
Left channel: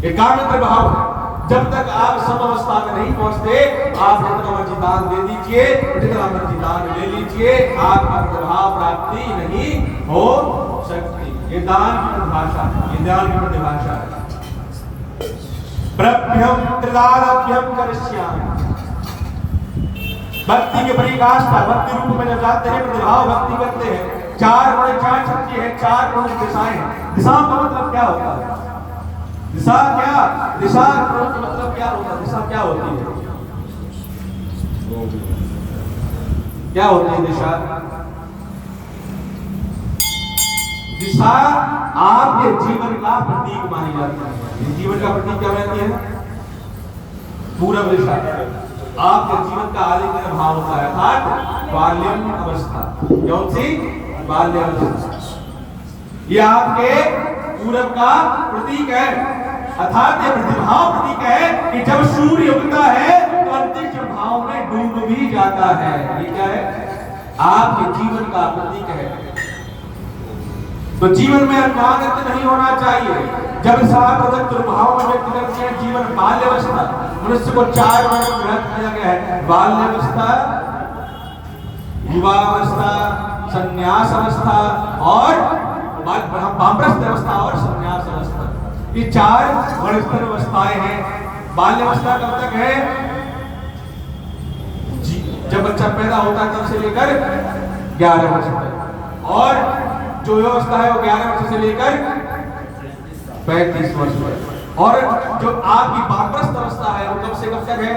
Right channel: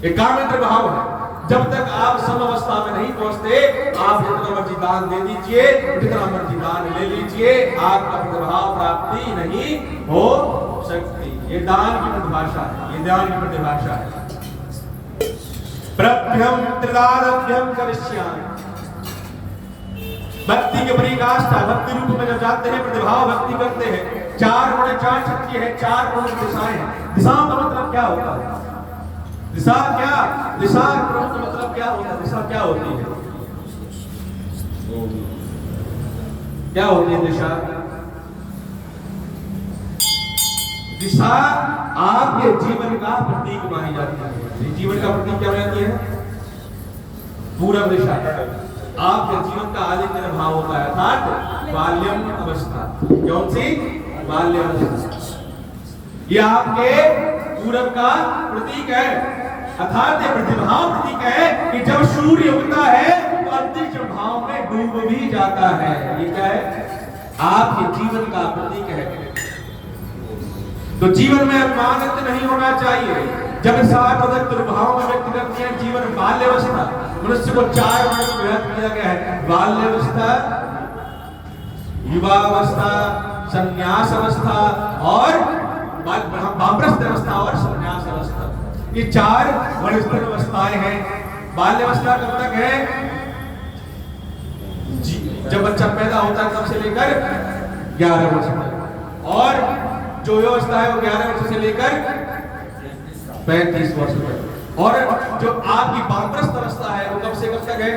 एक कामेंद्र भाव है। जब तक आप समावस्था में नहीं पहुंचते, आप जितना मर्जी दान दे दीजिए, जितना मर्जी दान ले लीजिए, आपका प्रभाव प्राप्ति नहीं हो सकती। ये दान की परिभाषा है, ये दान की परिभाषा है। प्रभ्यम त्रिदानभ्यम करिष्यामि। भक्ति के पराकाष्ठा, भक्ति रूप में जब जाते हैं, प्रतिभाव भक्ति करते हैं। 4 गुण 4 शक्ति है, 4 प्रमुख दिशाएं हैं। दिशा का मतलब क्या होता है? दिशा क्या? दिशा का मतलब क्या होता है? दिशा क्या होती है? क्या होती है दिशा? दिशा आपके जीवन का प्रतीक मानी जाती है। जीवन का प्रतीक क्या रहती है? पूर्व दिशा। आपके जीवन का आदित्य भाव होता है, अर्थात बाल्यम अवस्था। कौन सी? बाल्य अवस्था। ये आपके पूरब का प्रतीक है, अर्थात ये प्रतिभाव प्रतीक है कि जब सूर्य उगता है तो अंतरिक्ष भाव में डूब भी जाता है। ये क्या है? आपके जीवन का प्रतीक है। तो जीवन में अनुमानित नहीं होना चाहिए। जब भाव में व्यक्त करते हैं जीवन बाल्यावस्था, मनुष्य को 4 वर्ग में व्यक्त किया गया है। बाल्यावस्था, युवावस्था, संन्यास अवस्था और वामप्रस्थ अवस्था और संन्यास अवस्था। ये 4 वर्णस्तर अवस्थाएं हैं। बाल्यावस्था कब तक है? जब बच्चा पैदा होता है तब से लेकर 11 वर्ष तक, और जो अवस्था है वो 11 वर्ष से लेकर 35 वर्ष तक, और जो आपकी वामप्रस्थ अवस्था है वो कब से कब तक है?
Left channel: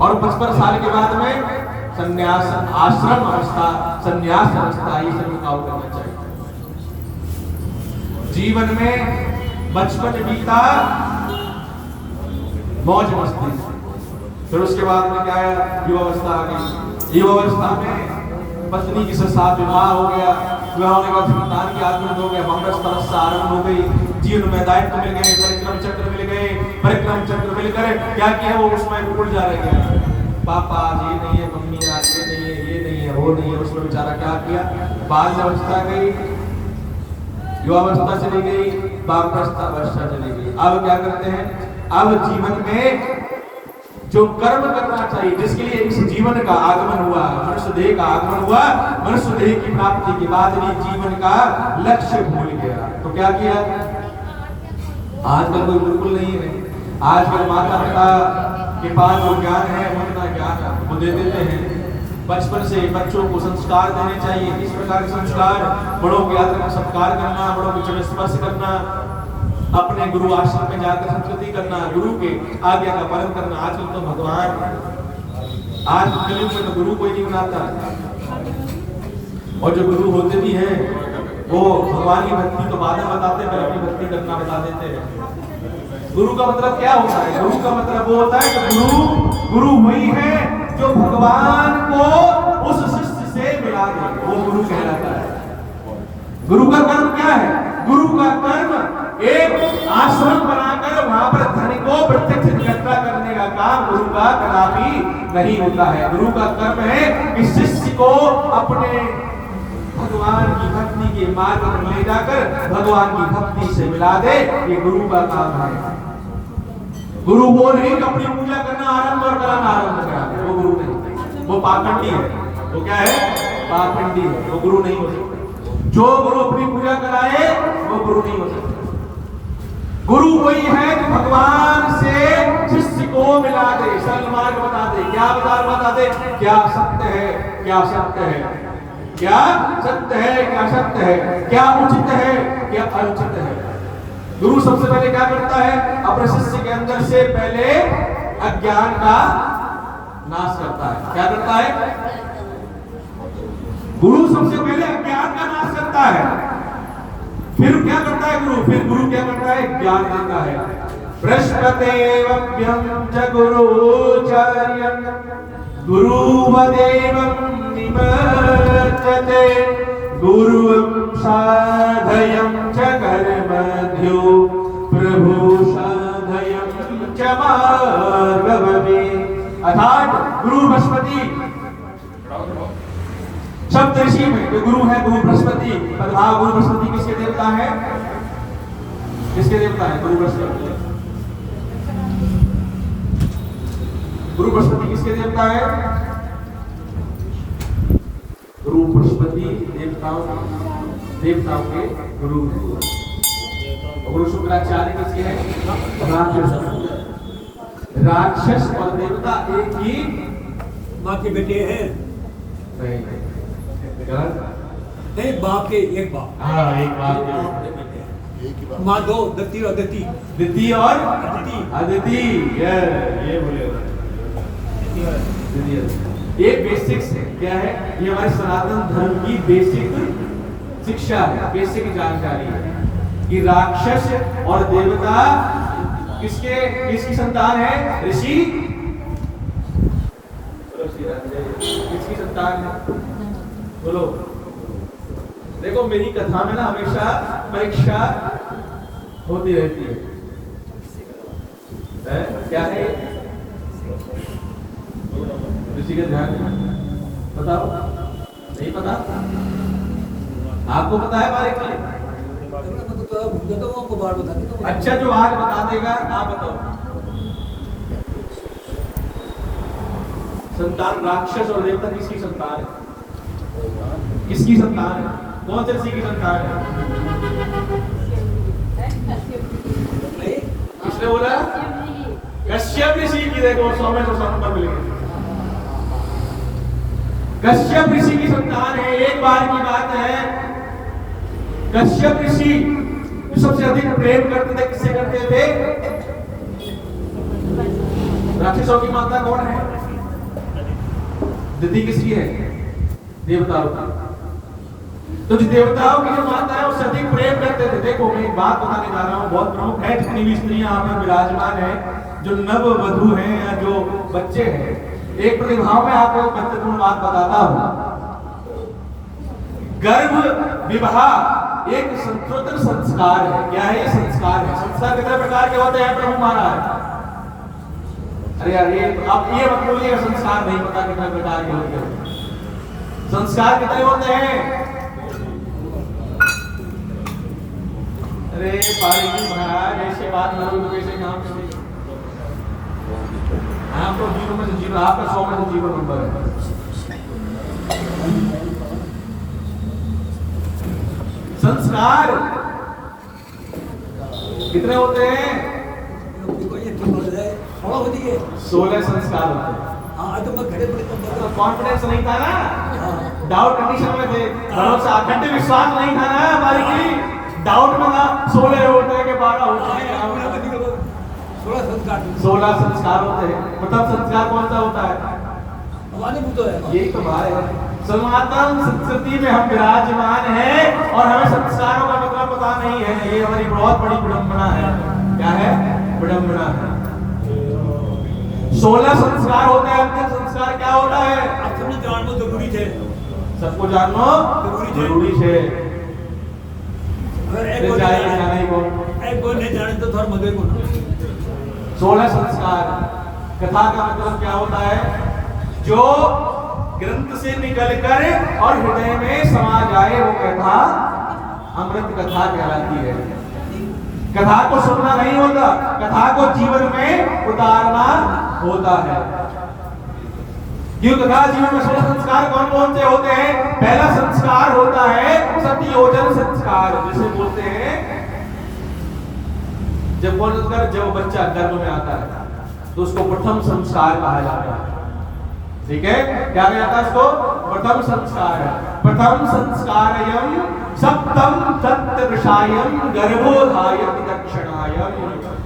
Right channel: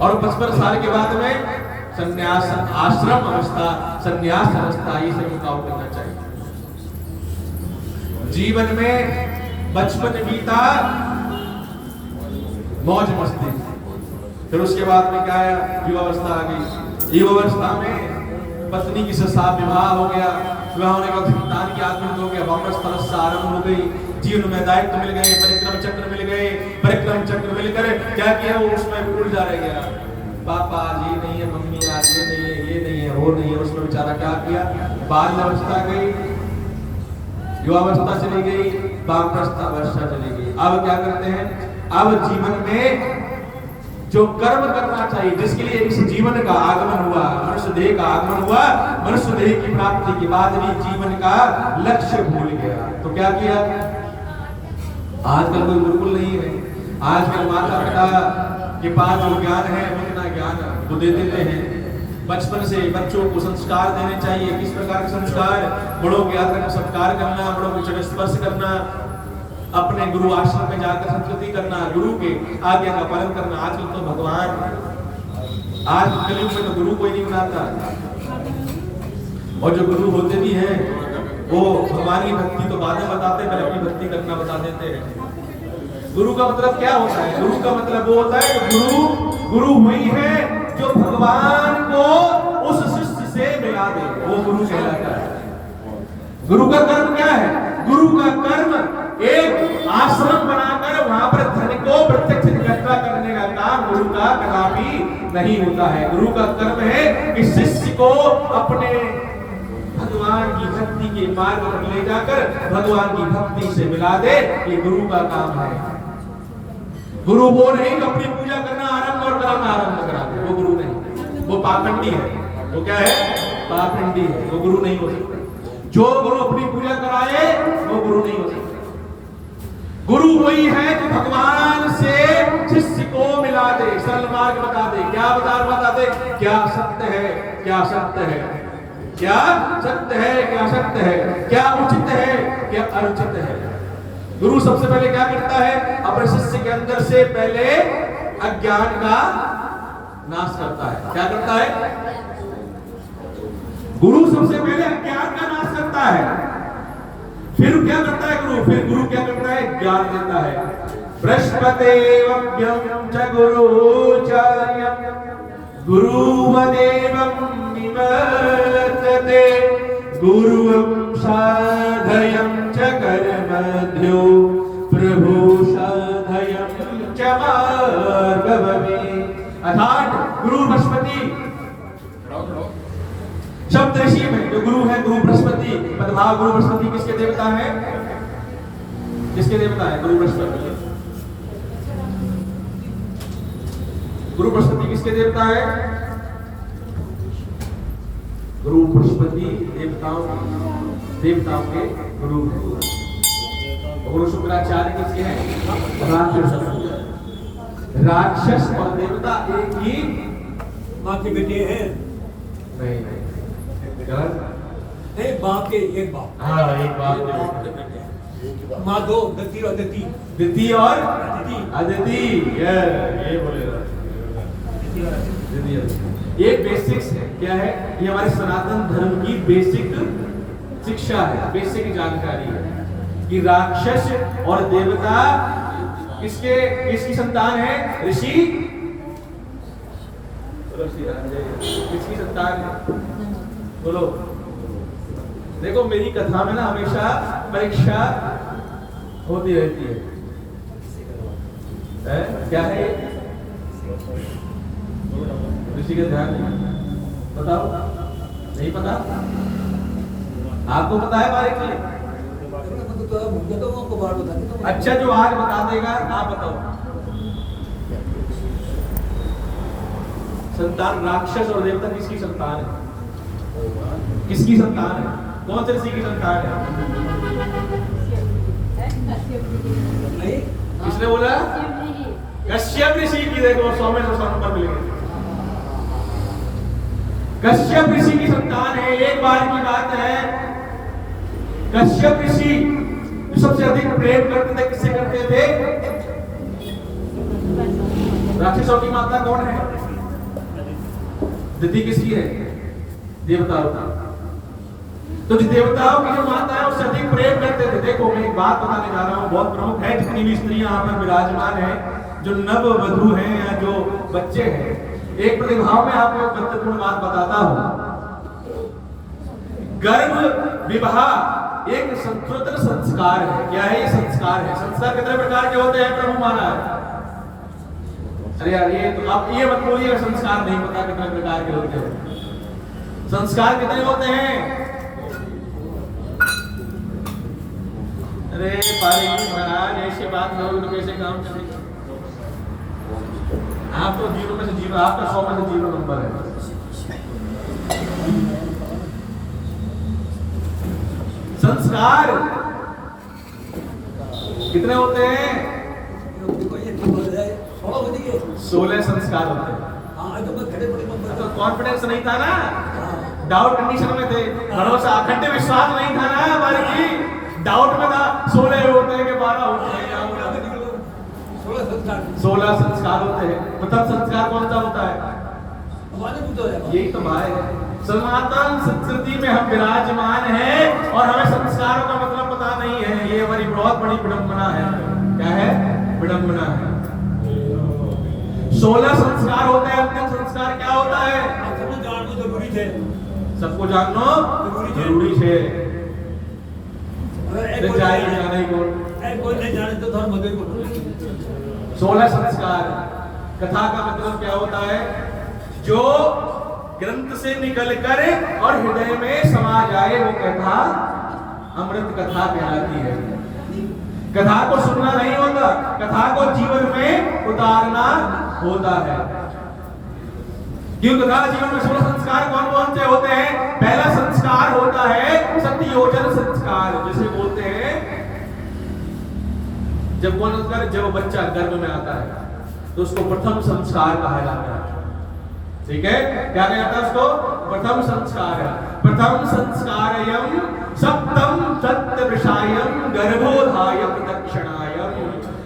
और 55 साल के बाद में संन्यास आश्रम अवस्था, संन्यास अवस्था, ये सब काम करना चाहिए। जीवन में बचपन बीता मौज मस्ती, फिर उसके बाद में क्या है? युवावस्था आ गई। युवावस्था में पत्नी के साथ विवाह हो गया, विवाह होने के बाद संतान की आत्महत्या हो गया, वामप्रस्थ अवस्था आरंभ हो गई। जीवन में दायित्व मिल गए, परिक्रम चक्र मिल गए, परिक्रम चक्र मिलकर क्या किया? वो उसमें उड़ जा रह गया। पापा आज ये नहीं है, मम्मी आज ये नहीं है, ये नहीं है, वो नहीं है। उसमें बेचारा क्या किया? बाल्यावस्था गई, युवावस्था चली गई, वामप्रस्थ अवस्था चली गई। अब क्या करते हैं? अब जीवन में जो कर्म करना चाहिए, जिसके लिए इस जीवन का आगमन हुआ, मनुष्य देह का आगमन हुआ, मनुष्य देह की प्राप्ति के बाद भी जीवन का लक्ष्य भूल गया। तो क्या किया? आजकल कोई बिल्कुल नहीं है। आजकल माता पिता के पास जो ज्ञान है वो इतना ज्ञान वो दे देते हैं। बचपन से बच्चों को संस्कार देने चाहिए। किस प्रकार के संस्कार? बड़ों के आदर सत्कार करना, बड़ों के चरण स्पर्श करना, अपने गुरु आश्रम में जाकर संस्कृति करना, गुरु के आज्ञा का पालन करना। आजकल तो भगवान, आज कलयुग में तो गुरु कोई नहीं बनाता, और जो गुरु होते भी हैं वो भगवान की भक्ति तो बाद में बताते हैं, पहले अपनी भक्ति करना बता देते हैं। गुरु का मतलब क्या होता है? गुरु का मतलब वो होता है कि गुरु वही है जो भगवान को उस शिष्य से मिला दे, वो गुरु कहलाता है। गुरु का कर्म क्या है? गुरु का कर्म एक आश्रम बनाकर वहां पर धन को प्रत्यक्ष इकट्ठा करने का काम गुरु का कदापि नहीं होता है। गुरु का कर्म है कि शिष्य को अपने भगवान की भक्ति के मार्ग पर ले जाकर भगवान की भक्ति से मिला दे। ये गुरु का काम है। गुरु वो नहीं कि अपनी पूजा करना आरंभ और कर्म आरंभ करा दे, वो गुरु नहीं, वो पाखंडी है। वो क्या है? पाखंडी है, वो गुरु नहीं हो सकता। जो गुरु अपनी पूजा कराए वो गुरु नहीं हो सकता। गुरु वही है जो भगवान से शिष्य को मिला दे, सरल मार्ग बता दे, क्या बता दे, क्या सत्य है, क्या सत्य है, क्या सत्य है, क्या सत्य है, क्या उचित है, क्या अनुचित है। गुरु सबसे पहले क्या करता है? अपने शिष्य के अंदर से पहले अज्ञान का नाश करता है। क्या करता है? गुरु सबसे पहले अज्ञान का नाश करता है। फिर क्या करता है गुरु? फिर गुरु क्या करता है? ज्ञान देता है। बृहस्पतेवभ्यं च गुरुचार्यं गुरुवदेवं निवर्तते गुरुं साधयं च कर्मध्यो प्रभु साधयं च मार्गवमे। अर्थात गुरु बृहस्पति, सप्त ऋषि में जो गुरु है गुरु बृहस्पति। प्रभाव गुरु बृहस्पति किसके देवता है? किसके देवता है? गुरु बृहस्पति। गुरु बृहस्पति किसके देवता है? गुरु बृहस्पति देवताओं के गुरु। गुरु शुक्राचार्य किसके हैं? राक्षस और देवता एक ही माँ के बेटे हैं। नहीं, बाप के एक बाप। हाँ, एक बाप के बेटे। माँ दो, दत्ती और अदिति। दिति और अदिति, ये बोलेगा। ये बेसिक्स है। क्या है? ये हमारे सनातन धर्म की बेसिक शिक्षा है, बेसिक जानकारी है कि राक्षस और देवता किसकी संतान है? ऋषि। किसकी संतान है? बोलो। देखो मेरी कथा में ना हमेशा परीक्षा होती रहती है। क्या है? ऋषि का ध्यान नहीं बताओ। नहीं पता? आपको पता है बारीकी? अच्छा, जो आज बता देगा आप बताओ। संतान राक्षस और देवता किसकी संतान है? किसकी संतान है? कौन से ऋषि की संतान है? किसने बोला? कश्यप ऋषि की। देखो 100 में 100 नंबर मिलेंगे। कश्यप ऋषि की संतान है। एक बार की बात है, कश्यप ऋषि जो सबसे अधिक प्रेम करते थे, किससे करते थे? राक्षसों की माता कौन है? दिति किसकी है? देवताओं की। तो जो देवताओं की जो माता है उससे अधिक प्रेम करते थे। देखो मैं एक बात बताने जा रहा हूँ, बहुत प्रमुख है। जितनी भी स्त्रियां यहाँ पर विराजमान है, जो नव वधू हैं या जो बच्चे हैं, एक प्रतिभाव में आपको एक महत्वपूर्ण बात बताता हूं। गर्भ विवाह एक स्वतंत्र संस्कार है। क्या है ये संस्कार? है संस्कार कितने प्रकार के होते हैं प्रभु महाराज? अरे यार ये तो आप ये मत बोलिएगा संस्कार नहीं पता कितने प्रकार के होते हैं। संस्कार कितने होते हैं? अरे पारिजी महाराज ऐसी बात करोगे तो कैसे काम चलेगा? आप तो 0 में से 0, आपका 100 में से 0 नंबर है। संस्कार कितने होते हैं? 16 संस्कार होते हैं। तो कॉन्फिडेंस नहीं था ना, डाउट कंडीशन में थे, भरोसा अखंड विश्वास नहीं था ना हमारी की, डाउट में था। 16 होते हैं कि 12 होते हैं? 16 संस्कार होते हैं। मतलब संस्कार कौन सा होता है? यही तो भाई है। सनातन संस्कृति में हम विराजमान हैं और हमें संस्कारों का मतलब पता नहीं है। ये हमारी बहुत बड़ी विडंबना है। क्या है? विडंबना है। 16 संस्कार होते हैं। अंतिम संस्कार क्या होता है? सबको जानना जरूरी है। सबको जानना जरूरी है। जाने को नहीं जाने तो धर्म को 16 संस्कार। कथा का मतलब क्या होता है? जो ग्रंथ से निकलकर और हृदय में समा जाए वो कथा अमृत कथा कहलाती है। कथा को सुनना नहीं होता, कथा को जीवन में उतारना होता है। क्यों? कथा जीवन में 16 संस्कार कौन कौन से होते हैं? पहला संस्कार होता है सत्ययोजन संस्कार, जिसे बोलते हैं जब बच्चा गर्भ में आता है तो उसको प्रथम संस्कार कहा जाता है। ठीक है? क्या कहा जाता है उसको? प्रथम संस्कार है। प्रथम संस्कारयम सप्तम सत्यदृशायम गर्भोधायम दक्षिणायम।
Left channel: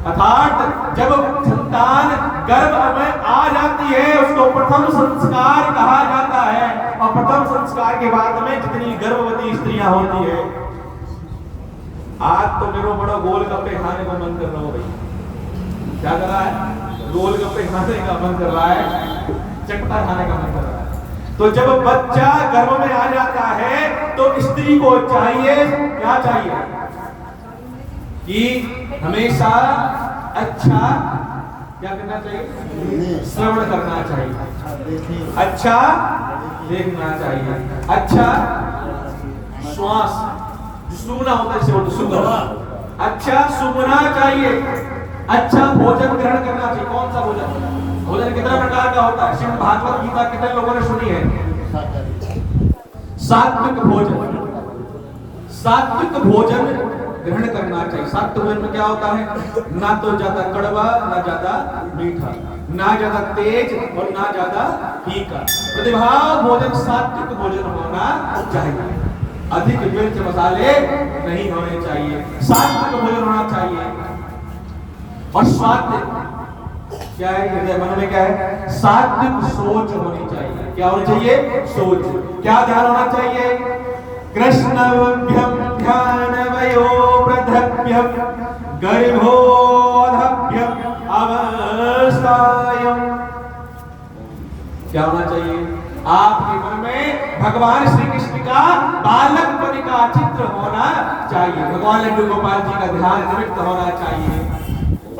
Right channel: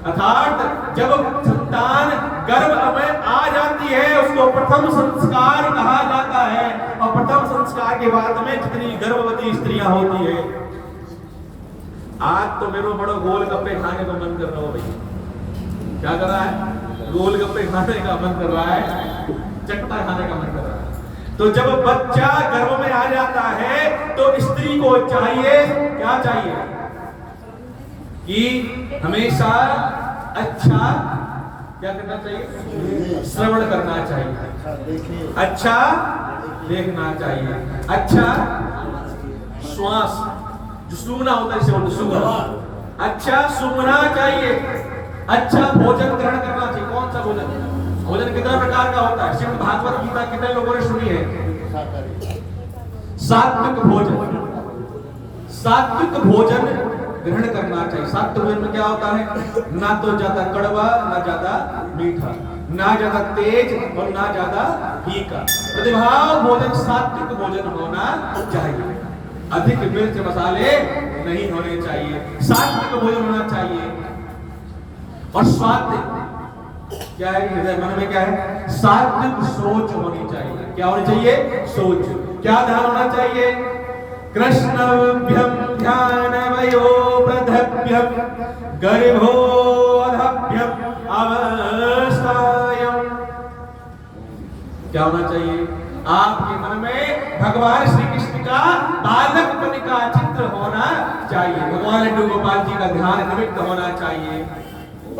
अर्थात जब संतान गर्भ में आ जाती है उसको प्रथम संस्कार कहा जाता है। और प्रथम संस्कार के बाद में जितनी गर्भवती स्त्रियां होती है, आज तो मेरे बड़ो गोलगप्पे खाने को मन कर रहा हो भाई। क्या कर रहा है? गोलगप्पे खाने का मन कर रहा है, चटपटा खाने का मन कर रहा है। तो जब बच्चा गर्भ में आ जाता है तो स्त्री को चाहिए, क्या चाहिए? कि हमेशा अच्छा क्या करना चाहिए? श्रवण करना चाहिए। अच्छा देखना चाहिए। अच्छा श्वास जो सूंघना होता है इसे बोलते सूंघना। अच्छा सूंघना चाहिए। अच्छा भोजन ग्रहण करना चाहिए। कौन सा भोजन? भोजन कितने प्रकार का होता है? श्रीमद् भागवत गीता कितने लोगों ने सुनी है? सात्विक भोजन। सात्विक भोजन ग्रहण करना चाहिए। सात्विक भोजन में क्या होता है? ना तो ज्यादा कड़वा, ना ज्यादा मीठा, ना ज्यादा तेज और ना ज्यादा फीका। प्रतिभाव भोजन सात्विक भोजन होना चाहिए। अधिक मिर्च मसाले नहीं होने चाहिए। सात्विक भोजन होना चाहिए। और सात्विक क्या है? हृदय मन में क्या है? सात्विक सोच होनी चाहिए। क्या होनी चाहिए? सोच। क्या ध्यान होना चाहिए? कृष्णभ्यम ध्यान वयो प्रधभ्यम गर्भोधभ्यम अवस्थायम। क्या होना चाहिए? आपके मन में भगवान श्री कृष्ण का बालकपन का चित्र होना चाहिए। भगवान लड्डू गोपाल जी का ध्यान निमित्त होना चाहिए।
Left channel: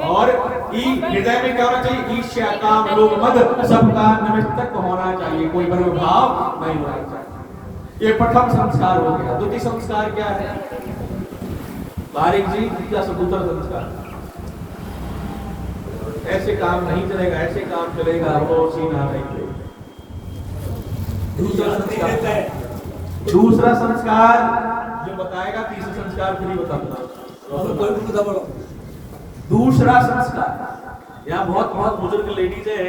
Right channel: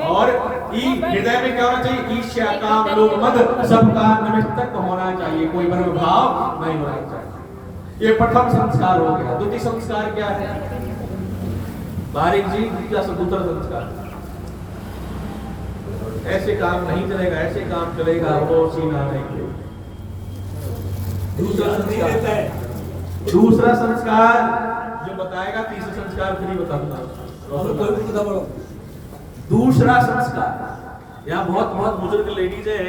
और हृदय में क्या होना चाहिए? ईर्ष्या काम लोभ मद सबका निमित्त होना चाहिए। कोई भ्रम भाव नहीं होना चाहिए। ये प्रथम संस्कार हो गया। द्वितीय संस्कार क्या है? बारीक जी क्या दूसरा संस्कार? ऐसे काम नहीं चलेगा, ऐसे काम चलेगा। वो सीना नहीं। दूसरा संस्कार जो बताएगा, तीसरा संस्कार फिर ही बताऊंगा। दूसरा संस्कार, यहाँ बहुत बहुत बुजुर्ग लेडीज है,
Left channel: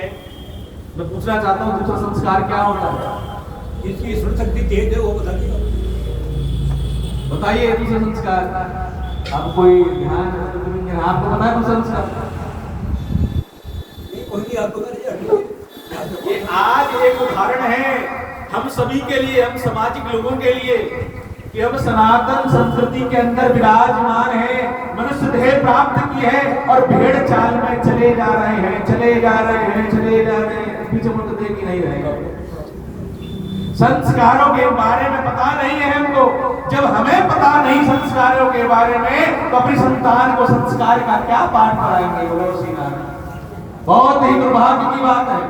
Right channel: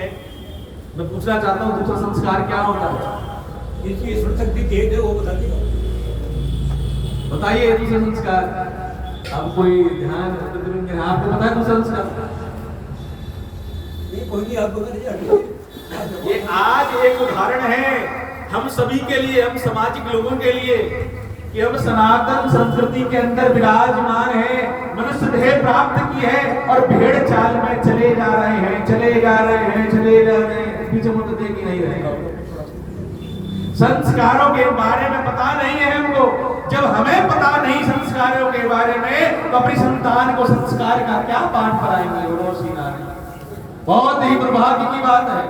मैं पूछना चाहता हूँ दूसरा संस्कार क्या होता है? इसकी शक्ति तेज है वो बताइए। दूसरा संस्कार अब कोई ध्यान आपको पता है? दूसरा संस्कार ये आज एक उदाहरण है हम सभी के लिए, हम सामाजिक लोगों के लिए, कि हम सनातन संस्कृति के अंदर विराजमान है, मनुष्य देह प्राप्त की है और भेड़ चाल में चले जा रहे हैं, चले जा रहे हैं, चले जा रहे हैं। पीछे मुझे देख ही नहीं रहेगा। संस्कारों के बारे में पता नहीं है हमको। जब हमें पता नहीं संस्कारों के बारे में, तो अपनी संतान को संस्कार का क्या पाठ पढ़ाएंगे? बहुत ही दुर्भाग्य की बात है।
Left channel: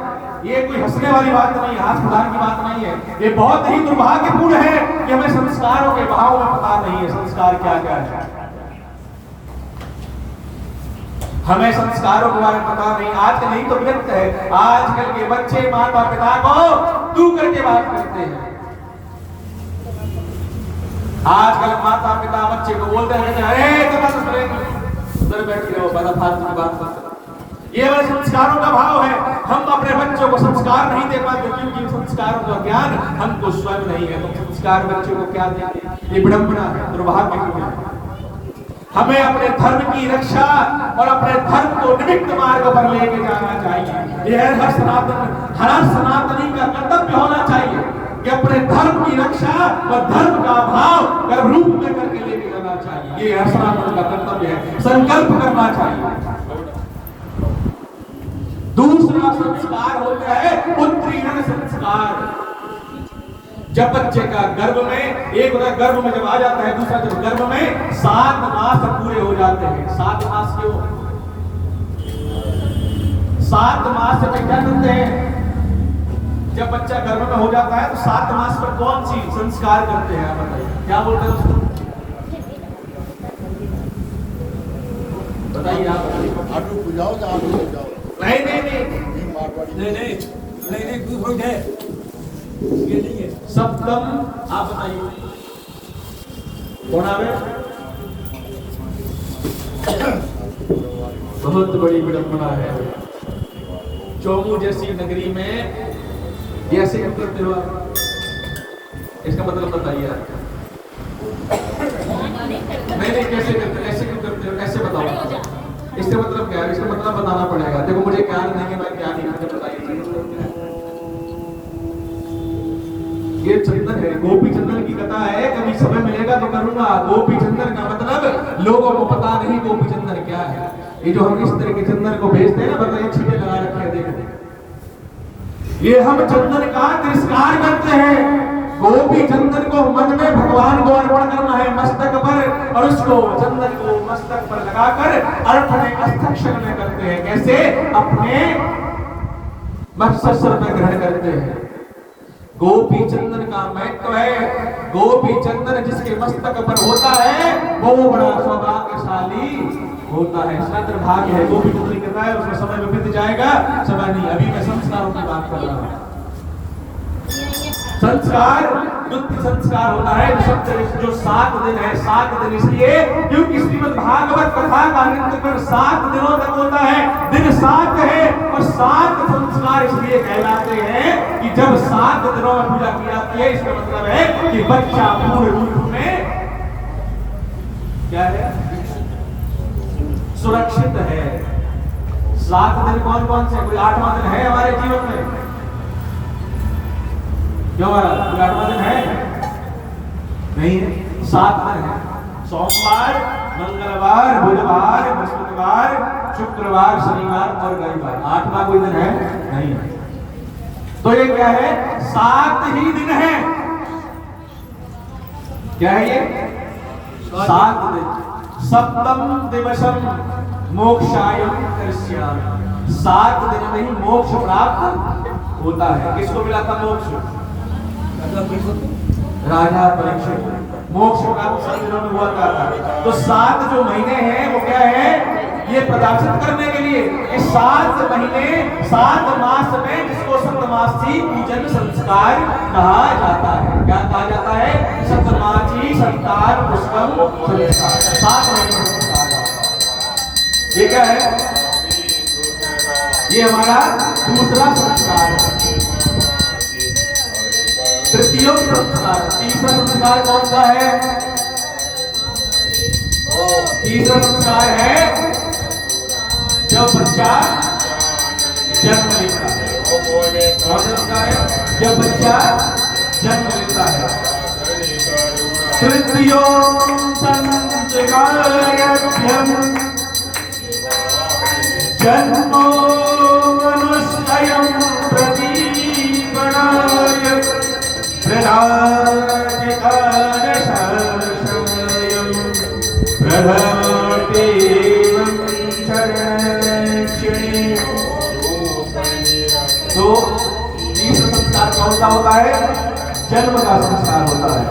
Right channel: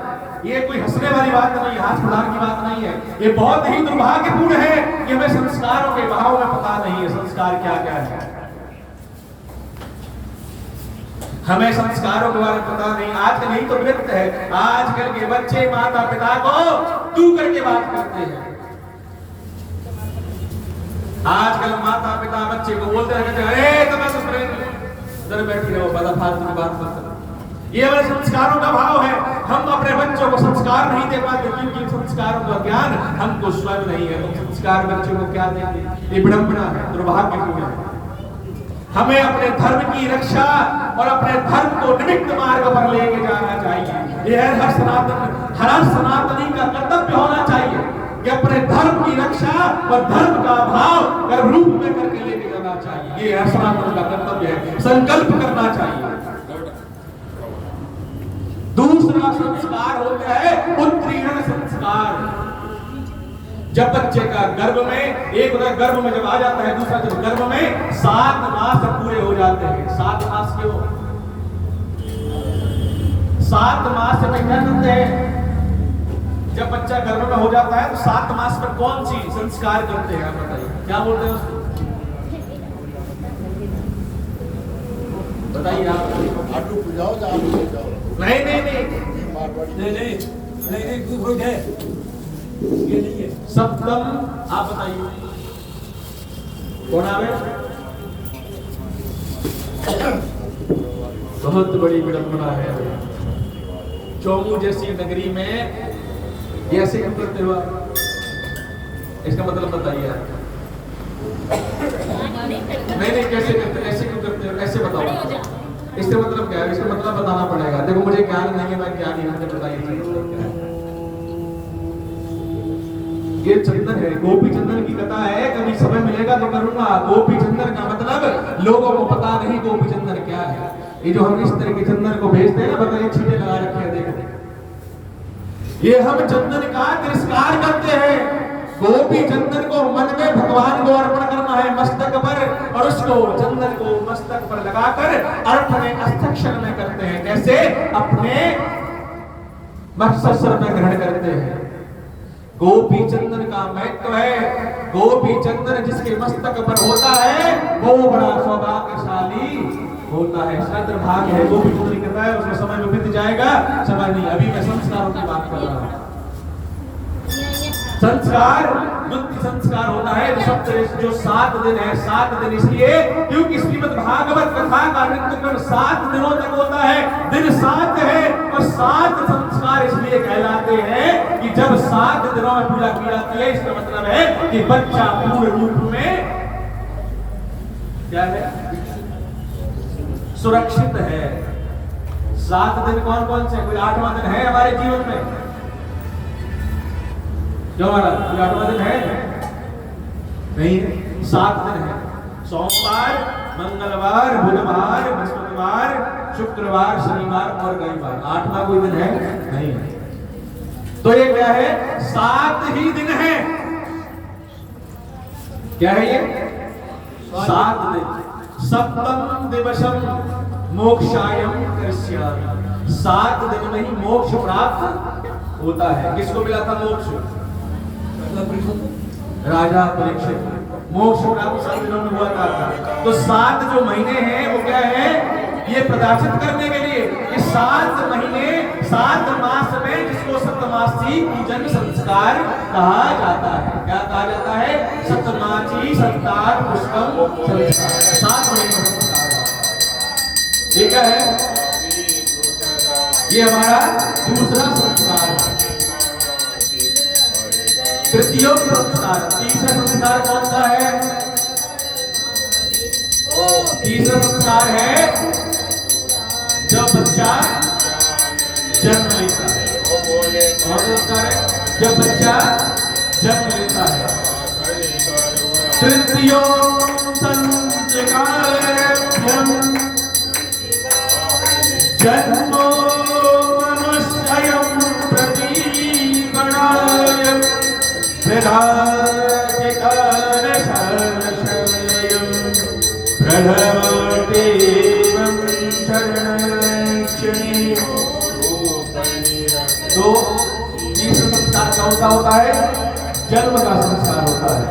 ये कोई हंसने वाली बात नहीं है, हाथ प्रदान की बात नहीं है। ये बहुत ही दुर्भाग्यपूर्ण है कि हमें संस्कारों के भाव में पता नहीं है संस्कार क्या क्या है। हमें संस्कारों के बारे में पता नहीं। आज नहीं तो विरक्त है। आजकल के बच्चे माता पिता को तू करके बात करते हैं। आजकल माता पिता बच्चे को बोलते हैं, अरे उधर बैठी रहो, बड़ा फालतू की बात मत करो। ये वाले संस्कारों का भाव है। हम अपने बच्चों को संस्कार नहीं दे पाते क्योंकि संस्कारों का ज्ञान हमको स्वयं नहीं है। तो संस्कार बच्चों को क्या देंगे? ये विडंबना है, दुर्भाग्यपूर्ण है। हमें अपने धर्म की रक्षा और अपने धर्म को निमित्त मार्ग पर लेके जाना चाहिए। यह हर सनातनी का कर्तव्य होना चाहिए कि अपने धर्म की रक्षा और धर्म का भाव कर्म रूप में करके लेके जाना चाहिए। ये हर सनातन का कर्तव्य है। संकल्प करना चाहिए। दूसरा संस्कार होता है उत्तीर्ण संस्कार। जब बच्चे का गर्भ में, एक होता है गर्भ में जब आ जाता है, दूसरा जब गर्भ में 7 मास पूरे हो जाते हैं। 7 मास क्यों? 7 मास से क्या करते हैं? जब बच्चा गर्भ में हो जाता है तो 7 मास पर कौन सी संस्कार करते हैं? आप बताइए, क्या बोलते हैं उसको? बताइए आप। नहीं नहीं नहीं नहीं नहीं नहीं है, ये नहीं है। सप्तम आप बताइए कौन आ गया? बहुत बड़ी विडंबना है। चौमू जैसी नगरी में ऐसे क्यों करते हो आप? इसका मतलब बताइए। नहीं कैसे करते, ऐसे क्यों करते हो? ऐसे बताओ इसका मतलब क्या है? इसका मतलब बताना पड़ेगा। देखो मुझे ज्ञान नहीं है, मैं क्या नहीं मुझे बताइए। ये चंदन है, गोपी चंदन की कथा है। कभी समय मिलेगा तो करूंगा। गोपी चंदन का मतलब लोगों को पता नहीं गोपी चंदन क्या है। ये जो हम इस तरह के चंदन को भेजते हैं ना, बताइए छींटे लगा रखे हैं, देखो ये हम चंदन का तिरस्कार करते हैं। गोपी चंदन को मन में भगवान को अर्पण करना है मस्तक पर, और उसको चंदन को मस्तक पर लगाकर अर्पण हस्तक्षण में करते हैं। कैसे? अपने मस्तक में ग्रहण करते हैं। गोपी चंदन का महत्व है। गोपी चंदन जिसके मस्तक पर होता है वो बड़ा सौभाग्यशाली होता है। स्वतंत्र भाग्य है। गोपी चंदन कहता है उसमें समय में बीत जाएगा, समय नहीं। अभी मैं संस्कारों की बात कर रहा हूं। संस्कार युक्ति संस्कार होता है जो 7 दिन है। 7 दिन इसलिए क्योंकि श्रीमद् भागवत कथा का नित्यक्रम 7 दिनों तक होता है। दिन 7 है और 7 संस्कार इसलिए कहलाते हैं कि जब 7 दिनों में पूजा की जाती है, इसका मतलब है कि बच्चा पूर्ण रूप में क्या है? सुरक्षित है। 7 दिन कौन कौन से? कोई 8वां दिन है हमारे जीवन में? क्यों हमारा कोई 8वां दिन है? नहीं है। 7 दिन है। सोमवार, मंगलवार, बुधवार, बृहस्पतिवार, शुक्रवार, शनिवार और रविवार। 8वां कोई दिन है? नहीं है। तो ये क्या है? 7 ही दिन है। क्या है ये? 7 दिन। सप्तम दिवसम मोक्षायम करिष्यामि। 7 दिन में ही मोक्ष प्राप्त होता है। किसको मिला था मोक्ष? राजा परीक्षित। मोक्ष प्राप्त 7 दिनों में हुआ था। तो 7 जो महीने हैं वो क्या है? ये प्रदर्शित करने के लिए कि 7 महीने 7 मास में जिसको सप्तमासी पूजन संस्कार कहा जाता है। क्या कहा जाता है? सप्तमासी संतान पुष्कम संस्कार। 7 महीने संस्कार। ये क्या है? ये हमारा दूसरा संस्कार है। तृतीय संस्कार। तीसरा संस्कार कौन सा है? तीसरा संस्कार है जब बच्चा जन्म लेता है। कौन सा संस्कार है? जब बच्चा जन्म लेता है। तृतीय संस्कार जन्मो मनुष्यं प्रदीपणाय तो तीसरा संस्कार कौन सा होता है? जन्म का संस्कार होता है।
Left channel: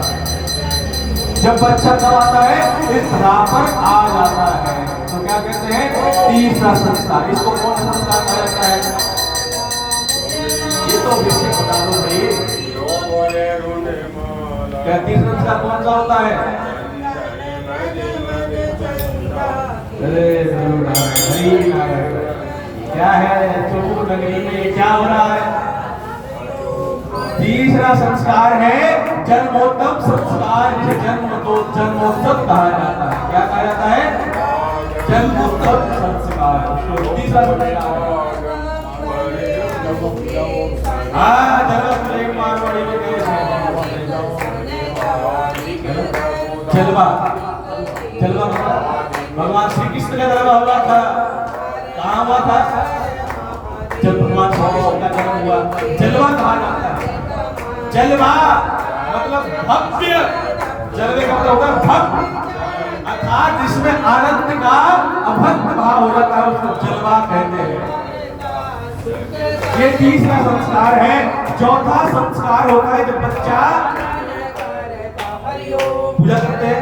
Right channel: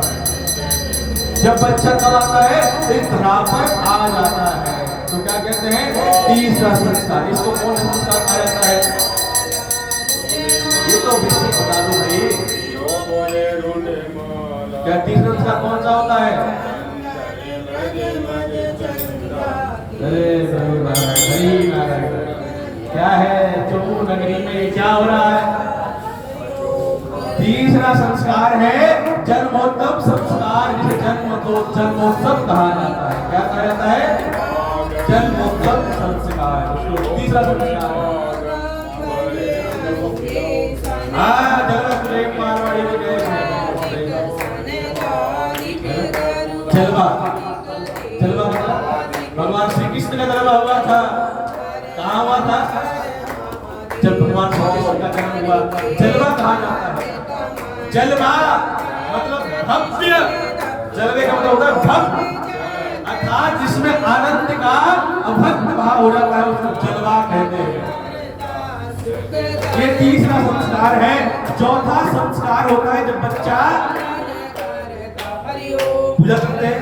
जब बच्चा कब आता है? इस धरा पर आ जाता है। तो क्या कहते हैं? तीसरा संस्कार। इसको कौन सा संस्कार कहा जाता है? ये तो विषय बता दो भाई। क्या तीसरा संस्कार कौन सा होता है? अरे क्या है? चौमुख नगरी में क्या हो रहा है? तीसरा संस्कार है जन्मोत्सव संस्कार। जिसे जन्मोत्सव कहा जाता है। क्या कहा जाता है? जन्मोत्सव संस्कार। तीसरा संस्कार मारवाड़ी में गए जलवा। जलवा भगवान श्री कृष्ण का जलवा हुआ था। कहाँ हुआ था? जब भगवान श्री कृष्ण का जन्म हुआ। जलवा कहा जाता है। जलवा मतलब भव्य। जलवे का मतलब होता है भव्य, अर्थात जिसमें आनंद का अभद्र भाव हो जाता है उसको जलवा कहते हैं। ये तीसरा संस्कार है। चौथा संस्कार होता है जब बच्चा पूजा करते हैं।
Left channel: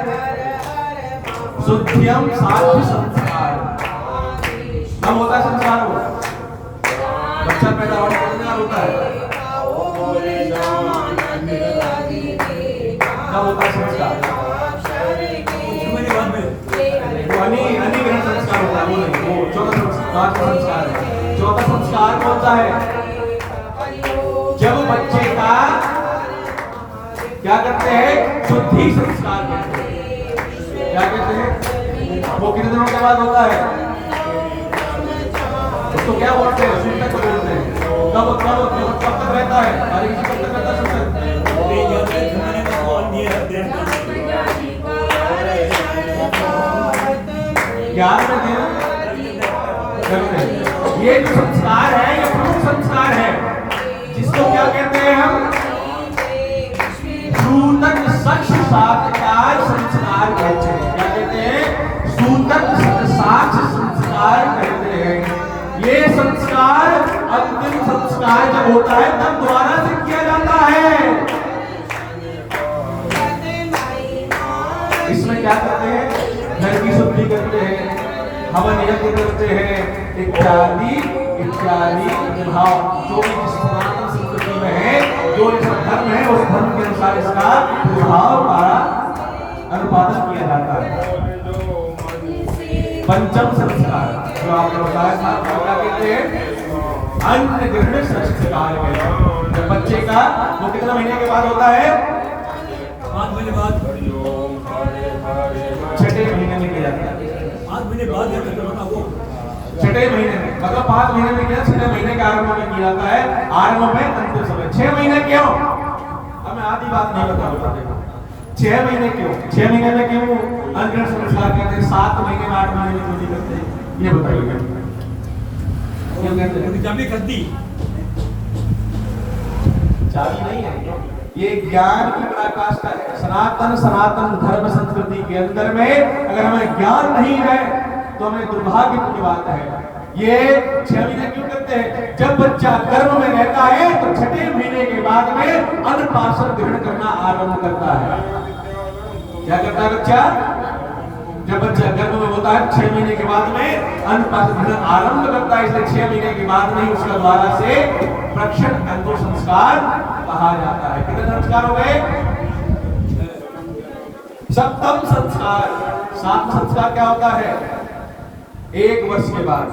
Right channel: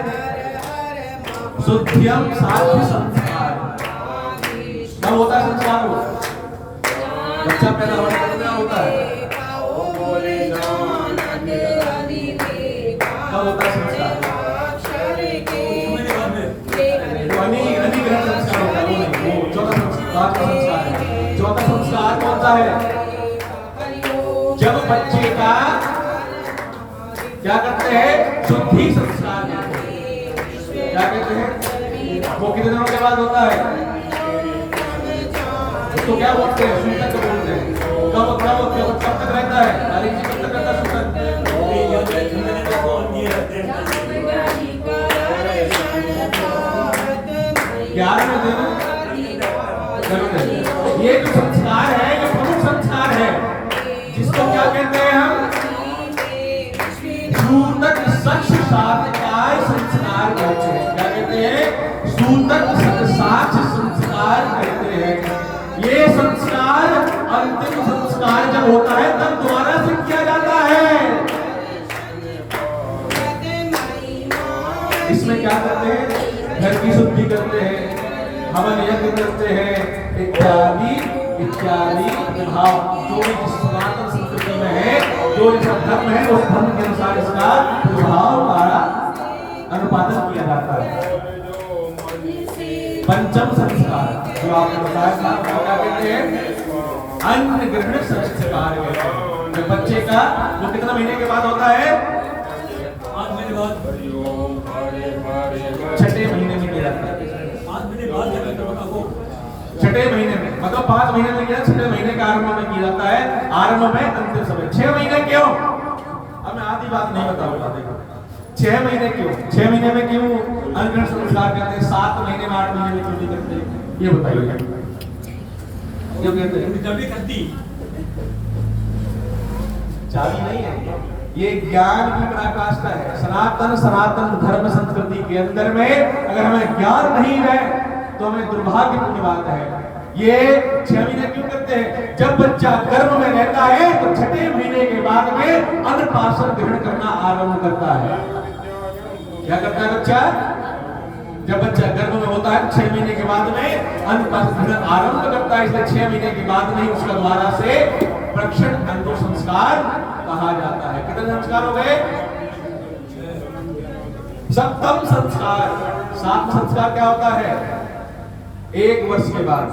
शुद्धियम साध्य संस्कार। कब होता है संस्कार? हो बच्चा पैदा होने के बाद होता है। कब होता है संस्कार? अनी ग्रहण संस्कार होता है। वो नहीं, वो चौथा संस्कार है। चौथा संस्कार कौन सा है? जब बच्चे का क्या करते हैं? शुद्धि संस्कार कहते हैं। क्या कहते हैं? वो कितने दिनों के बाद होता है? उसको क्या बोलते हैं? सूतक बोलते हैं। कब तक रहता है? हर एक कब तक रहता है सूतक? 11वें दिन। ये जो संस्कार है ये प्रमुख संस्कार है, जिसको क्या कहते हैं हम? संस्कार जब होता है तब दोबारा से किया जाता है। इसमें क्या करते हैं? घर की शुद्धि करते हैं, हवन यज्ञ करते हैं, इत्यादि इत्यादि प्रभाव जो भी सनातन संस्कृति में है, जो इसका धर्म है उस धर्म के अनुसार इसका प्रभाव का अनुपालन किया जाता है। पंचम संस्कार जो आपने बताया था वो क्या कहते हैं? अन्न ग्रहण संस्कार कहते हैं। जब बच्चे का वो कितना महीने के बाद होता है? 5 महीने बाद, 6ठे महीने में किया जाता है। 5 महीने बाद है वो 6ठे महीने में, मतलब 5 महीने में किया, 6ठे महीने के आरंभ में किया जाता है। आरंभ में अंतिम समय 6 महीने क्यों? अब मैं आधी बात नहीं बता देखो 6 महीने क्यों? 6 महीने में क्यों अन्न ग्रहण संस्कार करते हैं? 7 महीने में 8 महीने में क्यों नहीं करते? ये बताइए क्यों कहते हैं? चाबी करती चाबी नहीं है, ये ज्ञान की पराकाष्ठा है। सनातन धर्म संस्कृति के अंदर में अगर हमें ज्ञान नहीं है तो हमें दुर्भाग्यपूर्ण बात है। ये 6 महीने क्यों करते हैं? जब बच्चा गर्भ में रहता है तो 6ठे महीने के बाद में अन्नप्राशन ग्रहण करना आरंभ करता है। क्या करता है बच्चा? जब बच्चा गर्भ में होता है 6 महीने के बाद में अन्नप्राशन ग्रहण आरंभ करता है, इसलिए 6 महीने के बाद में उसका द्वारा से प्रक्षण अंकुर संस्कार कहा जाता है। कितने संस्कार हो गए? सप्तम संस्कार। 7वां संस्कार क्या होता है? 1 वर्ष के बाद,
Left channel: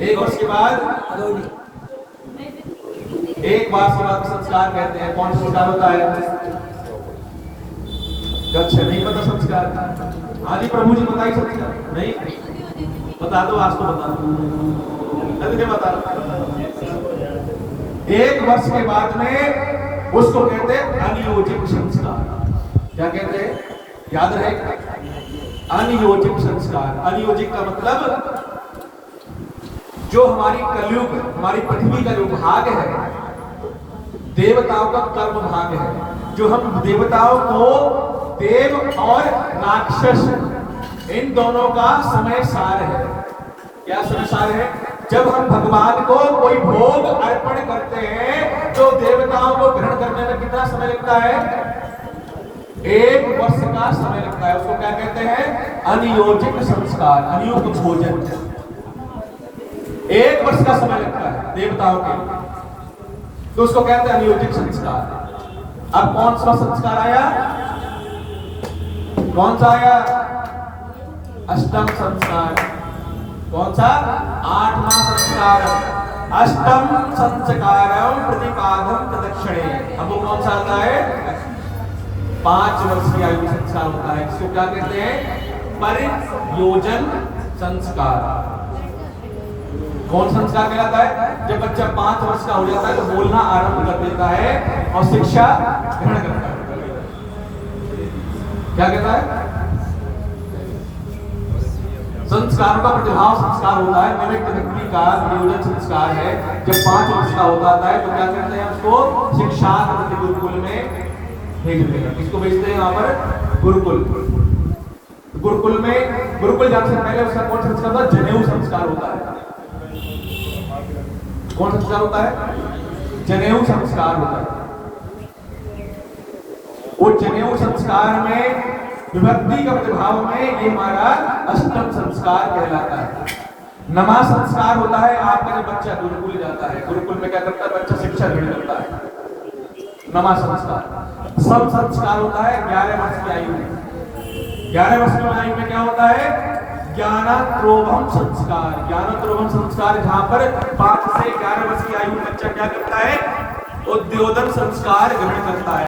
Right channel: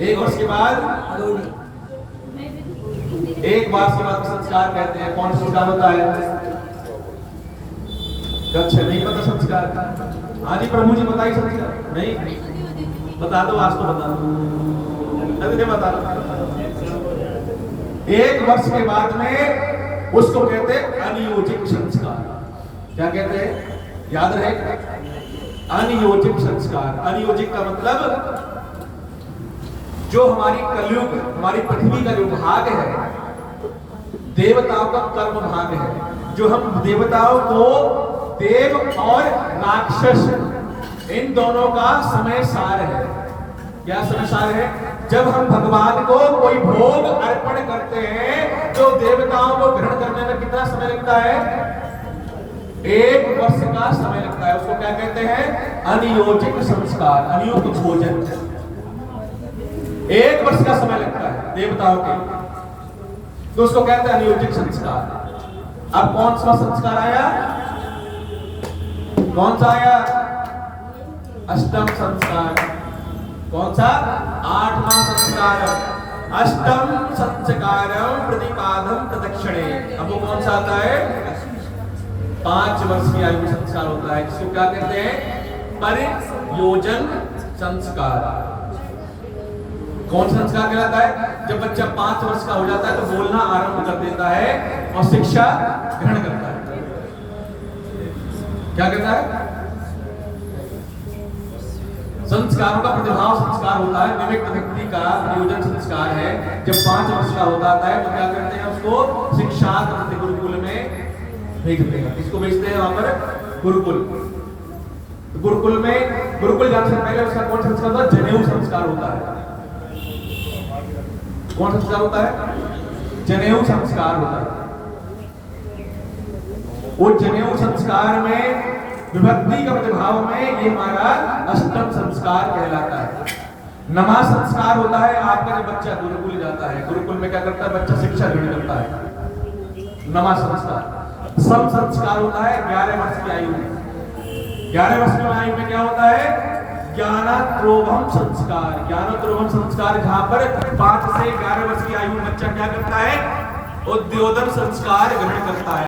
1 वर्ष के बाद 1 वर्ष के बाद संस्कार कहते हैं। कौन संस्कार होता है? अच्छा नहीं पता संस्कार? हाँ जी प्रभु जी बताइए संस्कार। नहीं बता दो, आज तो बता दो, अभी बता दो। 1 वर्ष के बाद में उसको कहते हैं अनियोजित संस्कार। क्या कहते हैं? याद रहे, अनियोजित संस्कार। अनियोजित का मतलब जो हमारी कलयुग, हमारी पृथ्वी का जो भाग है, देवताओं का कर्म भाग है, जो हम देवताओं को, देव और राक्षस, इन दोनों का समय सार है। क्या समय सार है? जब हम भगवान को कोई भोग अर्पण करते हैं तो देवताओं को ग्रहण करने में कितना समय लगता है? 1 वर्ष का समय लगता है। उसको क्या कहते हैं? अनियोजित संस्कार, अनियुक्त भोजन। 1 वर्ष का समय लगता है देवताओं के, तो उसको कहते हैं अनियोजित संस्कार। अब कौन सा संस्कार आया? कौन सा आया? अष्टम संस्कार। कौन सा? 8वां संस्कार। अष्टम संस्कारम प्रतिपादम तदक्षणे। अब वो कौन सा आता है? 5 वर्ष की आयु संस्कार होता है, जिसको क्या कहते हैं? परियोजन संस्कार। कौन संस्कार कहलाता है? जब बच्चा 5 वर्ष का हो जाता है तो बोलना आरंभ कर देता है और शिक्षा ग्रहण करता है। क्या कहता है? संस्कारों का प्रतिभाव संस्कार होता है। निमित्त व्यक्ति का नियोजन संस्कार है। जब 5 वर्ष का होता है तो क्या करते हैं? उसको शिक्षा गुरुकुल में भेजते हैं। किसको भेजते हैं? वहां पर गुरुकुल। गुरुकुल में, गुरुकुल जाने से पहले उसका कौन संस्कार होता है? जनेऊ संस्कार होता है। कौन संस्कार होता है? जनेऊ संस्कार होता है। वो जनेऊ संस्कार में विभक्ति का प्रतिभाव में ये हमारा अष्टम संस्कार कहलाता है। नमा संस्कार होता है आपका जब बच्चा गुरुकुल जाता है। गुरुकुल में क्या करता है? बच्चा शिक्षा ग्रहण करता है। नमा संस्कार। सम संस्कार होता है 11 वर्ष की आयु में। 11 वर्ष की आयु में क्या होता है? ज्ञानत्रोभम संस्कार। ज्ञानत्रोभम संस्कार जहां पर 5 से 11 वर्ष की आयु में बच्चा क्या करता है? उद्योतन संस्कार ग्रहण करता है।